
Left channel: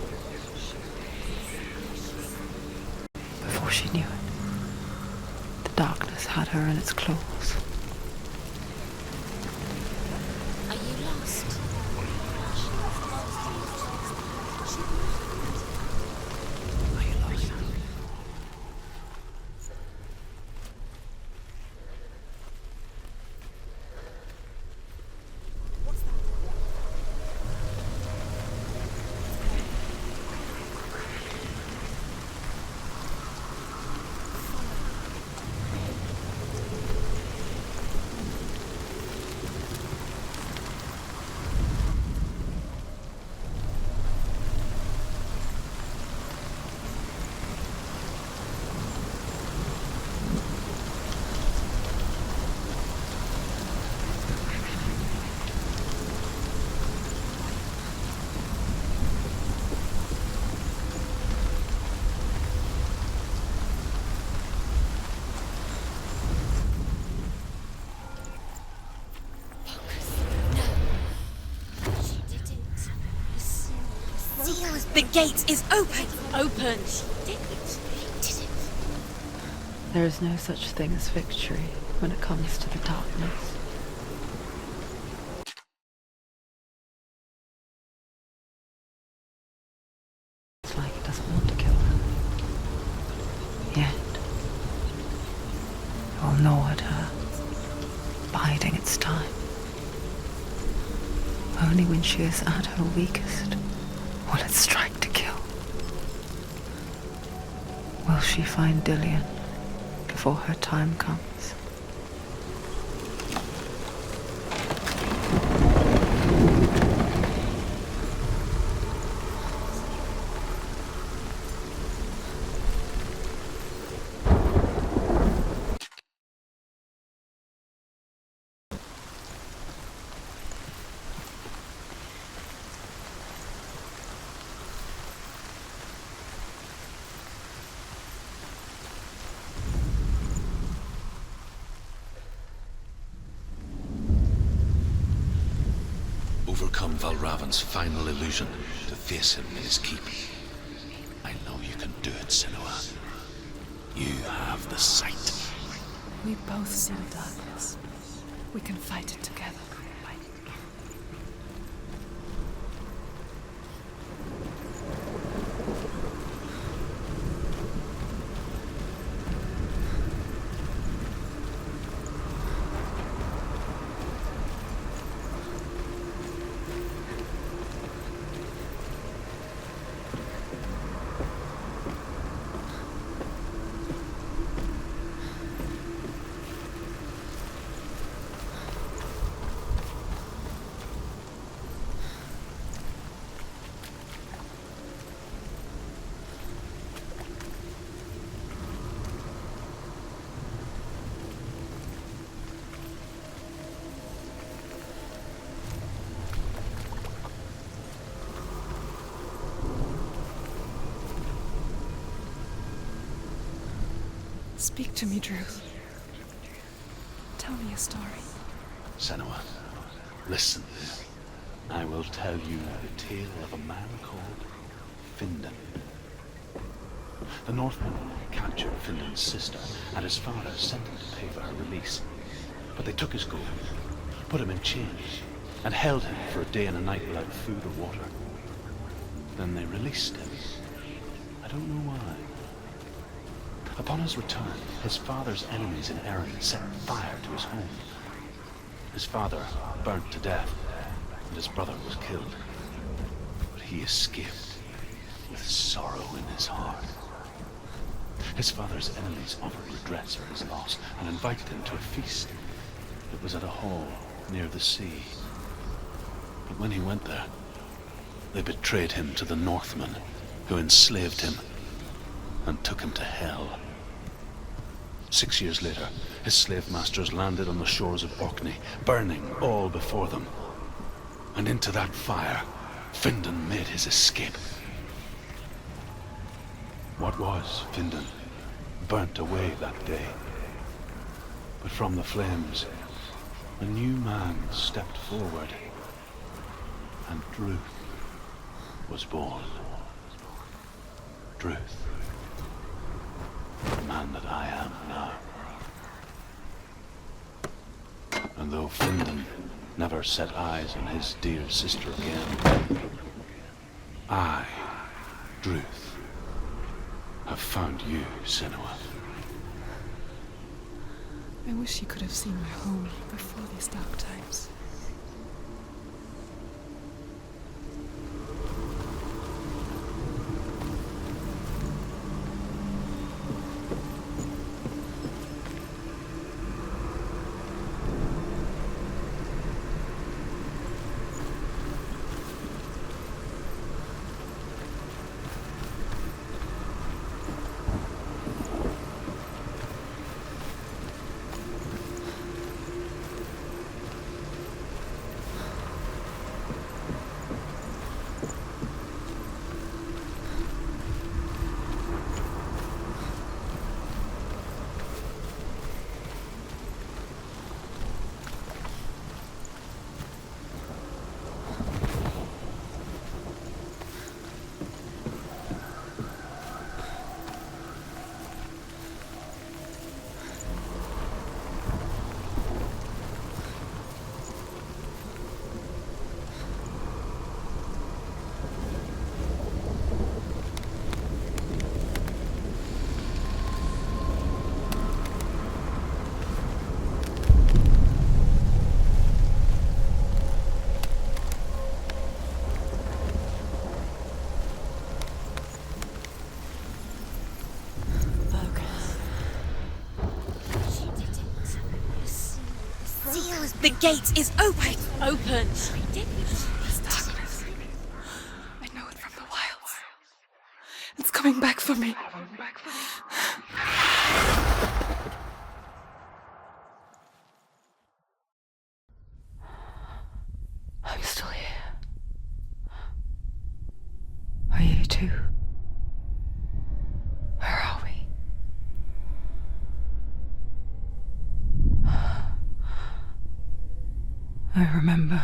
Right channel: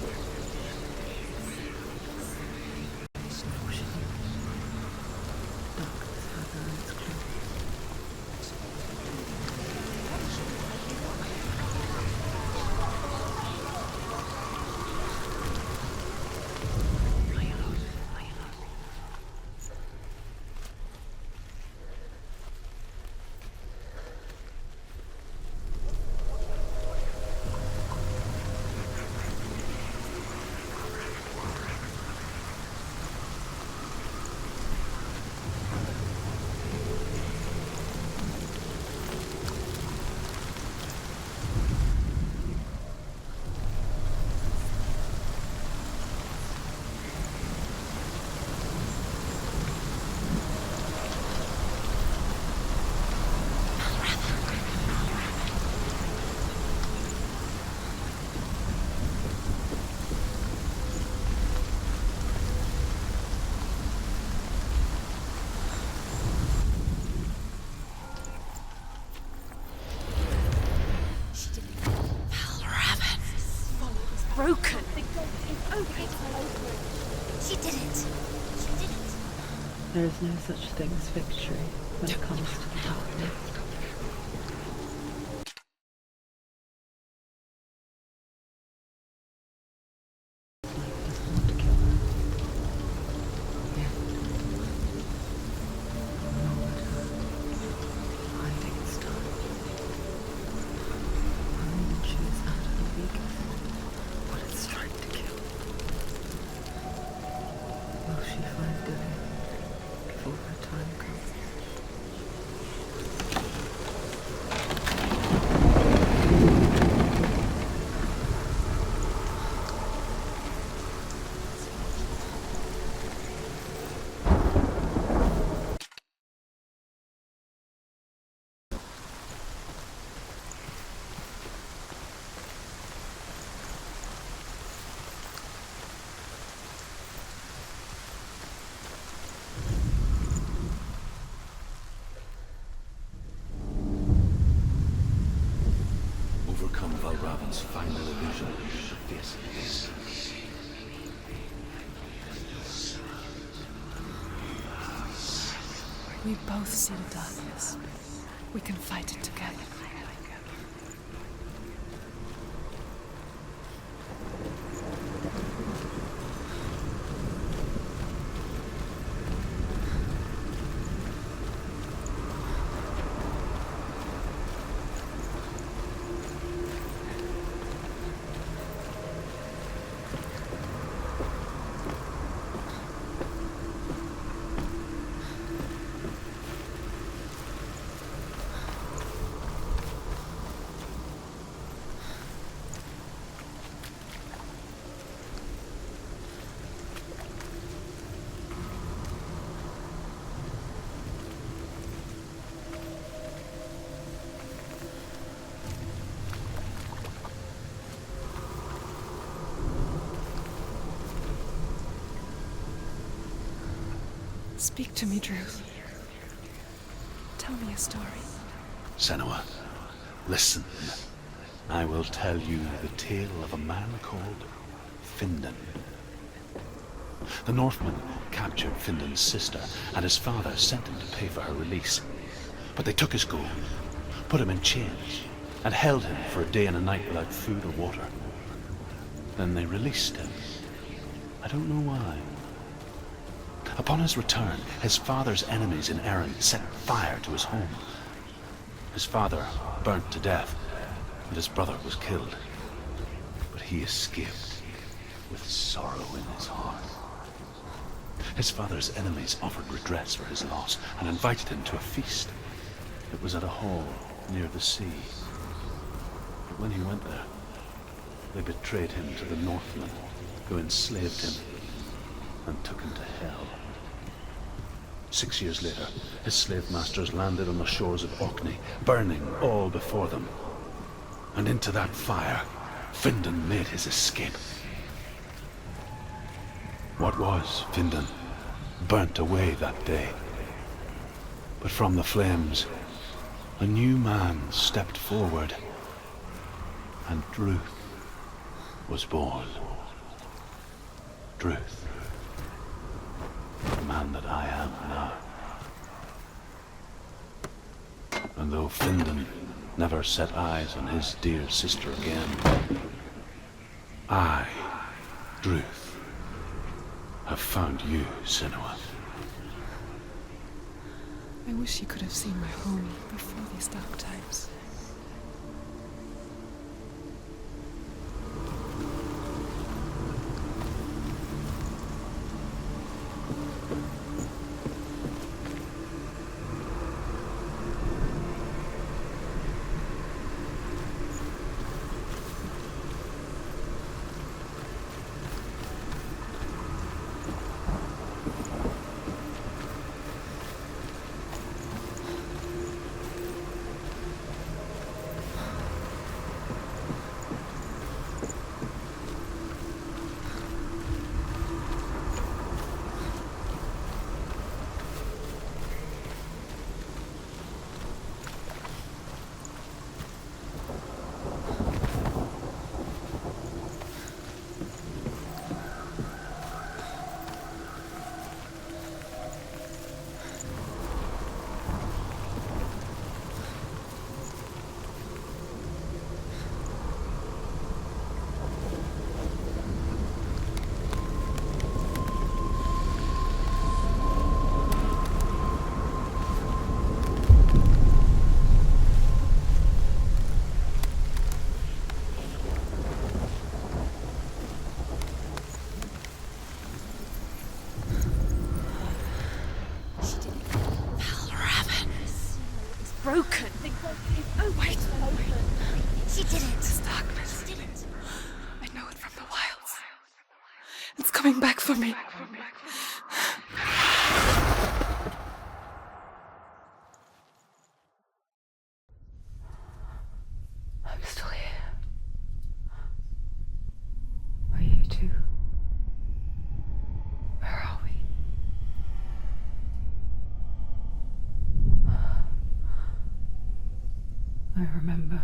Before she knew it, the darkness had her in its claws. The gate is open! Open! There is no such thing as victory when it comes to the darkness. It's like it doesn't want to kill her. Yet, it will gnaw at her, biding its time. Only when she is at her weakest will it strike to kill. Will she find Dillian before her time comes? Overcome Valravan's final illusion to face him in his keep. I know you can do it, Senua. You have the sight. We both see the darkness. We can fight it together. Speak to me, Druth. Tell me a story. Senua, listen. I will tell you the tale of a man called Findan. The Northmen captured Findan's sister, and his father sent him to pay for her release. But they took his gold, put him in chains, and held him for a day and a night without food or water. Then they released him. I don't know why. Upon his return, his father's enemies in Erin set fire to his home. His father burnt to death, and his brother was killed. But he escaped with sorrow in his heart. His father's enemies offered redress for his loss and invited him to a feast. It was at a hall near the sea. But when he went there, they betrayed him to the Northmen, who enslaved him and took him to hell. 6 years later, his slave masters landed on the shores of Orkney, burning all before them. And into that fire Findan made his escape. What was Findan burnt away that day. But from the flames, a new man stepped forward, and Druth was born. Druth, the man that I am now. And though Findan never set eyes on his dear sister again, I, Druth, have found you, Senua. I wish you could have seen my home before these dark times. The gate is open! Open! This darkness. I know it from the wilds. It's coming back for me. I'm still here. Are you too? Where are we? I remember.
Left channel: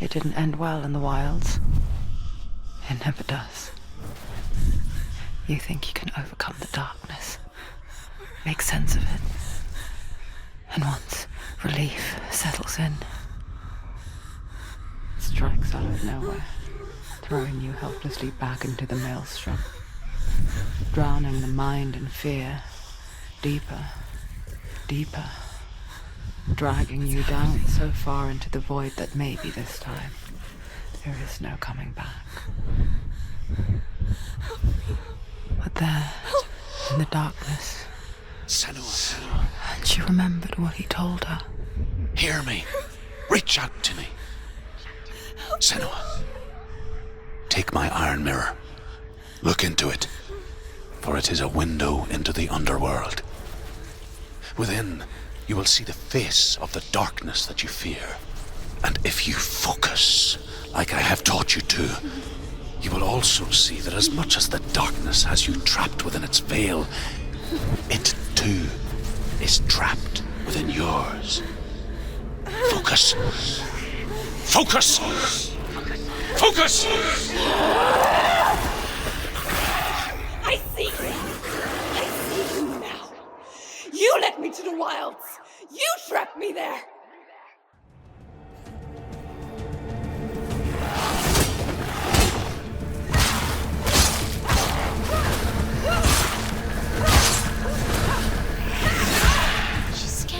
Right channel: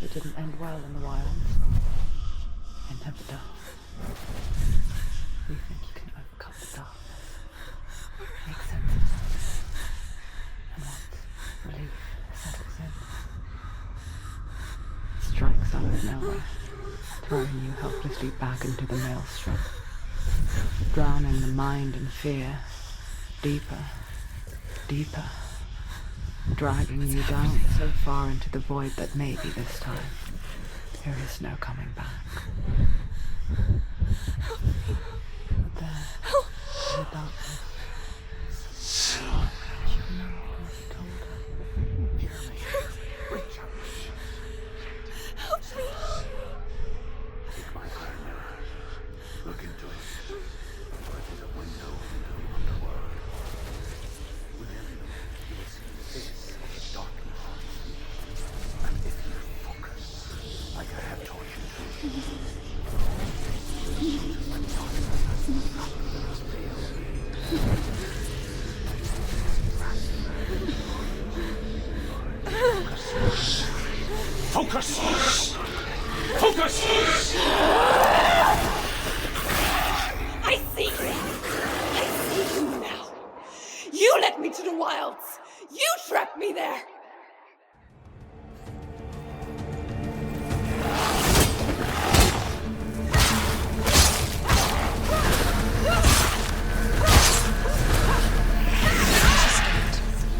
It didn't end well in the wilds. It never does. You think you can overcome the darkness, make sense of it, and once relief settles in, it strikes out of nowhere, throwing you helplessly back into the maelstrom, drowning the mind in fear, deeper, deeper, dragging you down so far into the void that maybe this time there is no coming back. But there, in the darkness, Senua, she remembered what he told her. hear me. Reach out to me. Senua, take my iron mirror. Look into it, for it is a window into the underworld. Within, you will see the face of the darkness that you fear. And if you focus, like I have taught you to, you will also see that as much as the darkness has you trapped within its veil, it too is trapped within yours. Focus. Focus! Focus! I see you! I see you now! You led me to the wilds! You trapped me there!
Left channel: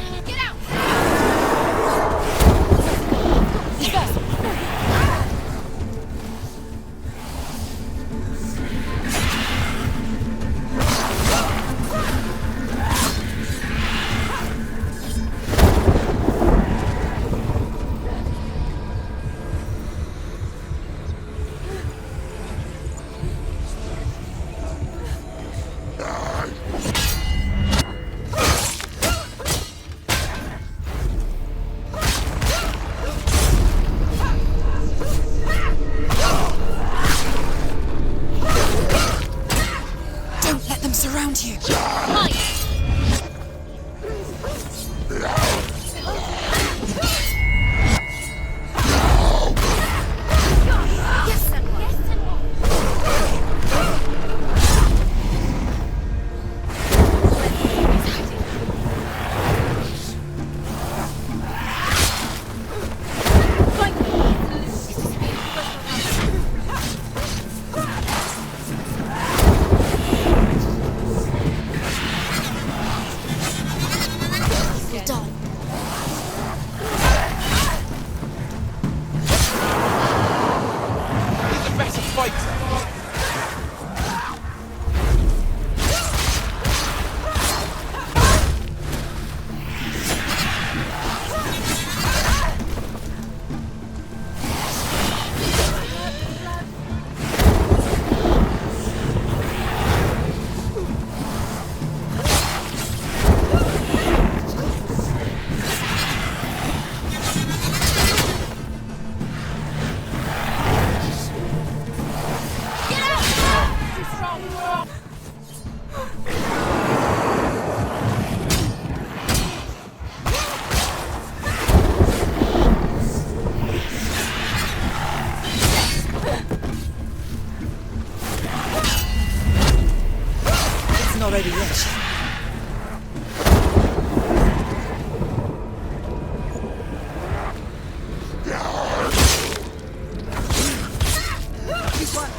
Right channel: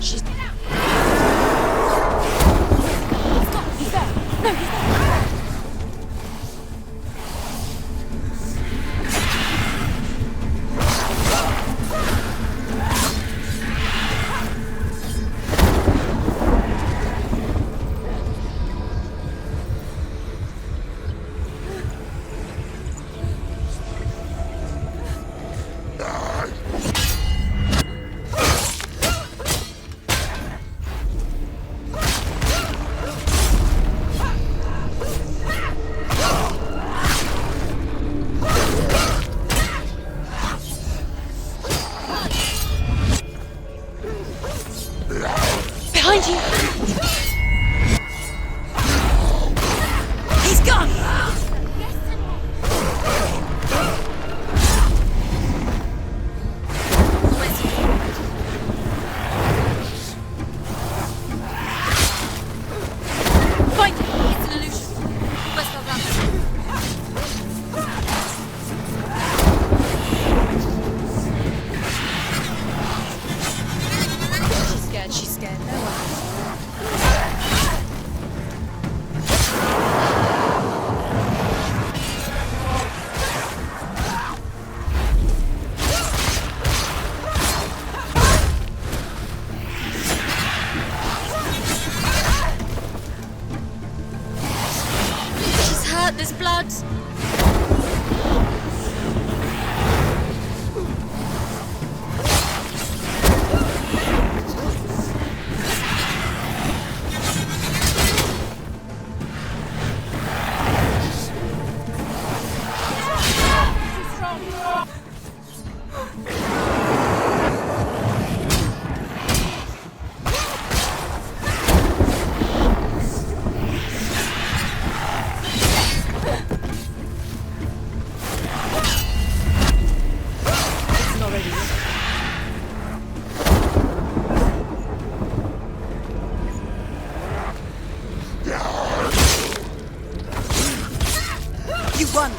She's get out! already rich. You won.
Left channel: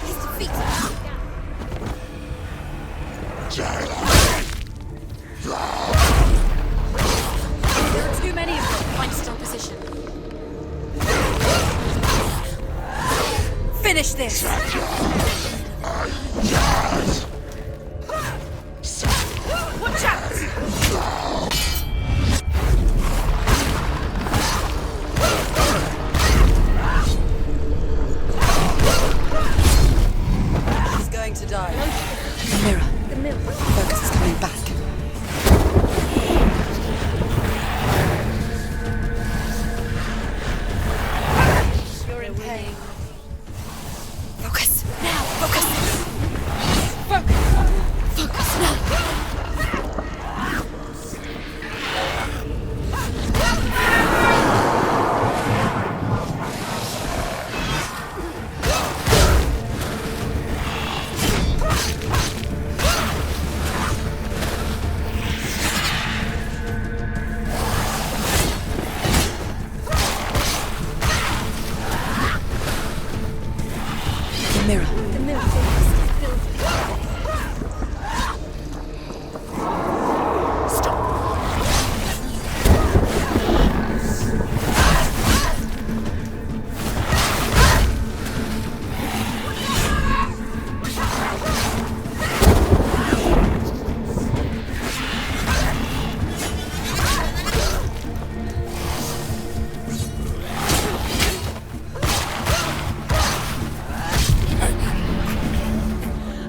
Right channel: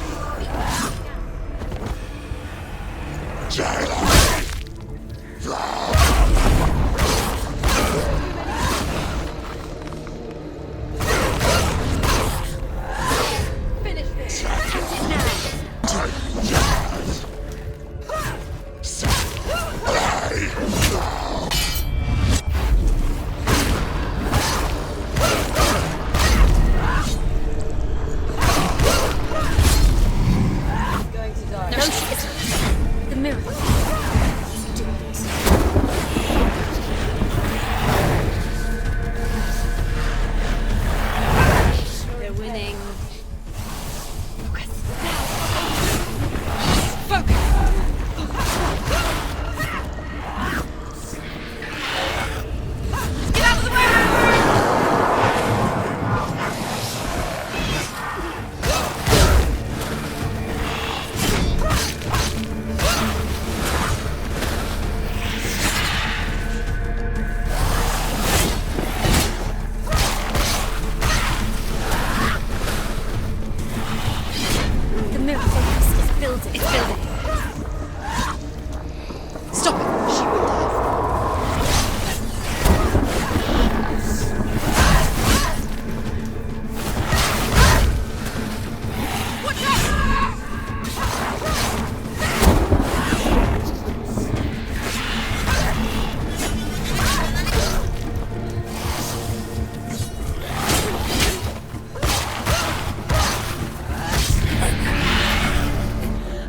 Too many of them fight still position. Finish this! He's going to die. The mirror. We're winning. Focus. The mirror must build its building.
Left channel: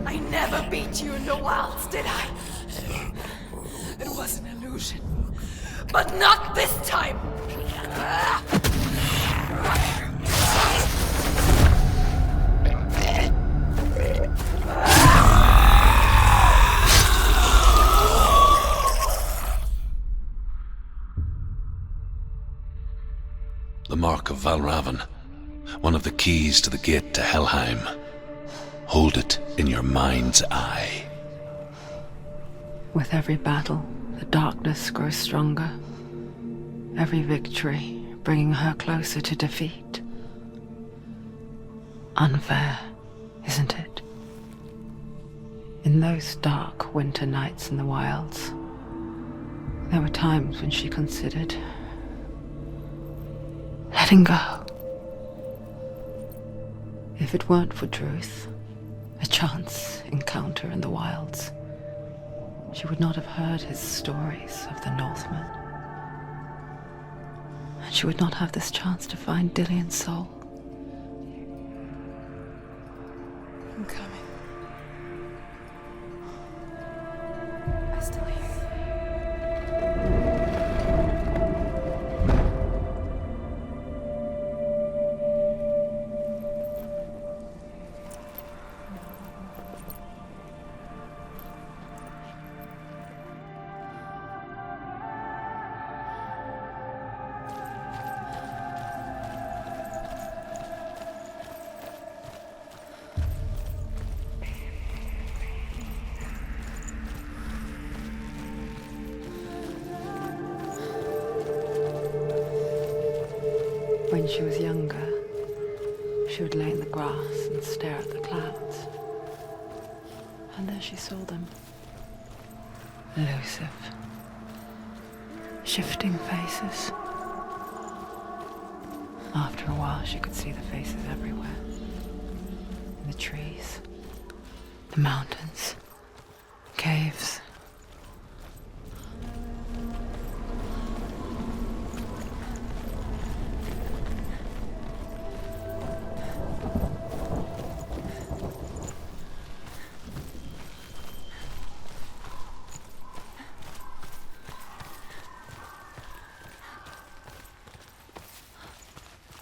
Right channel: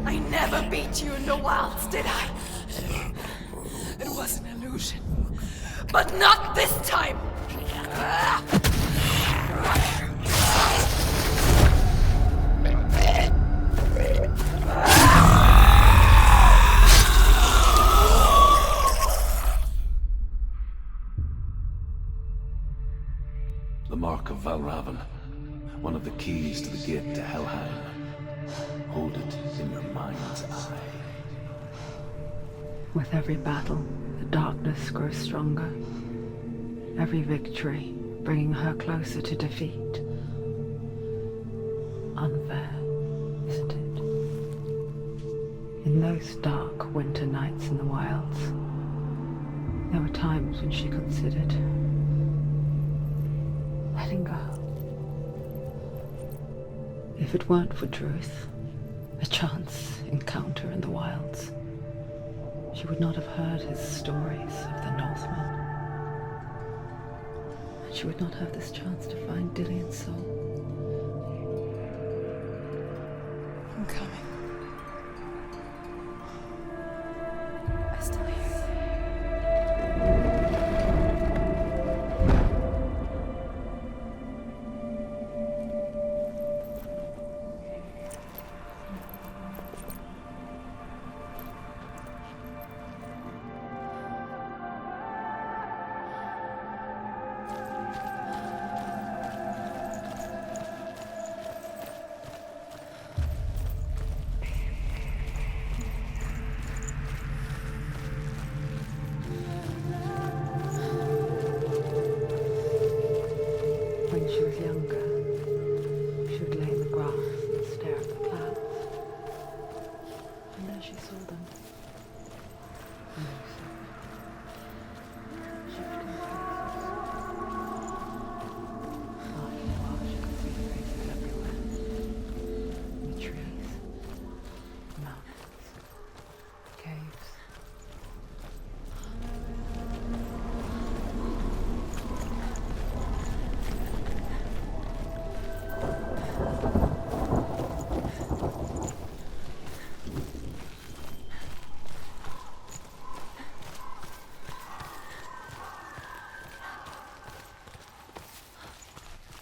I never beat you in the wilds, did I? It was an illusion. But not this time! The Mark of Valravan, one of the keys to the gate to Helheim. Hold it in your mind's eye. With every battle, the darkness grows stronger. Every victory bringing her closer to defeat. Unfair, isn't it? In those dark winter nights in the wilds, there were times when she considered letting go. If it weren't for Druth, a chance encounter in the wilds, she would not have heard his stories of the Northmen. And she would not have this chance to find Dillion's soul. I'm coming. I still hear you. When she was younger, she would lay in the grass and stare at the clouds. And there she saw them. Elusive. Shifting faces. After a while, she could see the faces everywhere. In the trees, the mountains, caves.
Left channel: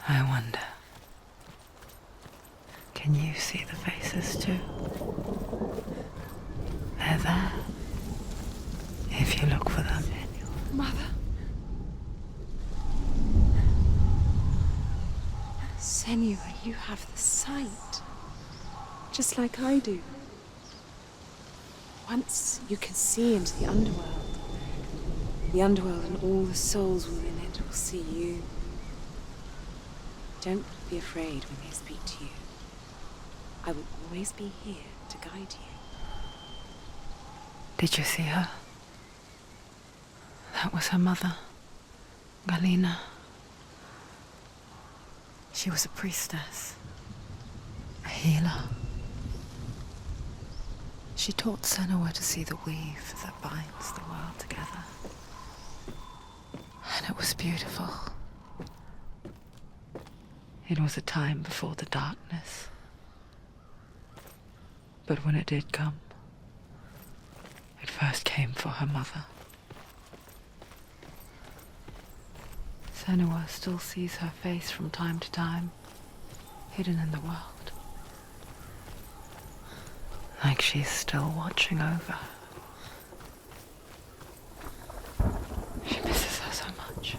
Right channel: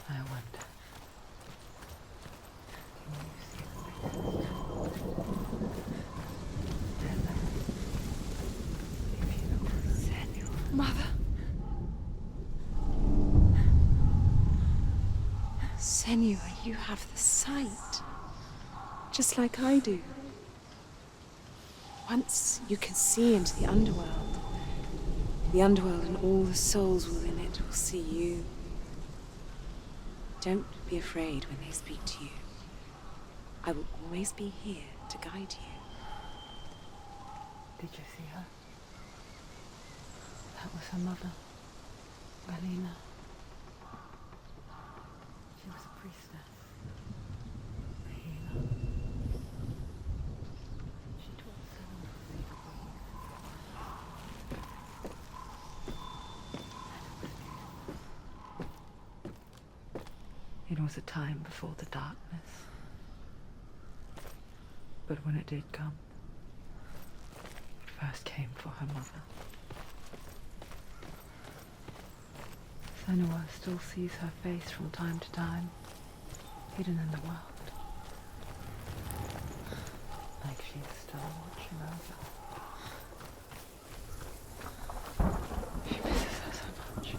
I wonder, can you see the faces too? They're there, if you look for them. Mother? Senua, you have the sight. Just like I do. Once you can see into the underworld. The underworld and all the souls within it will see you. Don't be afraid when they speak to you. I will always be here to guide you. Did you see her? That was her mother, Galina. She was a priestess, a healer. She taught Senua to see the weave that binds the world together. And it was beautiful. It was a time before the darkness. But when it did come, it first came for her mother. Senua still sees her face from time to time, hidden in the world. Like she's still watching over her. She misses her so much.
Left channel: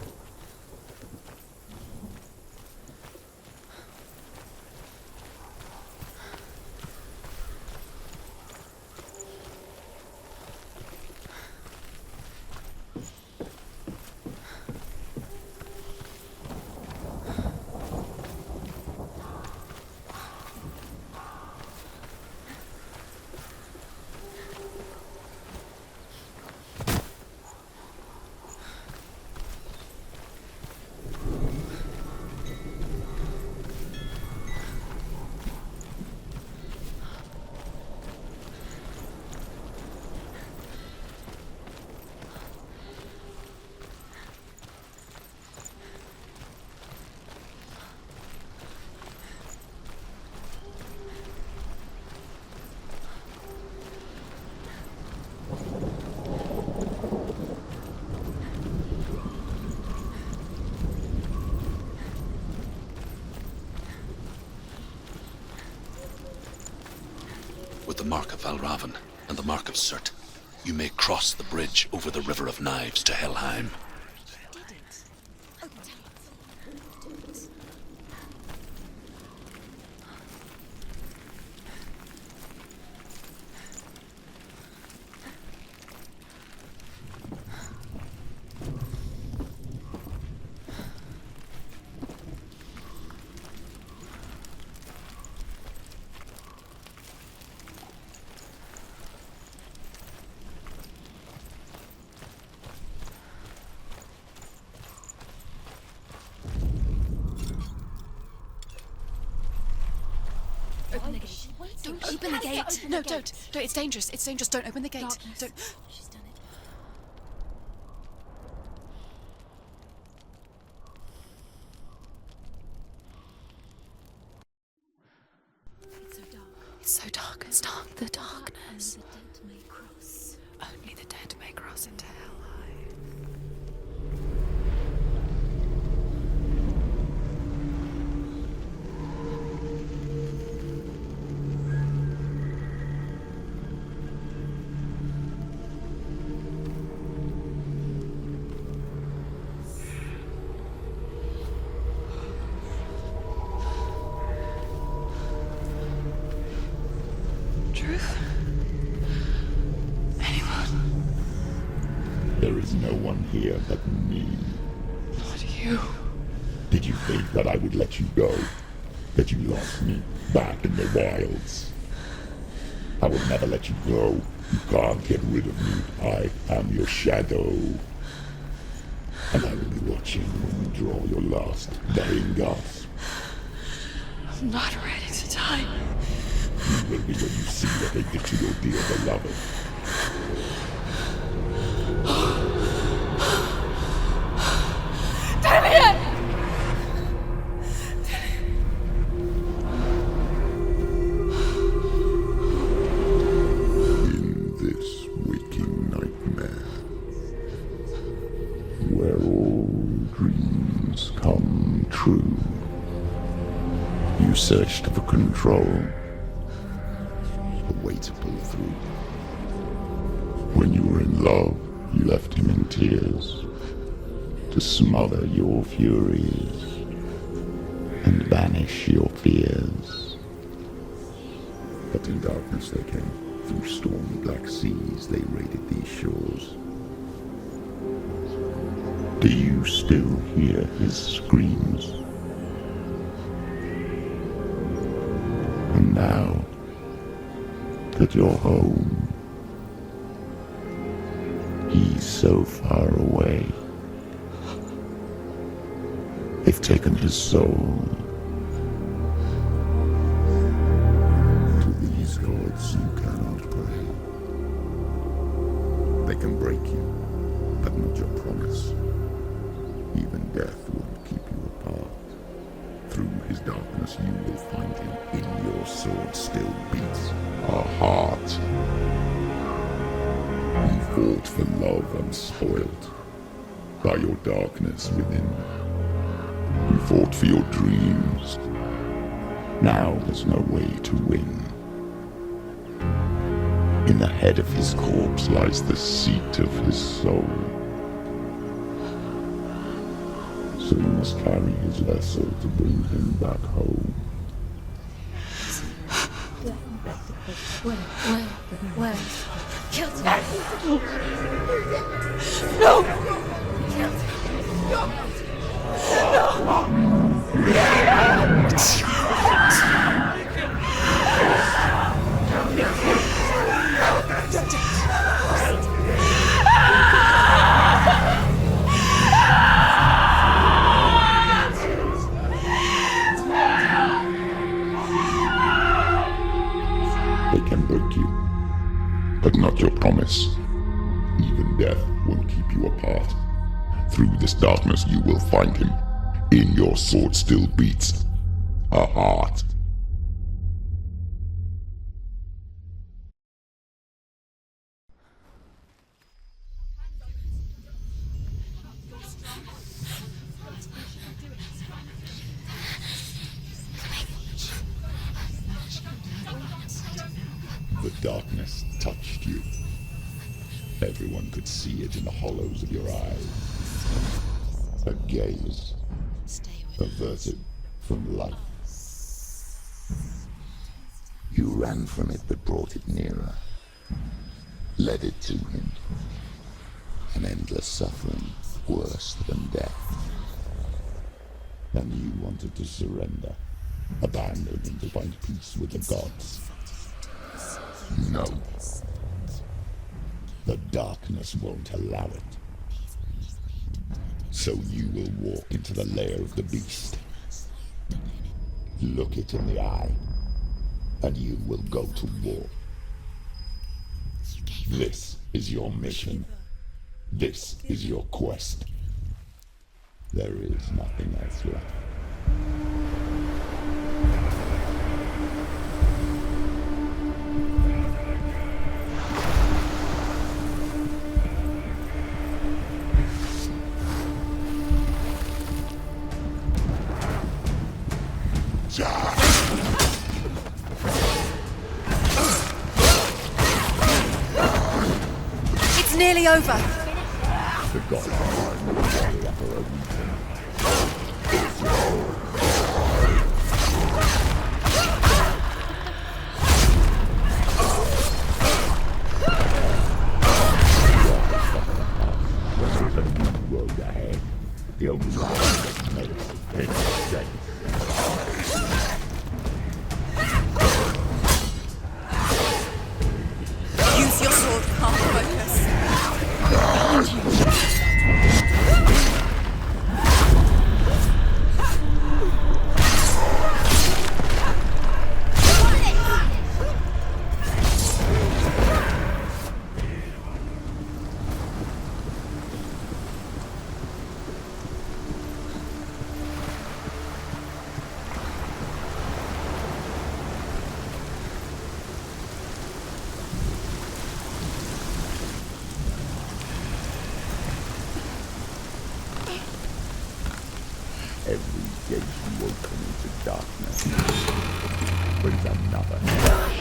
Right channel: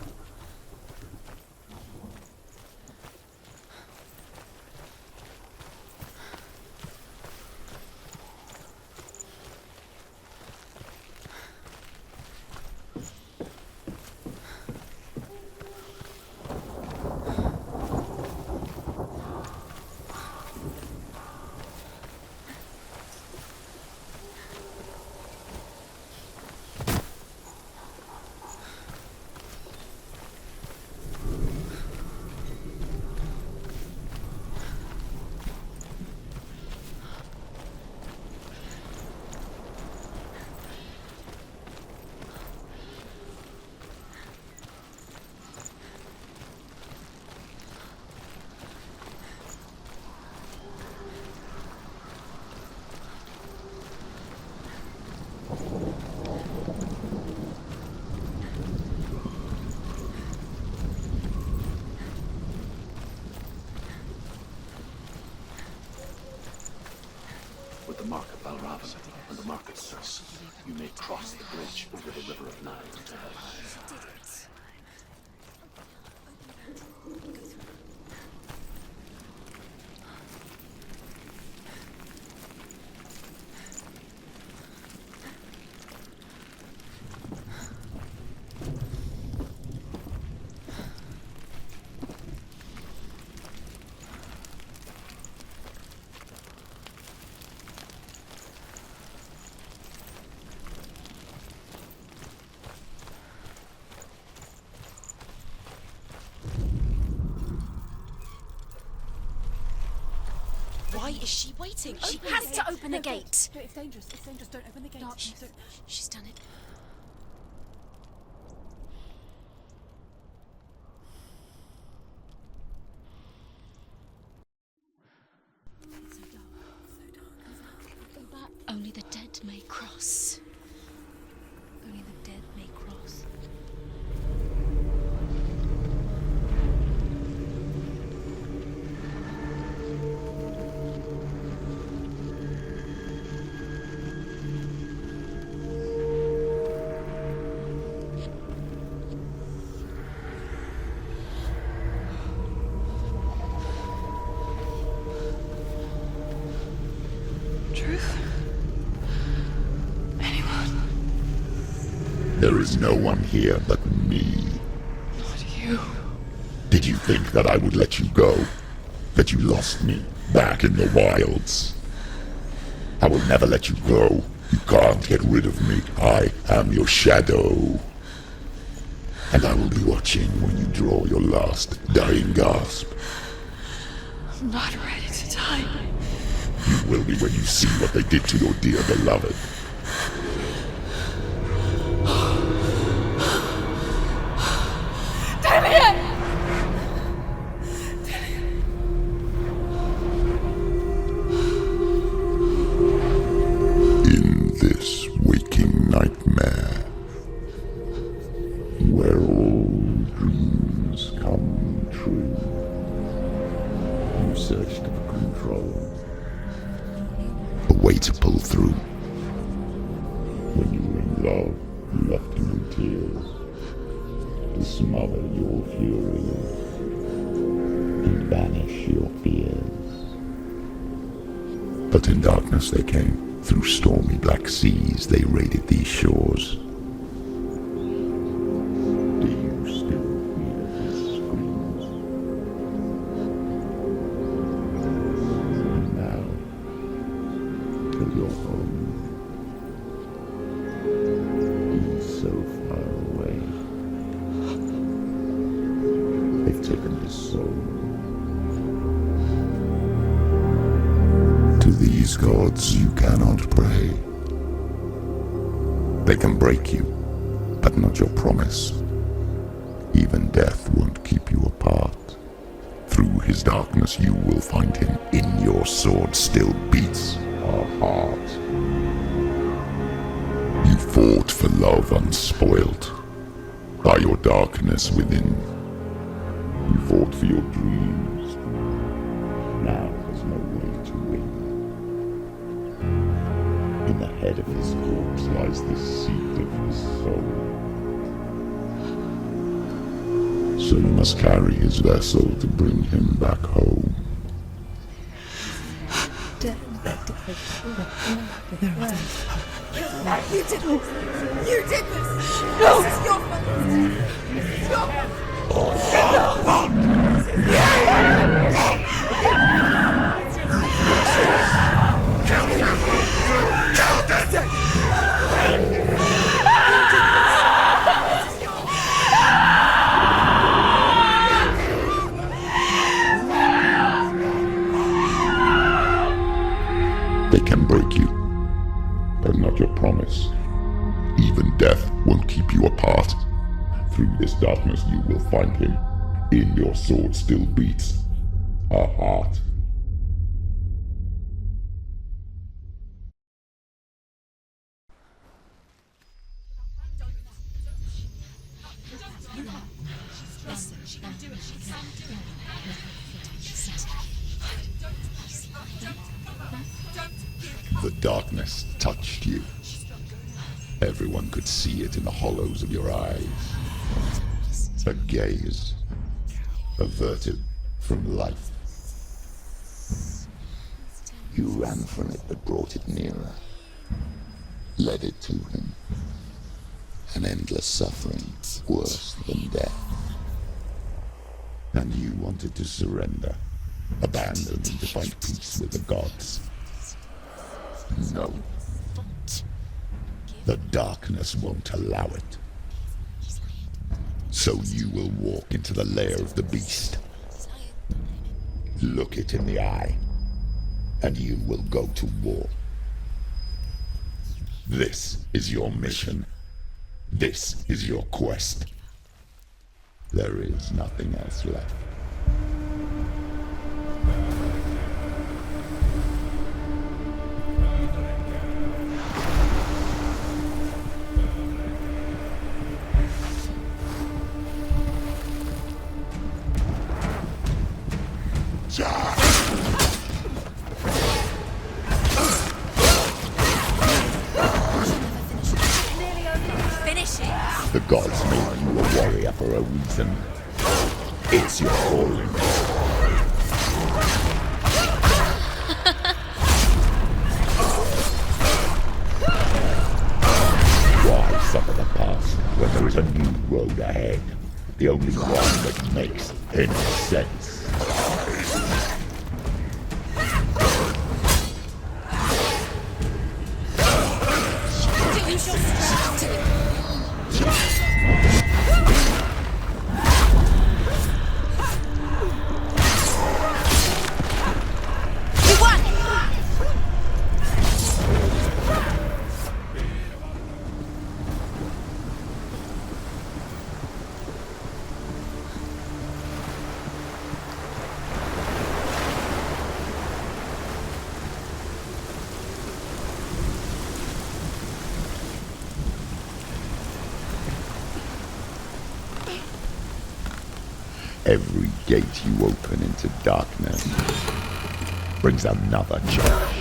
With the mark of Valravan and the mark of Surt, you may cross the bridge over the River of Knives to Helheim. Why is she waiting? Open the gate. Open the gate. No, it's dangerous. It's dangerous. Don't open the gate. Don't. She's done it. It's so dark. It's dark. The darkness. Only the dead may cross. Only the dead may cross into hell. Dead may cross. Truth? Anyone? There is no one here but me. Not you. Did you think that I would let you go? That you lost me back in the wilds? I will never let you go. You can't get rid of me. I am your shadow. And I will be watching when you draw your last dying gasp. I'm not ready to die. You will be when you see what they did to your dear beloved. In this waking nightmare, where all dreams come true, you searched for control, a way to pull through. When you were in love, you left him in tears, to smother your furies and banish your fears. But in darkness they came, Through stormy black seas they raided these shores. Do you still hear his screams? And now that you're home, he's so far away. They've taken his soul. To these gods you cannot pray. They can break you, but not your promise. Even death won't keep you apart. Through his darkness you will find him. In your sword still beats a heart. You fought for love unspoilt by your darkness within. You fought for your dreams. Now there's no way to win. In the head of his corpse lies the seat of his soul. So you must carry his vessel to bring him back home. You did this! No! They can break you, but not your promise. Even death won't keep you apart. Through this darkness you will find him. In your sword still beats a heart. The darkness touched you. Everyone could see it in the hollows of your eyes. A gaze averted from life. You ran from it but brought it nearer. Led it to him. An endless suffering worse than death. And you wanted to surrender. Abandon and to find peace with the gods. No. The darkness won't allow it. So you will walk into the lair of the beast. Look it in the eye, and you will go to war. This is your mission. This is your quest. There is nothing else left. It's nearly over. Finish it. The gods made you a warrior for a reason. It's your own. Why suffer the past when there is a new road ahead? The only one that makes any sense. Every gate you open into darkness brings another challenge.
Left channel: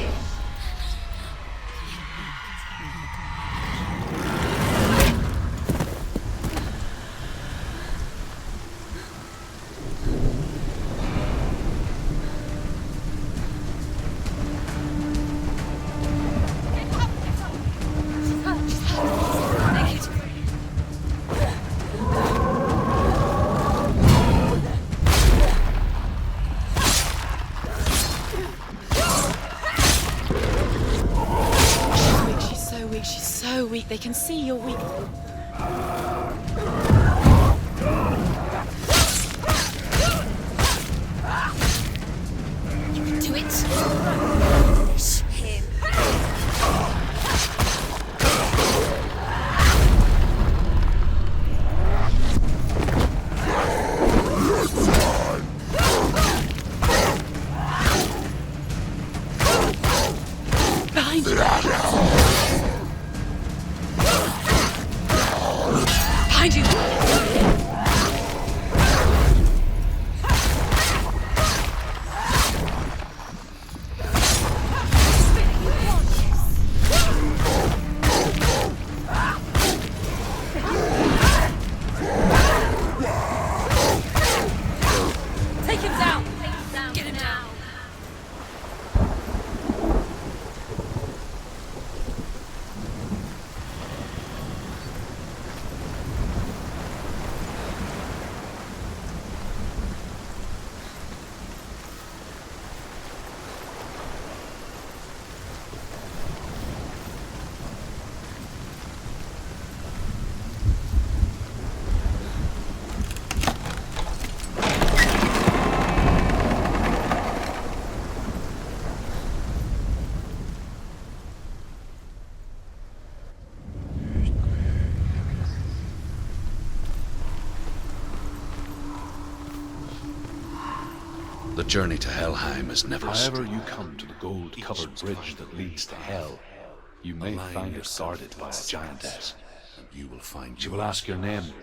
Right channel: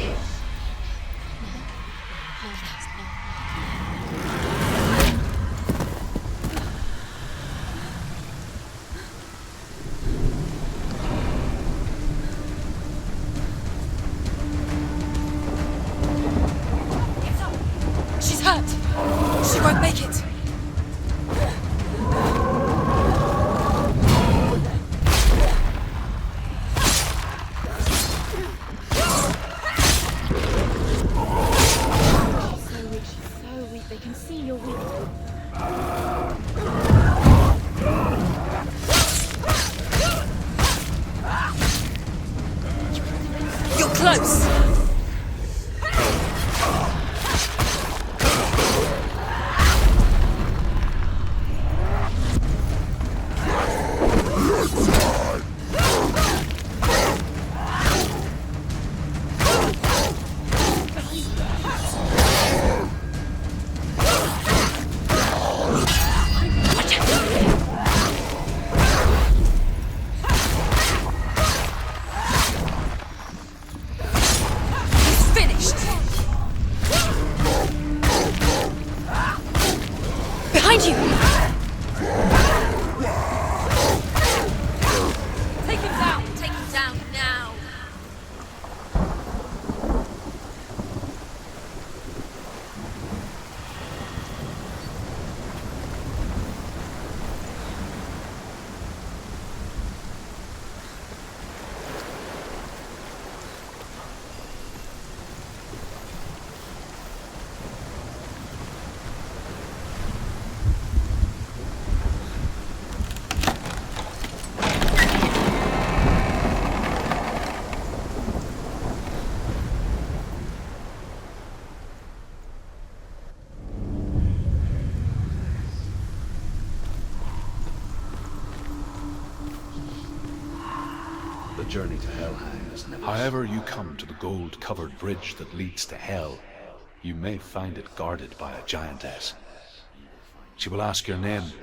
see you're weak. Do it. You're close. Behind you. Finished. Behind you. Take him down. Take him down now. The journey to Helheim is never However you come to the gold-covered bridge that leads to Hell, you may find it guarded by a giantess. You will find She will ask your name.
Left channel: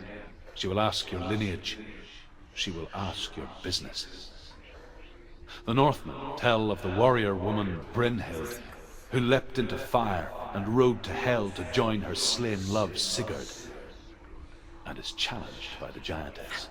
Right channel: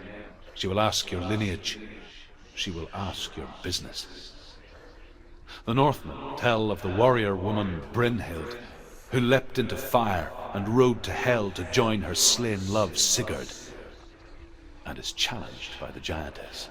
She will ask your lineage. She will ask your business. The Northmen tell of the warrior woman Brynhild, who leapt into fire and rode to Hell to join her slain love Sigurd, and is challenged by the giantess.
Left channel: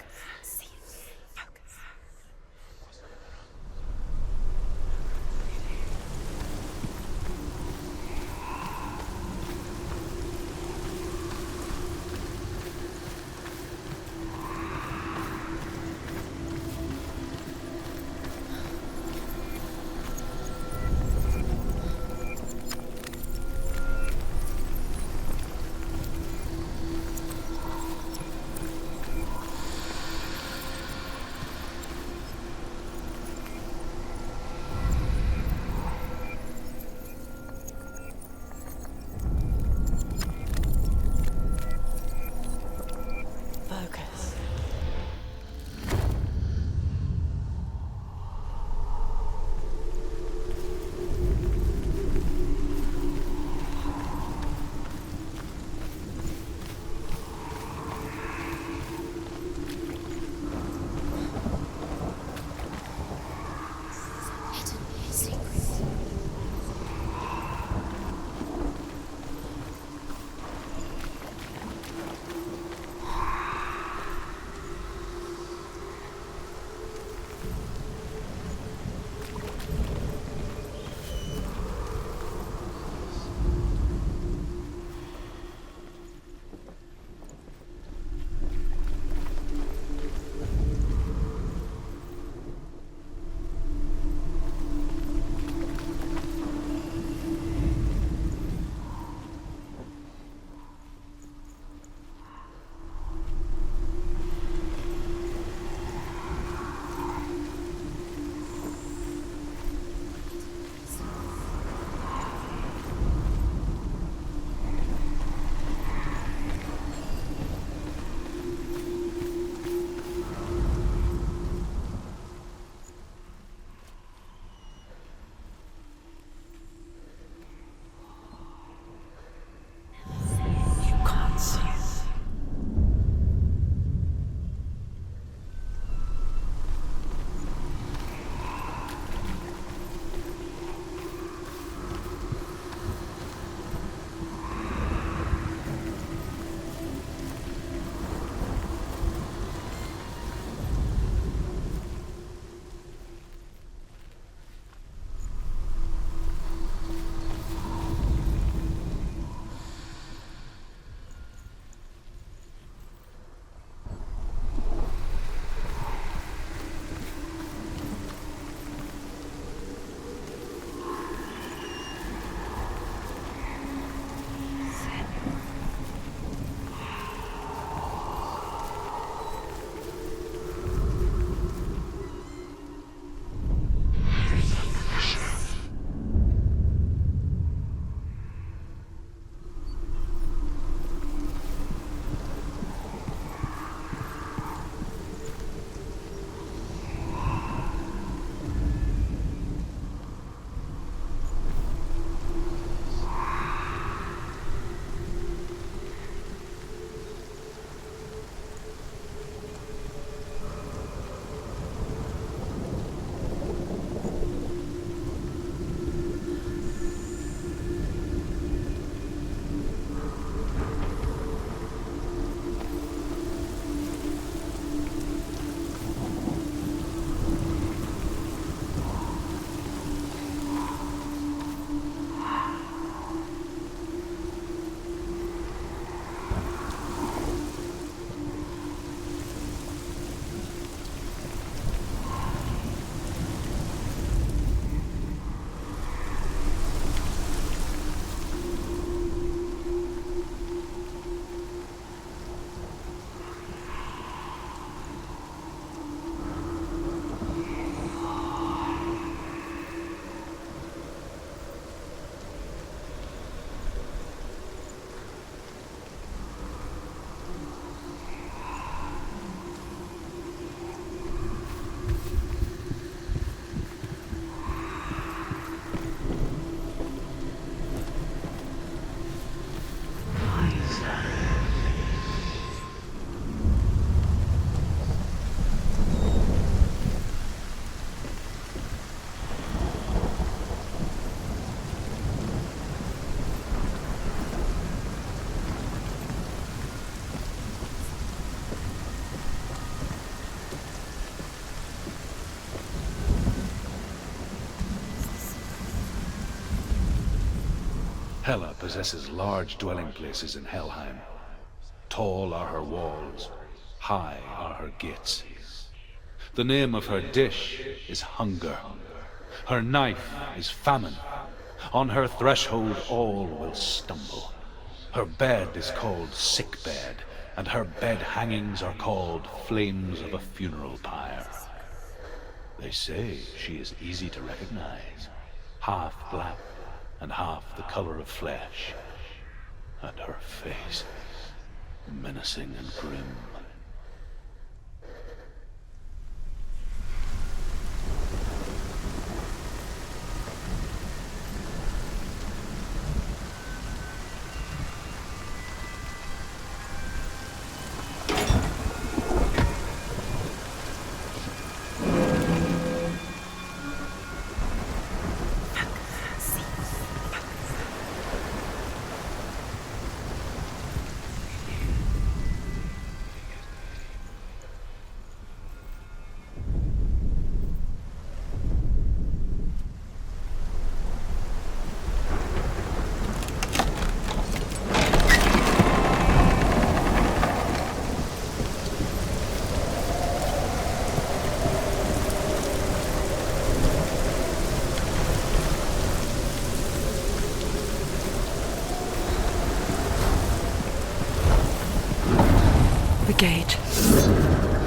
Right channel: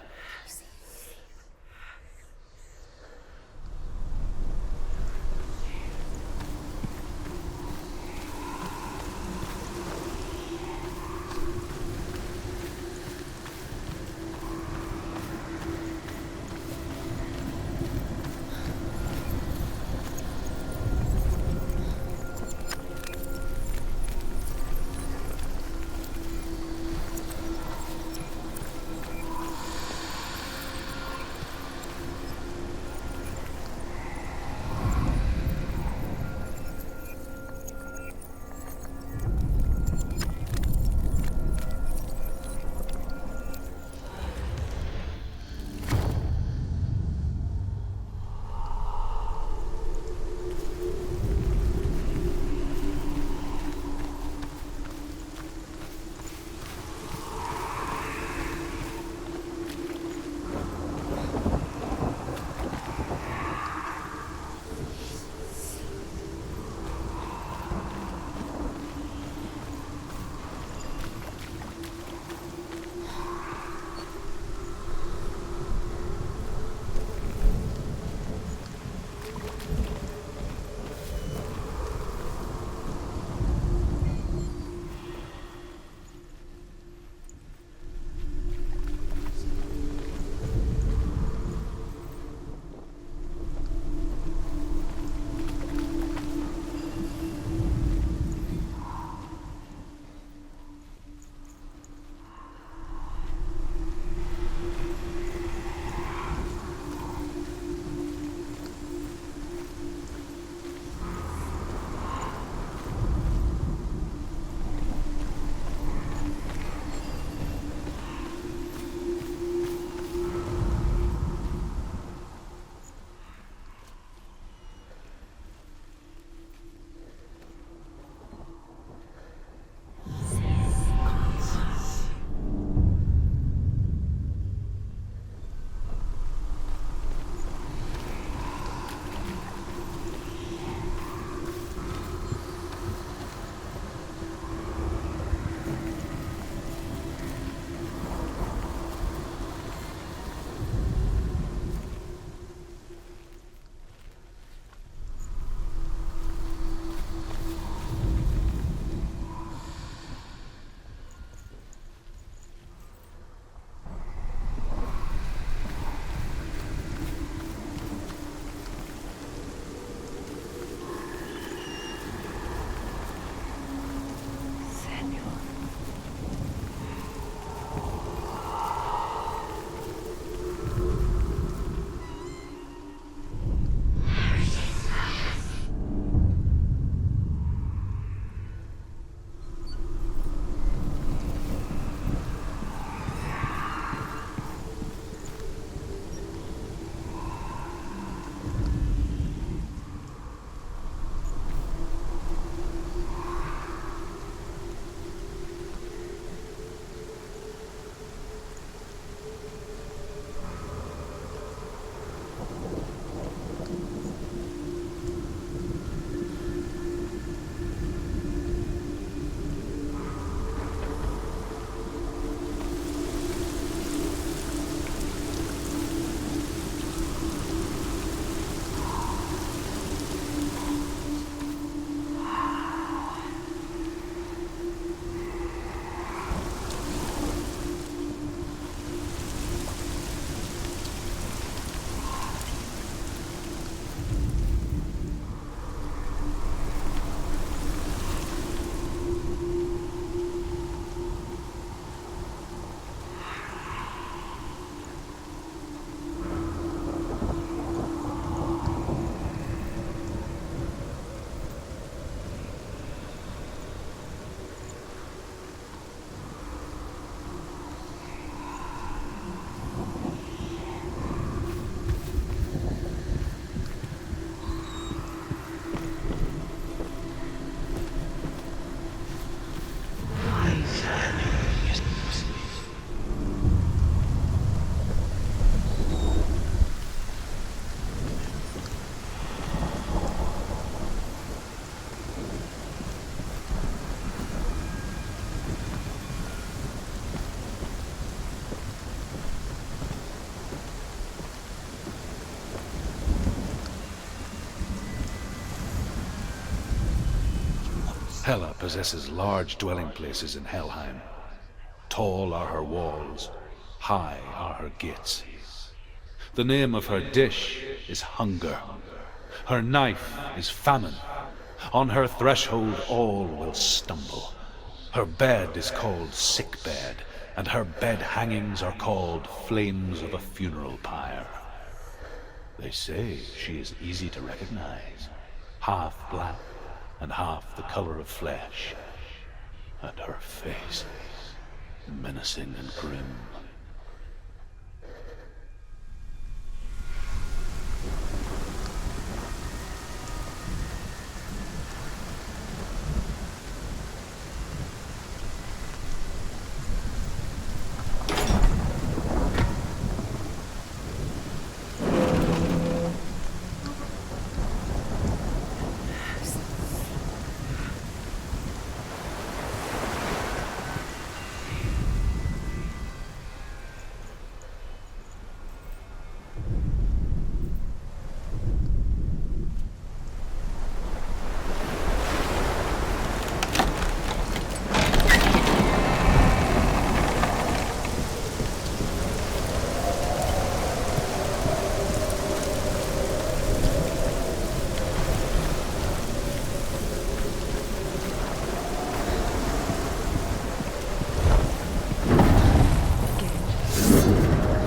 Hela possesses large dwelling places in Helheim. Tall are her walls, high are her gates. The name of her dish is hunger. Her knife is famine. On her threshold all will stumble. Her bed is called sick bed, and her bed hangings are called flames of a funeral pyre. They say she is easy to recognize, half black and half the color of flesh, and her face menacing and grim.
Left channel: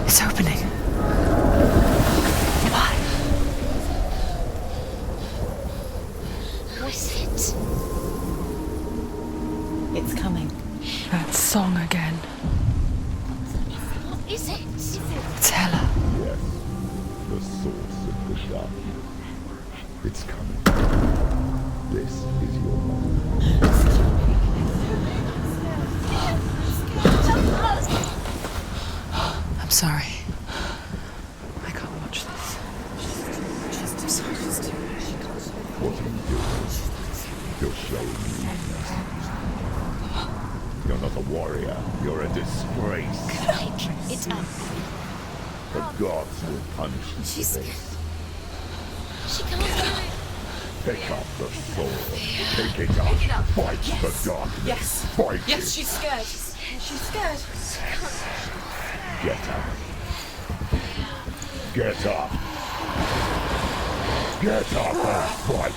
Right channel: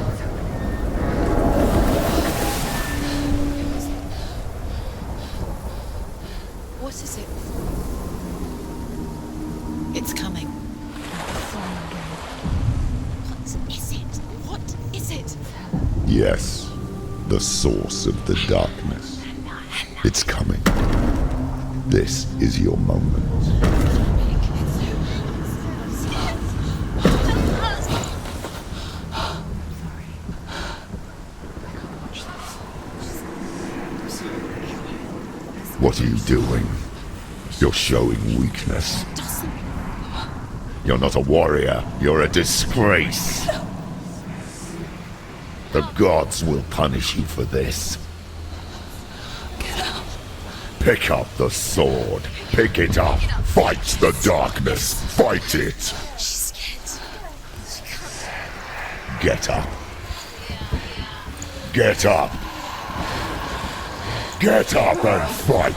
It's opening. Who is it? It's coming. That song again. Is it? It's Hela. Yes, the source of the darkness. It's coming. This is your moment. I'm sorry. I can't watch this. What are you doing? You're showing weakness. You're not a warrior. You're a disgrace. The gods will punish you for this. Pick up the sword. Pick it up. Fight the darkness. Fight it. She's scared. Get up. Get up. Get up and fight.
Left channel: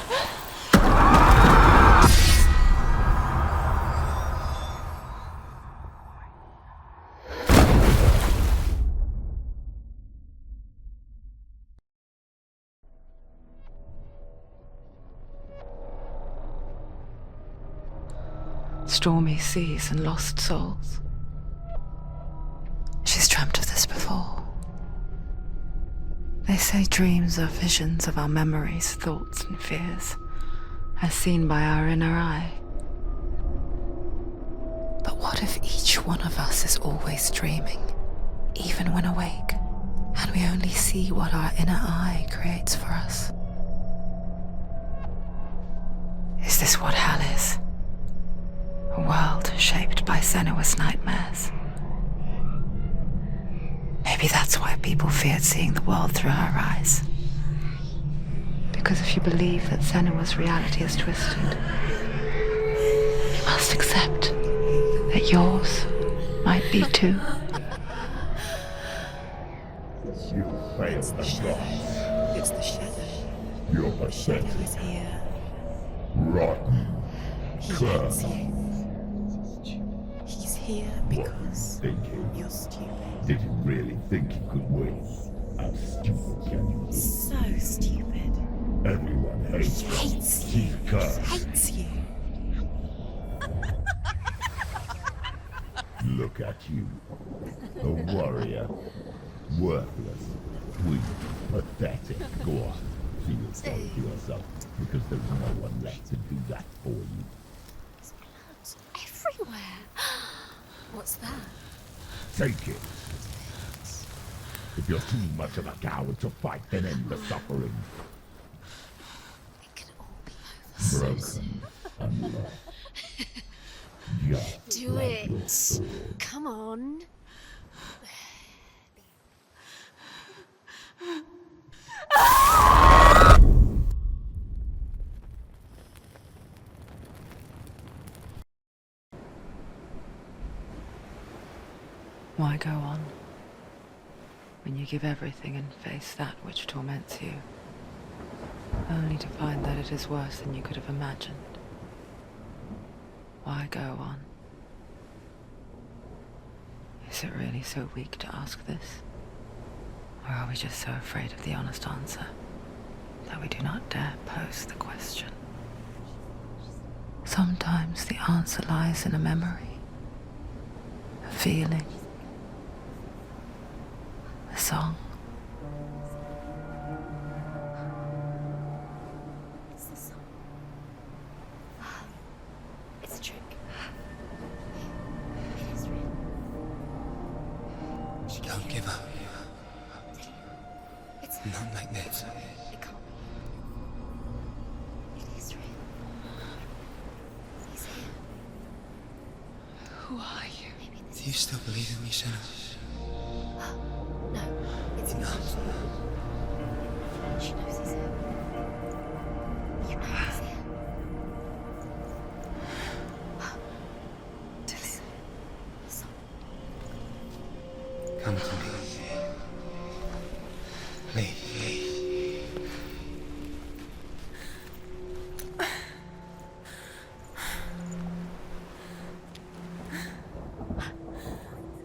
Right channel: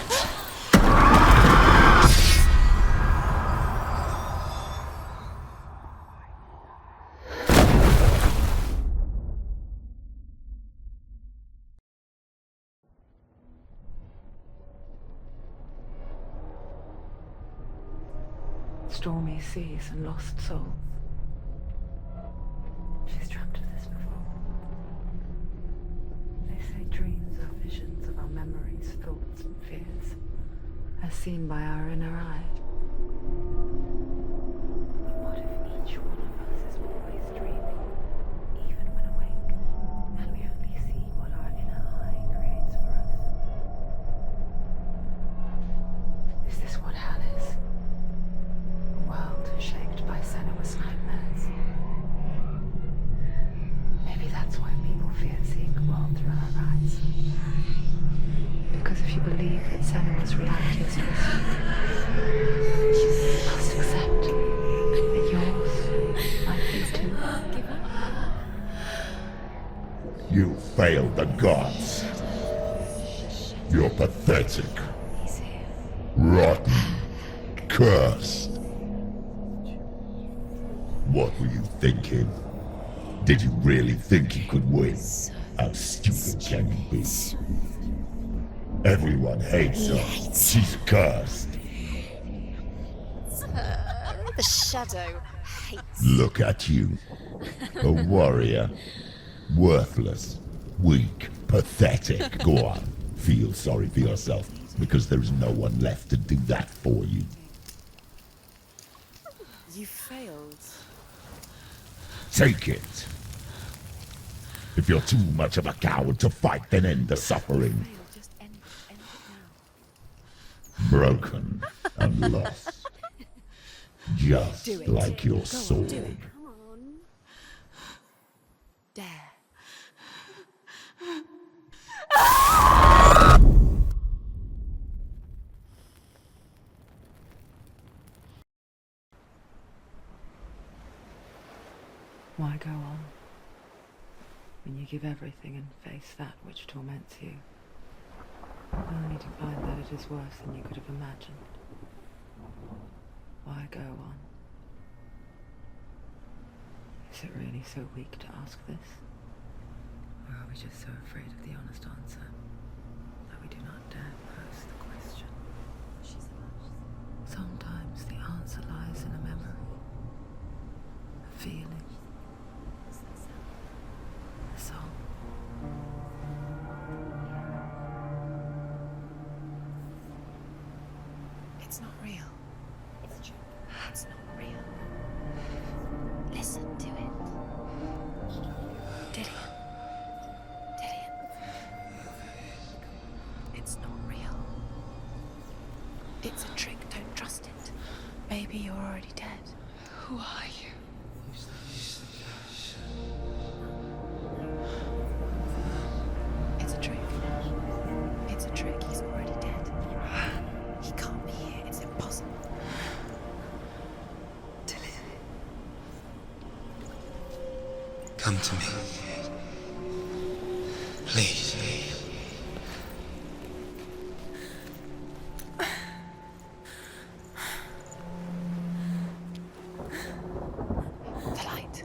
Stormy seas and lost souls. She's dreamt of this before. They say dreams are visions of our memories, thoughts, and fears, as seen by our inner eye. But what if each one of us is always dreaming, even when awake, and we only see what our inner eye creates for us? Is this what hell is? A world shaped by Senua's nightmares. Maybe that's why people feared seeing the world through her eyes. Because if you believe that Senua's reality is twisted, you must accept that yours might be too. You failed the gods. You're pathetic. Rotten. Cursed. What were you thinking? Did you really think you could win? How stupid can you be? So stupid. Everyone hates her. She's cursed. The shadow hates. Look at you. A warrior. Worthless. Weak. Pathetic. Go on. Feel sorry for yourself, because there is no one left to do that for you. Everywhere. You failed. What's that? Take it. If you're too much of a coward to fight, then end the suffering. Broken and lost. Just like your sword. Come on. Dare. Why go on when you give everything and face that which torments you, only to find that it is worse than you could have imagined? Why go on? Is it really so weak to ask this? Or are we just so afraid of the honest answer that we do not dare pose the question? Sometimes the answer lies in a memory, a feeling, a song. It's not real. It's a trick. It's not real. It is real. Listen to it. Don't give up. Dillian, it's Not like this. It's not real. It is real. It's a trick. Don't trust it. Maybe you're already dead. Who are you? Do you still believe in me, Senua? No, it's not. It's a trick. She knows he's here. It's a trick. He's already dead. You know he's here. He can't be here. It's impossible. Dillian. Come to me. Please. The light.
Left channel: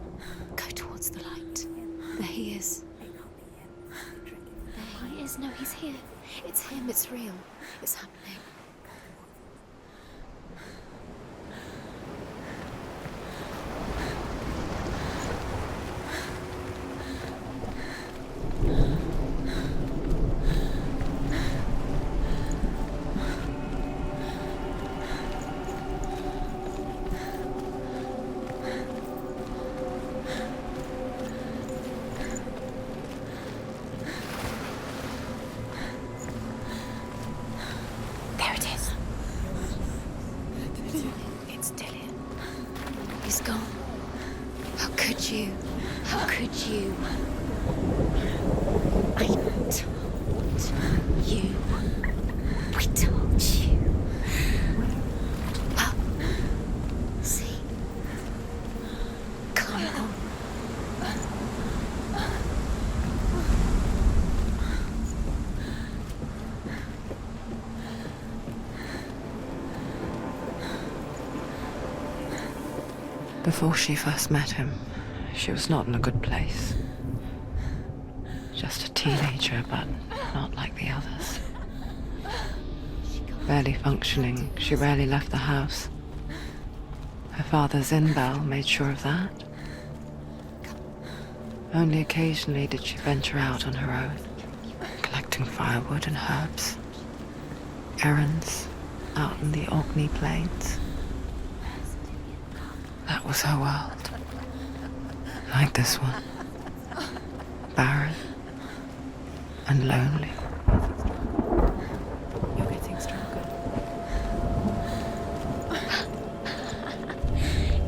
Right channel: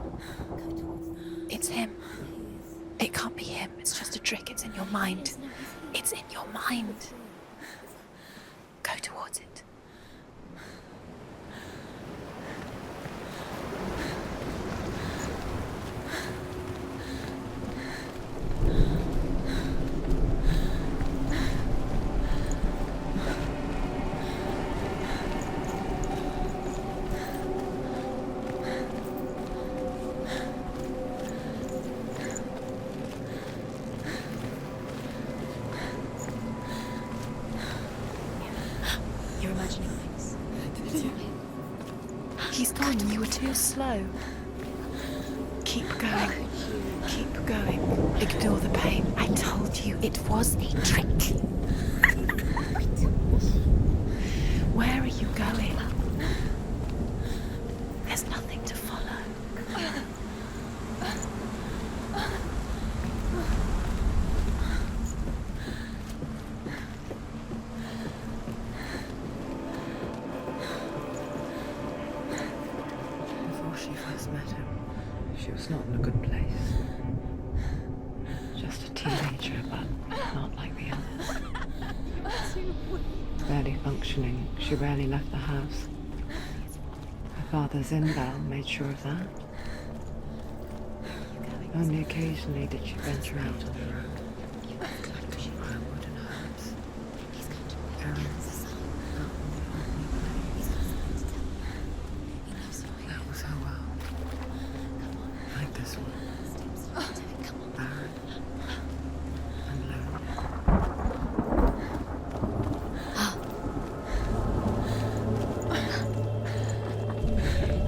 Go towards the light. It's him. There he is. It can't be him. It's just a trick. It's in your mind. No, he's here. It's in your mind. It's real. It's happening. Go towards it. There it is. You're imagining things. It's Dillian. He's going. You were so slow. How could you? Keep going. How could you? Keep going. Ignore the pain. I told you. It was to trick you. I told you. Where are you going? Up. See, there's nothing to follow. Come on. Before she first met him, she was not in a good place. Just a teenager, but not like the others. Barely functioning, she rarely left the house. Her father's in-bell made sure of that. Only occasionally did she venture out on her own, collecting firewood and herbs. Errands out in the Orkney Plains. That was her world. Like this one. Barren and lonely.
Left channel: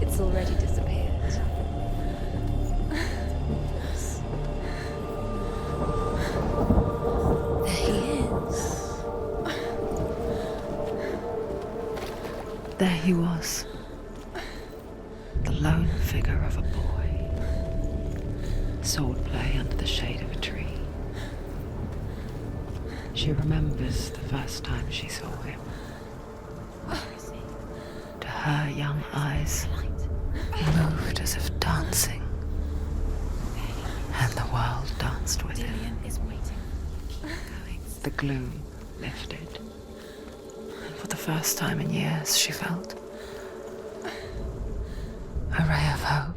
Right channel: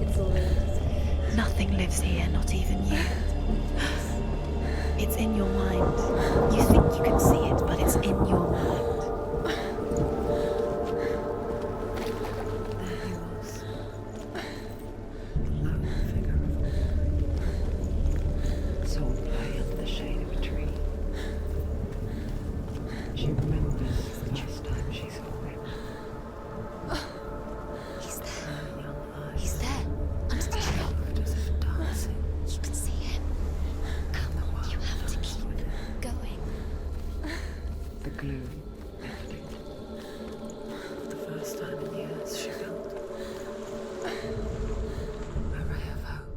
It's already disappeared. Nothing lives here, not even you. It's in your mind. You think you can see it, but it's in your mind. There he was. The lone figure of a boy. Swordplay under the shade of a tree. She remembers the first time she saw him. To her young eyes, he moved as if dancing, and the world danced with him. The gloom lifted. For the first time in years, she felt a ray of hope.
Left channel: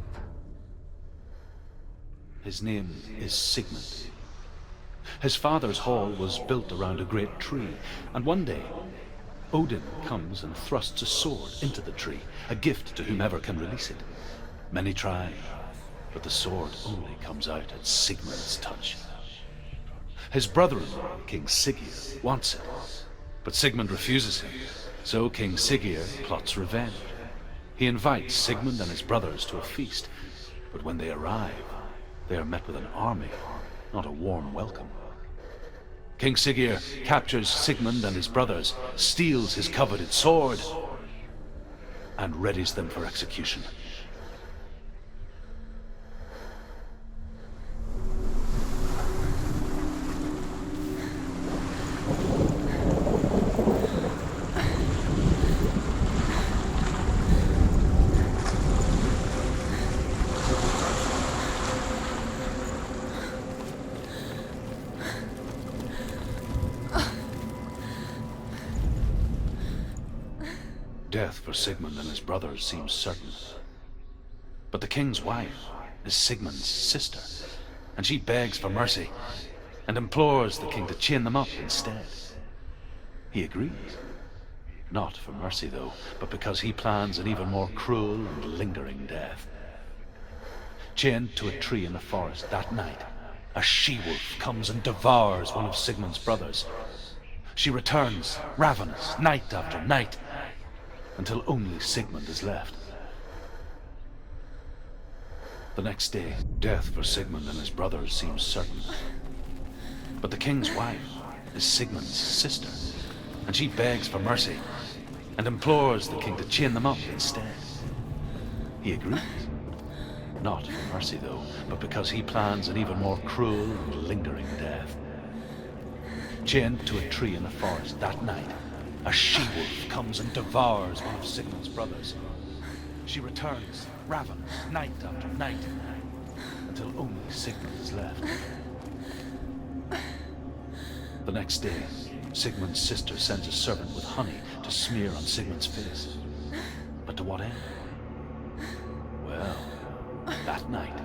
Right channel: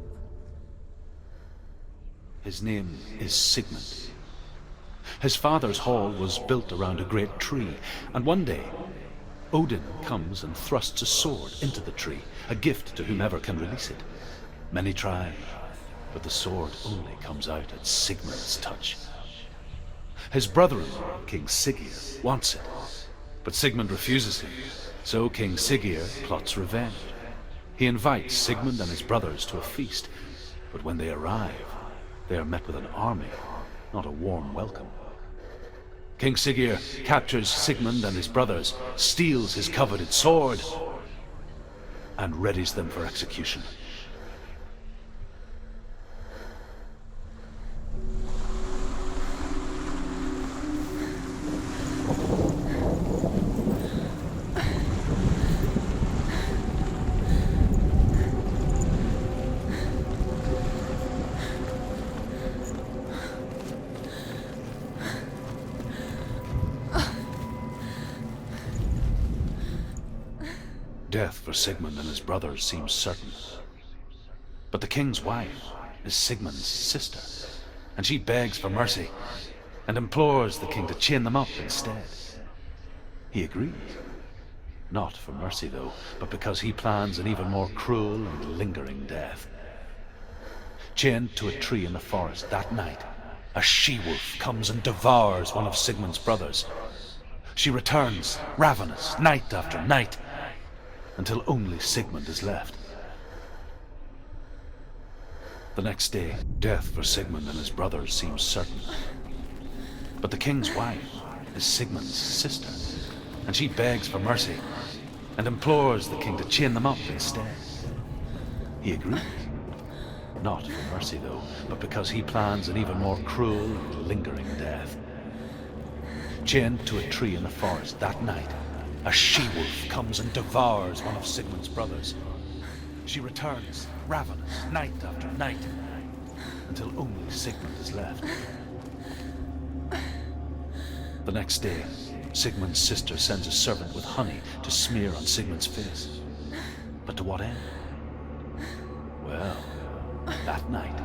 His name is Sigmund. His father's hall was built around a great tree, and one day, Odin comes and thrusts a sword into the tree, a gift to whomever can release it. Many try, but the sword only comes out at Sigmund's touch. His brother-in-law, King Siggeir, wants it, but Sigmund refuses him, so King Siggeir plots revenge. He invites Sigmund and his brothers to a feast, but when they arrive, they are met with an army, not a warm welcome. King Siggeir captures Sigmund and his brothers, steals his coveted sword, and readies them for execution. death for Sigmund and his brothers seems certain. But the king's wife is Sigmund's sister, and she begs for mercy and implores the king to chain them up instead. He agrees. Not for mercy, though, but because he plans an even more cruel and lingering death. Chained to a tree in the forest that night, a she-wolf comes and devours one of Sigmund's brothers. She returns, ravenous, night after night, until only Sigmund is left. The next day, death for Sigmund and his brothers seems certain. But the king's wife is Sigmund's sister, and she begs for mercy and implores the king to chain them up instead. He agrees. Not for mercy, though, but because he plans an even more cruel and lingering death. Chained to a tree in the forest that night, a she-wolf comes and devours one of Sigmund's brothers. She returns, ravenous, night after night, until only Sigmund is left. The next day, Sigmund's sister sends a servant with honey to smear on Sigmund's face. But to what end? Well, that night,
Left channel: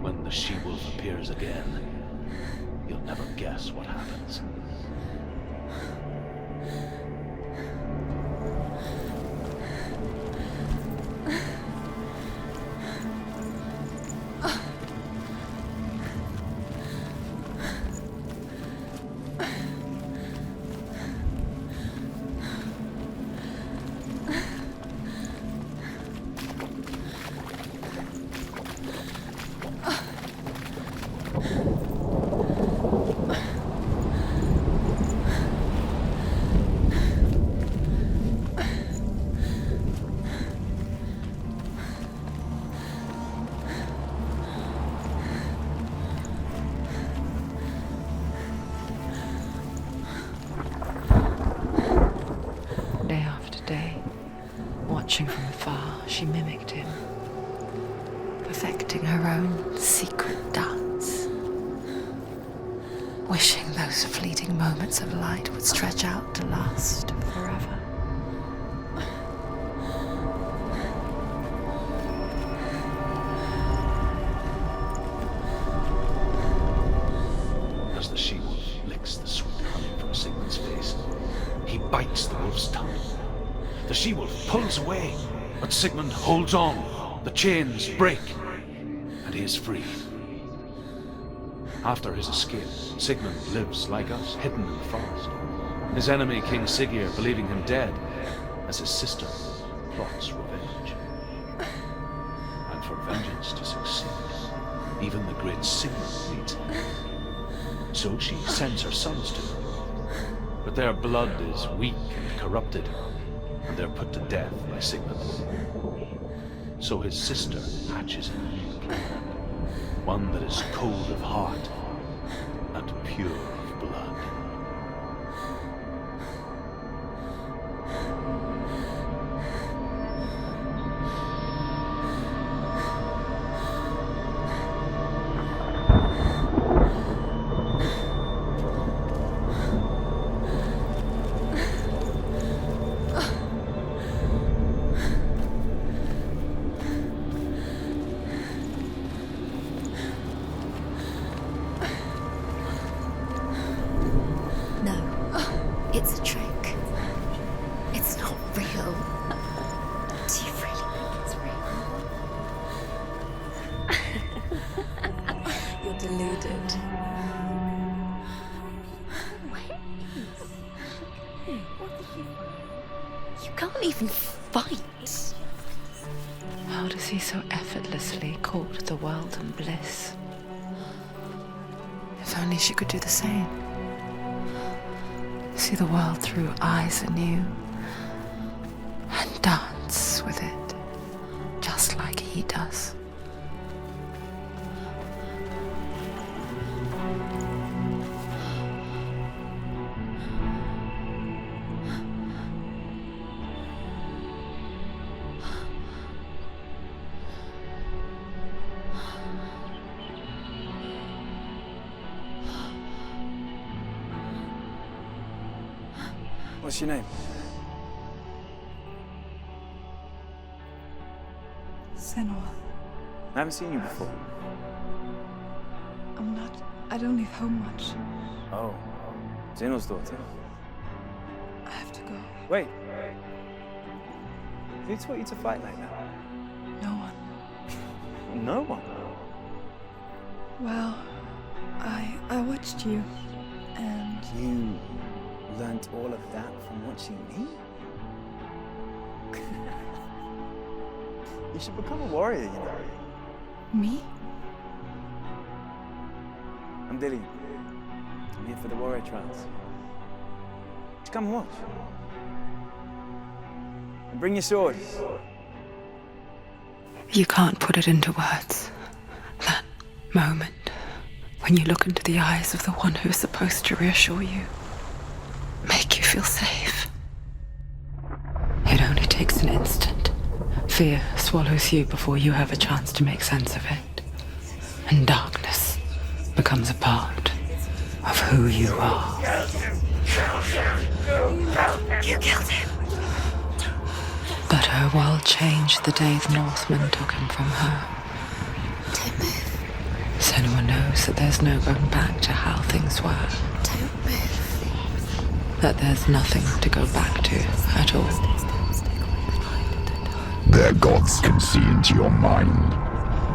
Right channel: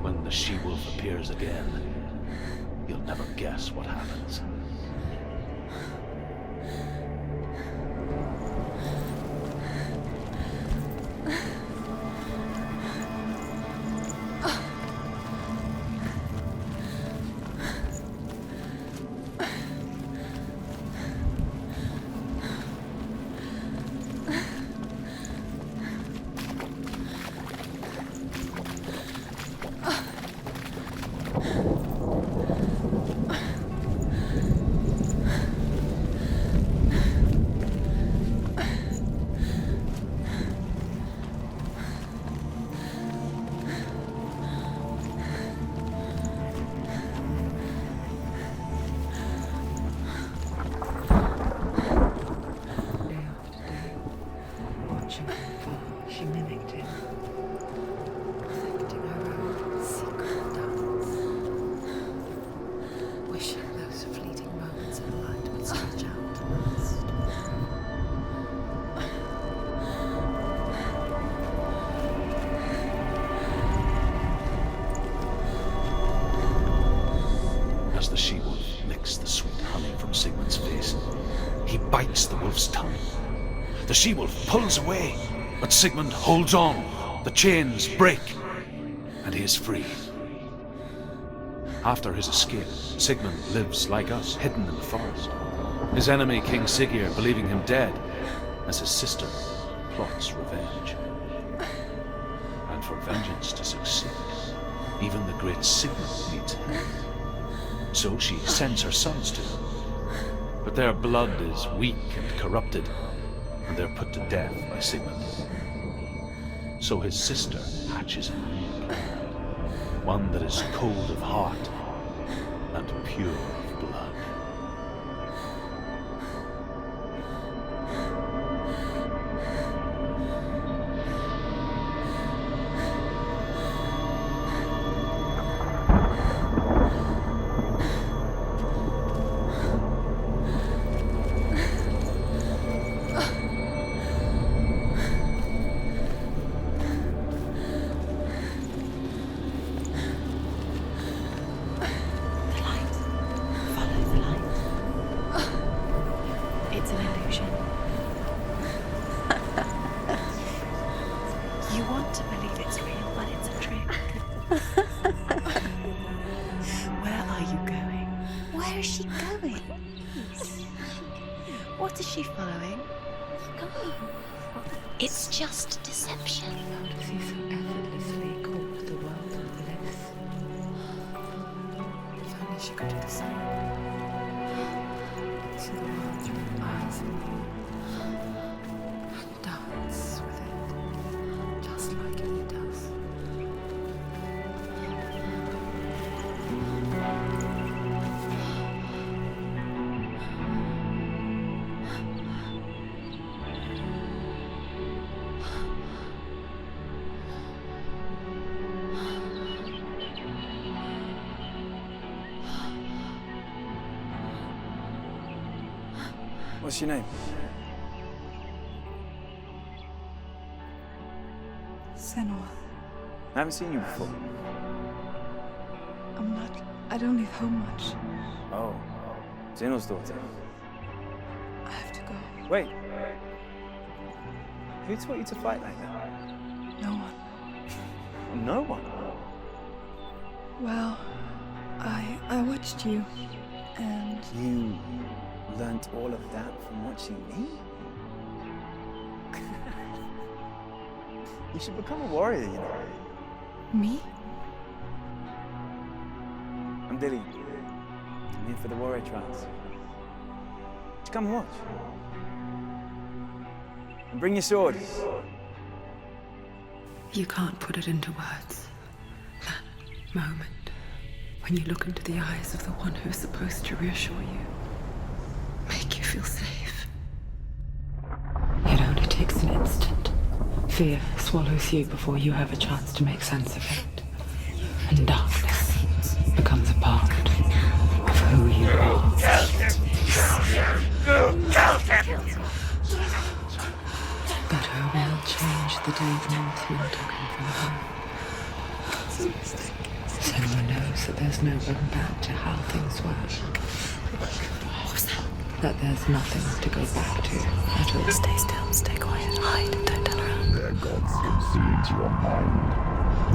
when the she-wolf appears again, you'll never guess what happens. Watching from afar, she mimicked him, perfecting her own secret dance, wishing those fleeting moments of light would stretch out to last forever. As the she-wolf licks the sweet honey from Sigmund's face, he bites the wolf's tongue. The she-wolf pulls away, but Sigmund holds on. The chains break, and he is free. After his escape, Sigmund lives like us, hidden in the forest. His enemy, King Siggeir, believing him dead, as his sister plots revenge. And for vengeance to succeed, even the great Sigmund needs help. So she sends her sons to him. But their blood is weak and corrupted, and they're put to death by Sigmund. So his sister hatches a new plan, one that is cold of heart and pure of blood. What is she following? You can't even fight. It's just deception. How does he so effortlessly court the world and bliss? If only she could do the same. See the world through eyes anew and dance with it, just like he does. What's your name? I haven't seen you before. I don't leave home much. Oh, Zenua's daughter. I have to go. Wait. Who taught you to fight like that? No one. No one. Well, I watched you, and You learnt all of that from watching me? You should become a warrior, you know. me? I'm Dillian. I'm here for the warrior trials. Just come and watch. And bring your sword. You can't put it into words. That moment when you look into the eyes of the one who is supposed to reassure you, make you feel safe. It only takes an instant. Fear swallows you before you have a chance to make sense of it. And darkness becomes a part of who you are. You killed him. But her world changed the day the Northmen took him from her. Senua knows that there's no going back to how things were. That there's nothing to go back to at all. Stay still, stay quiet, hide, don't tell her. Their gods can see into your mind.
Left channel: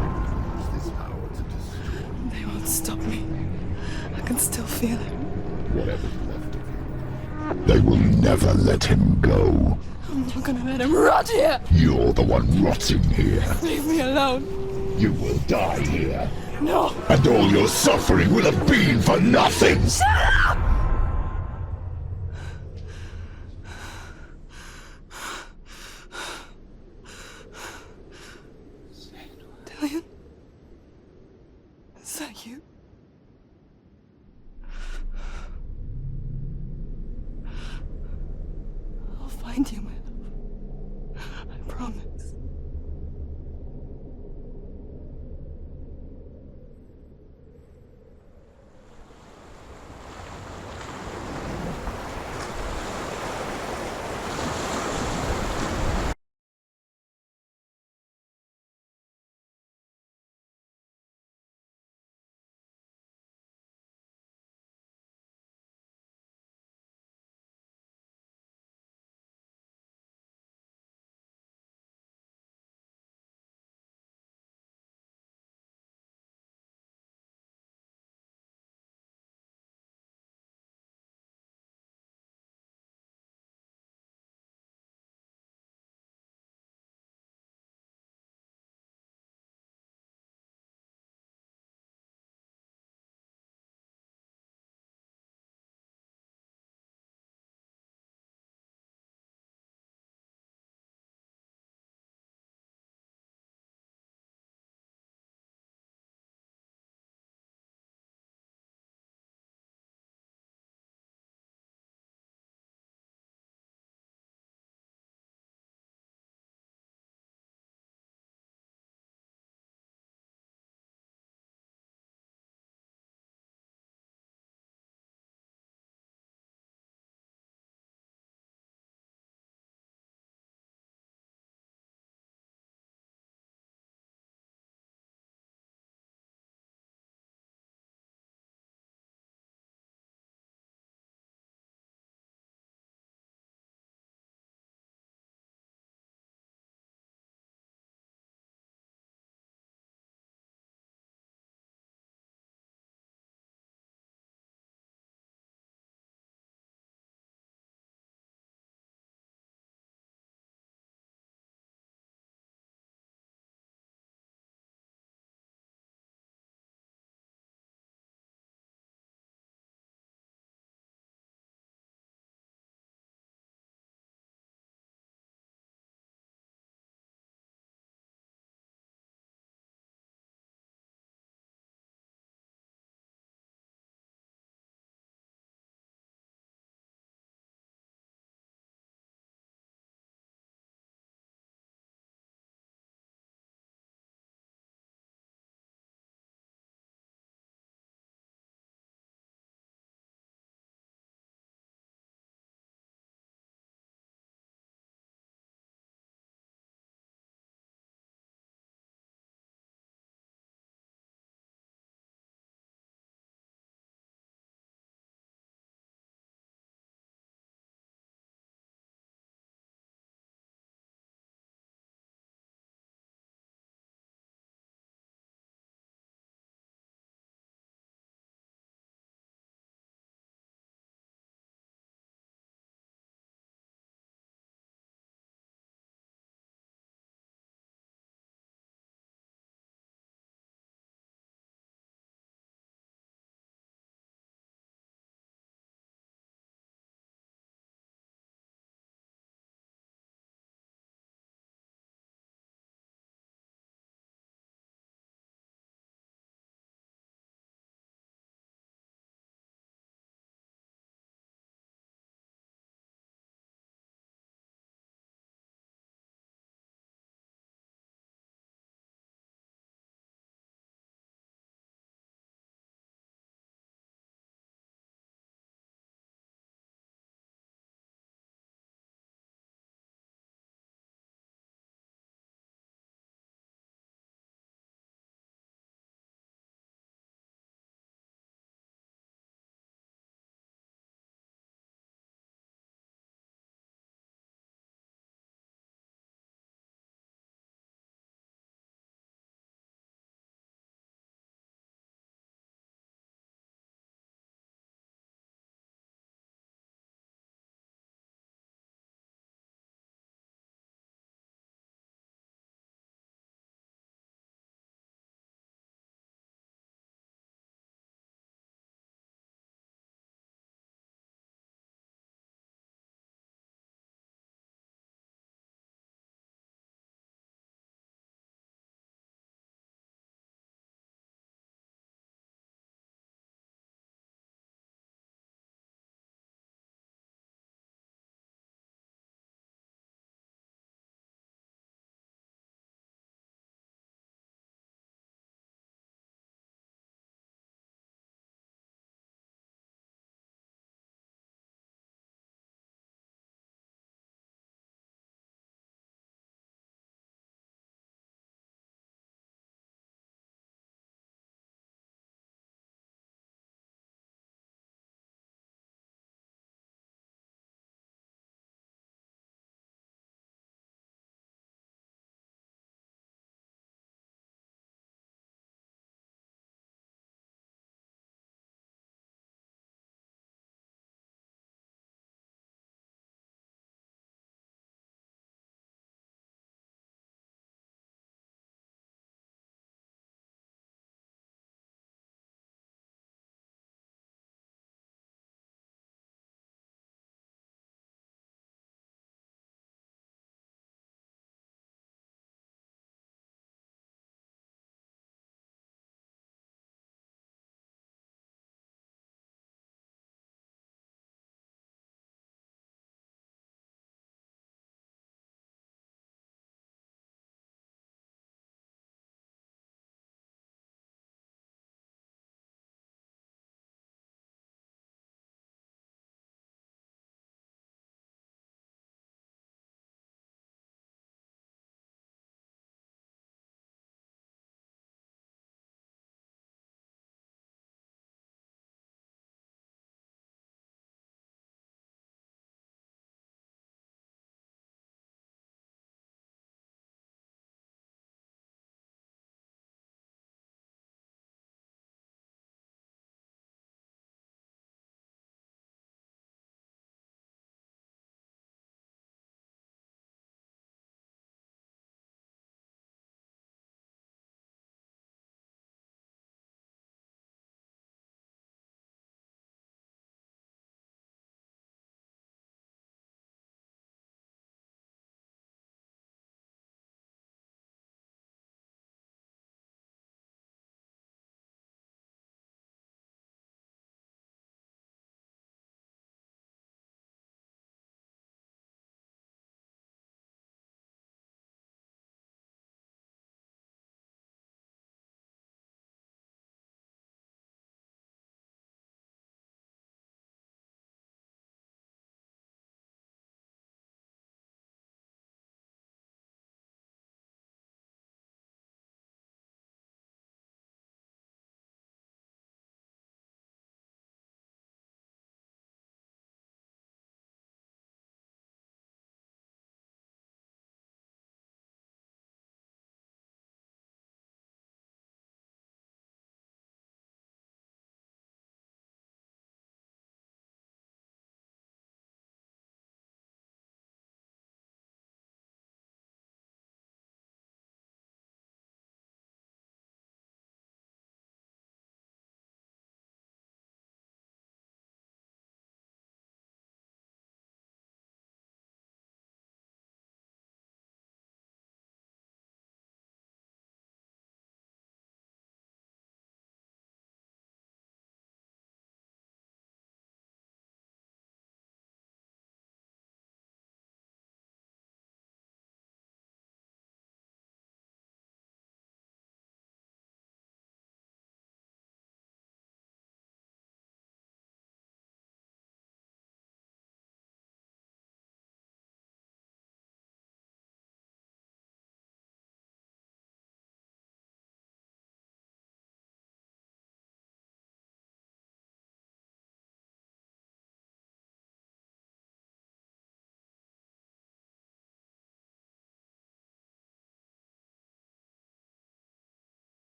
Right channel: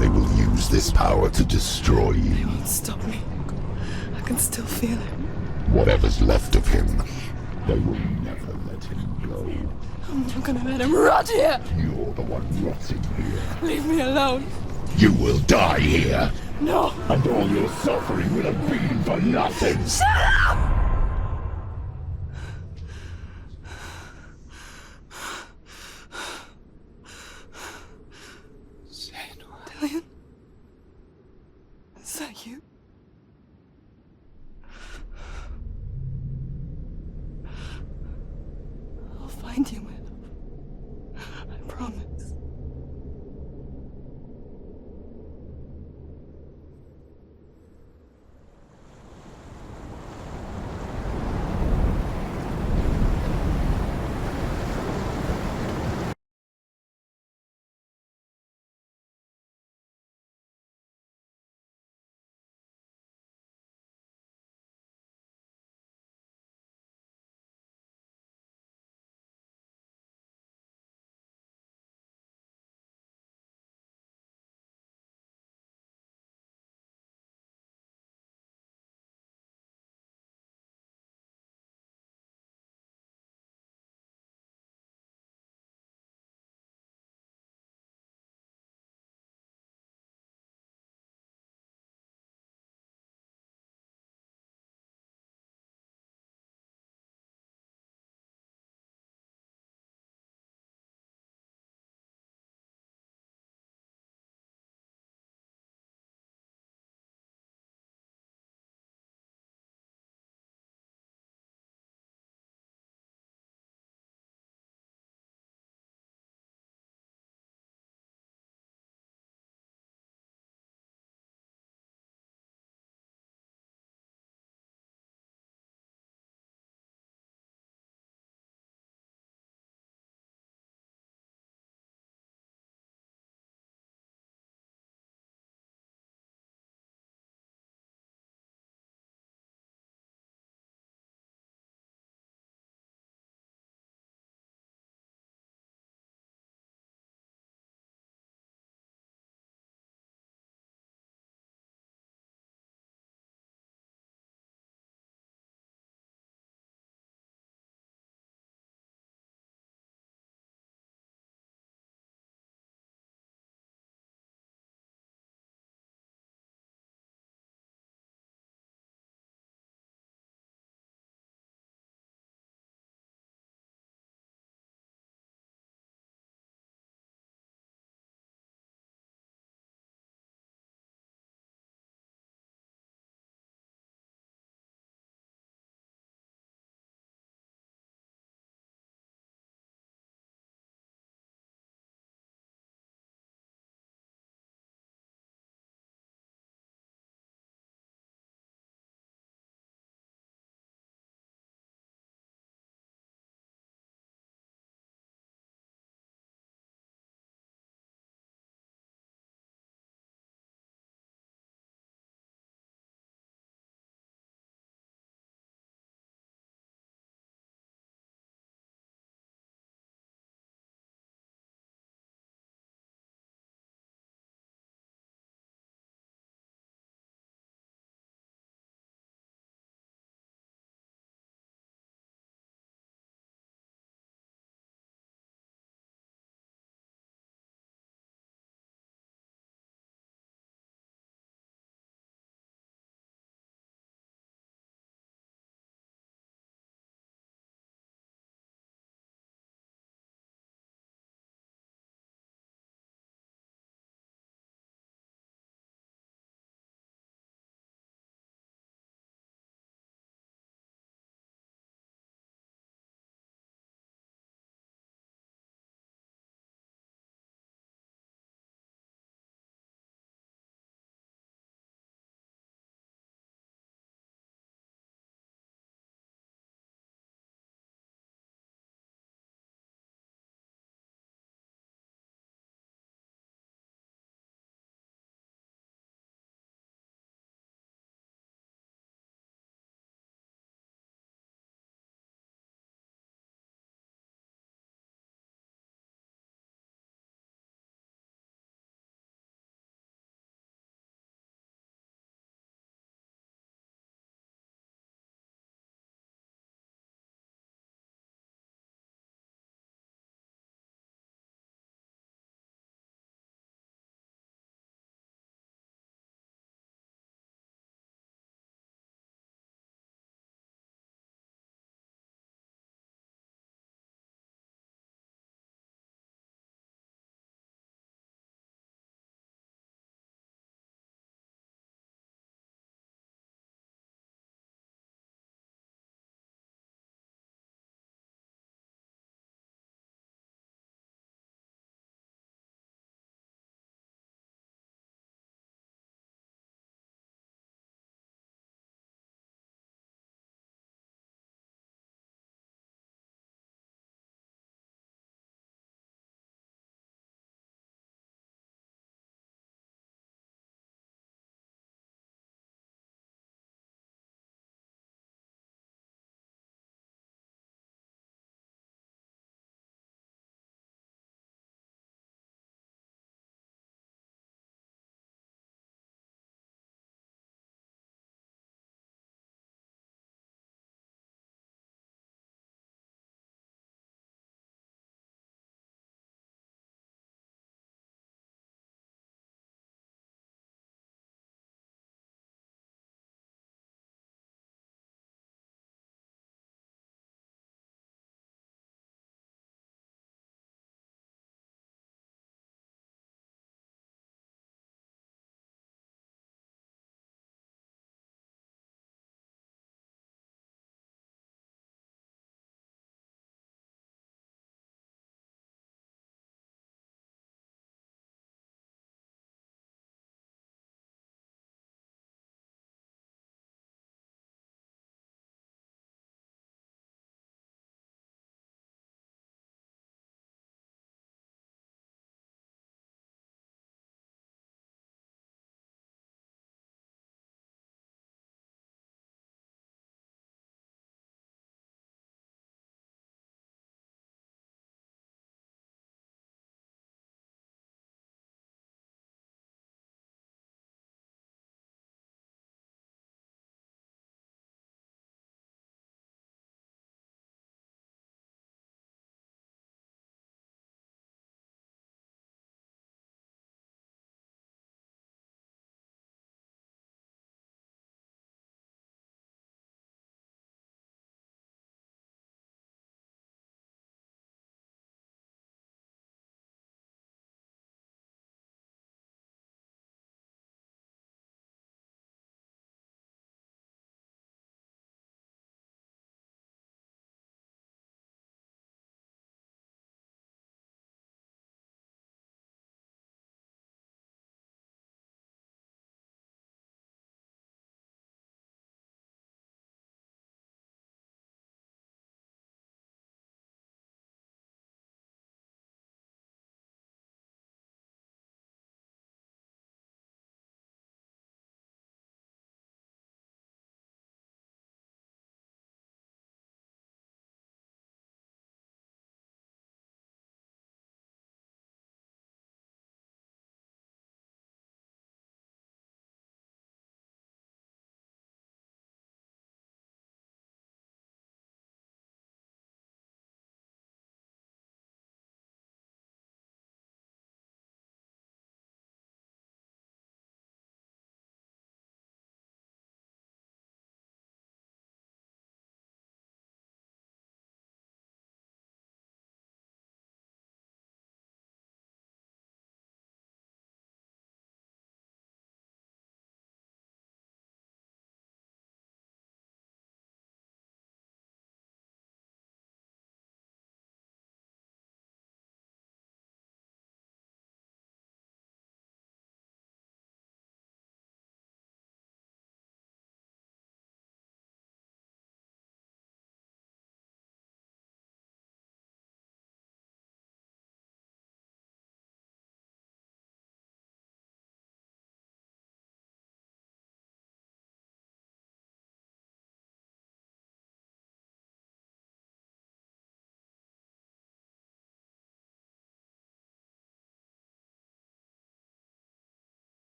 They will use this power to destroy you. They won't stop me. I can still feel him. Whatever's left of him, they will never let him go. I'm not gonna let him rot here. You're the one rotting here. Leave me alone. You will die here. No. And all your suffering will have been for nothing. Shut up!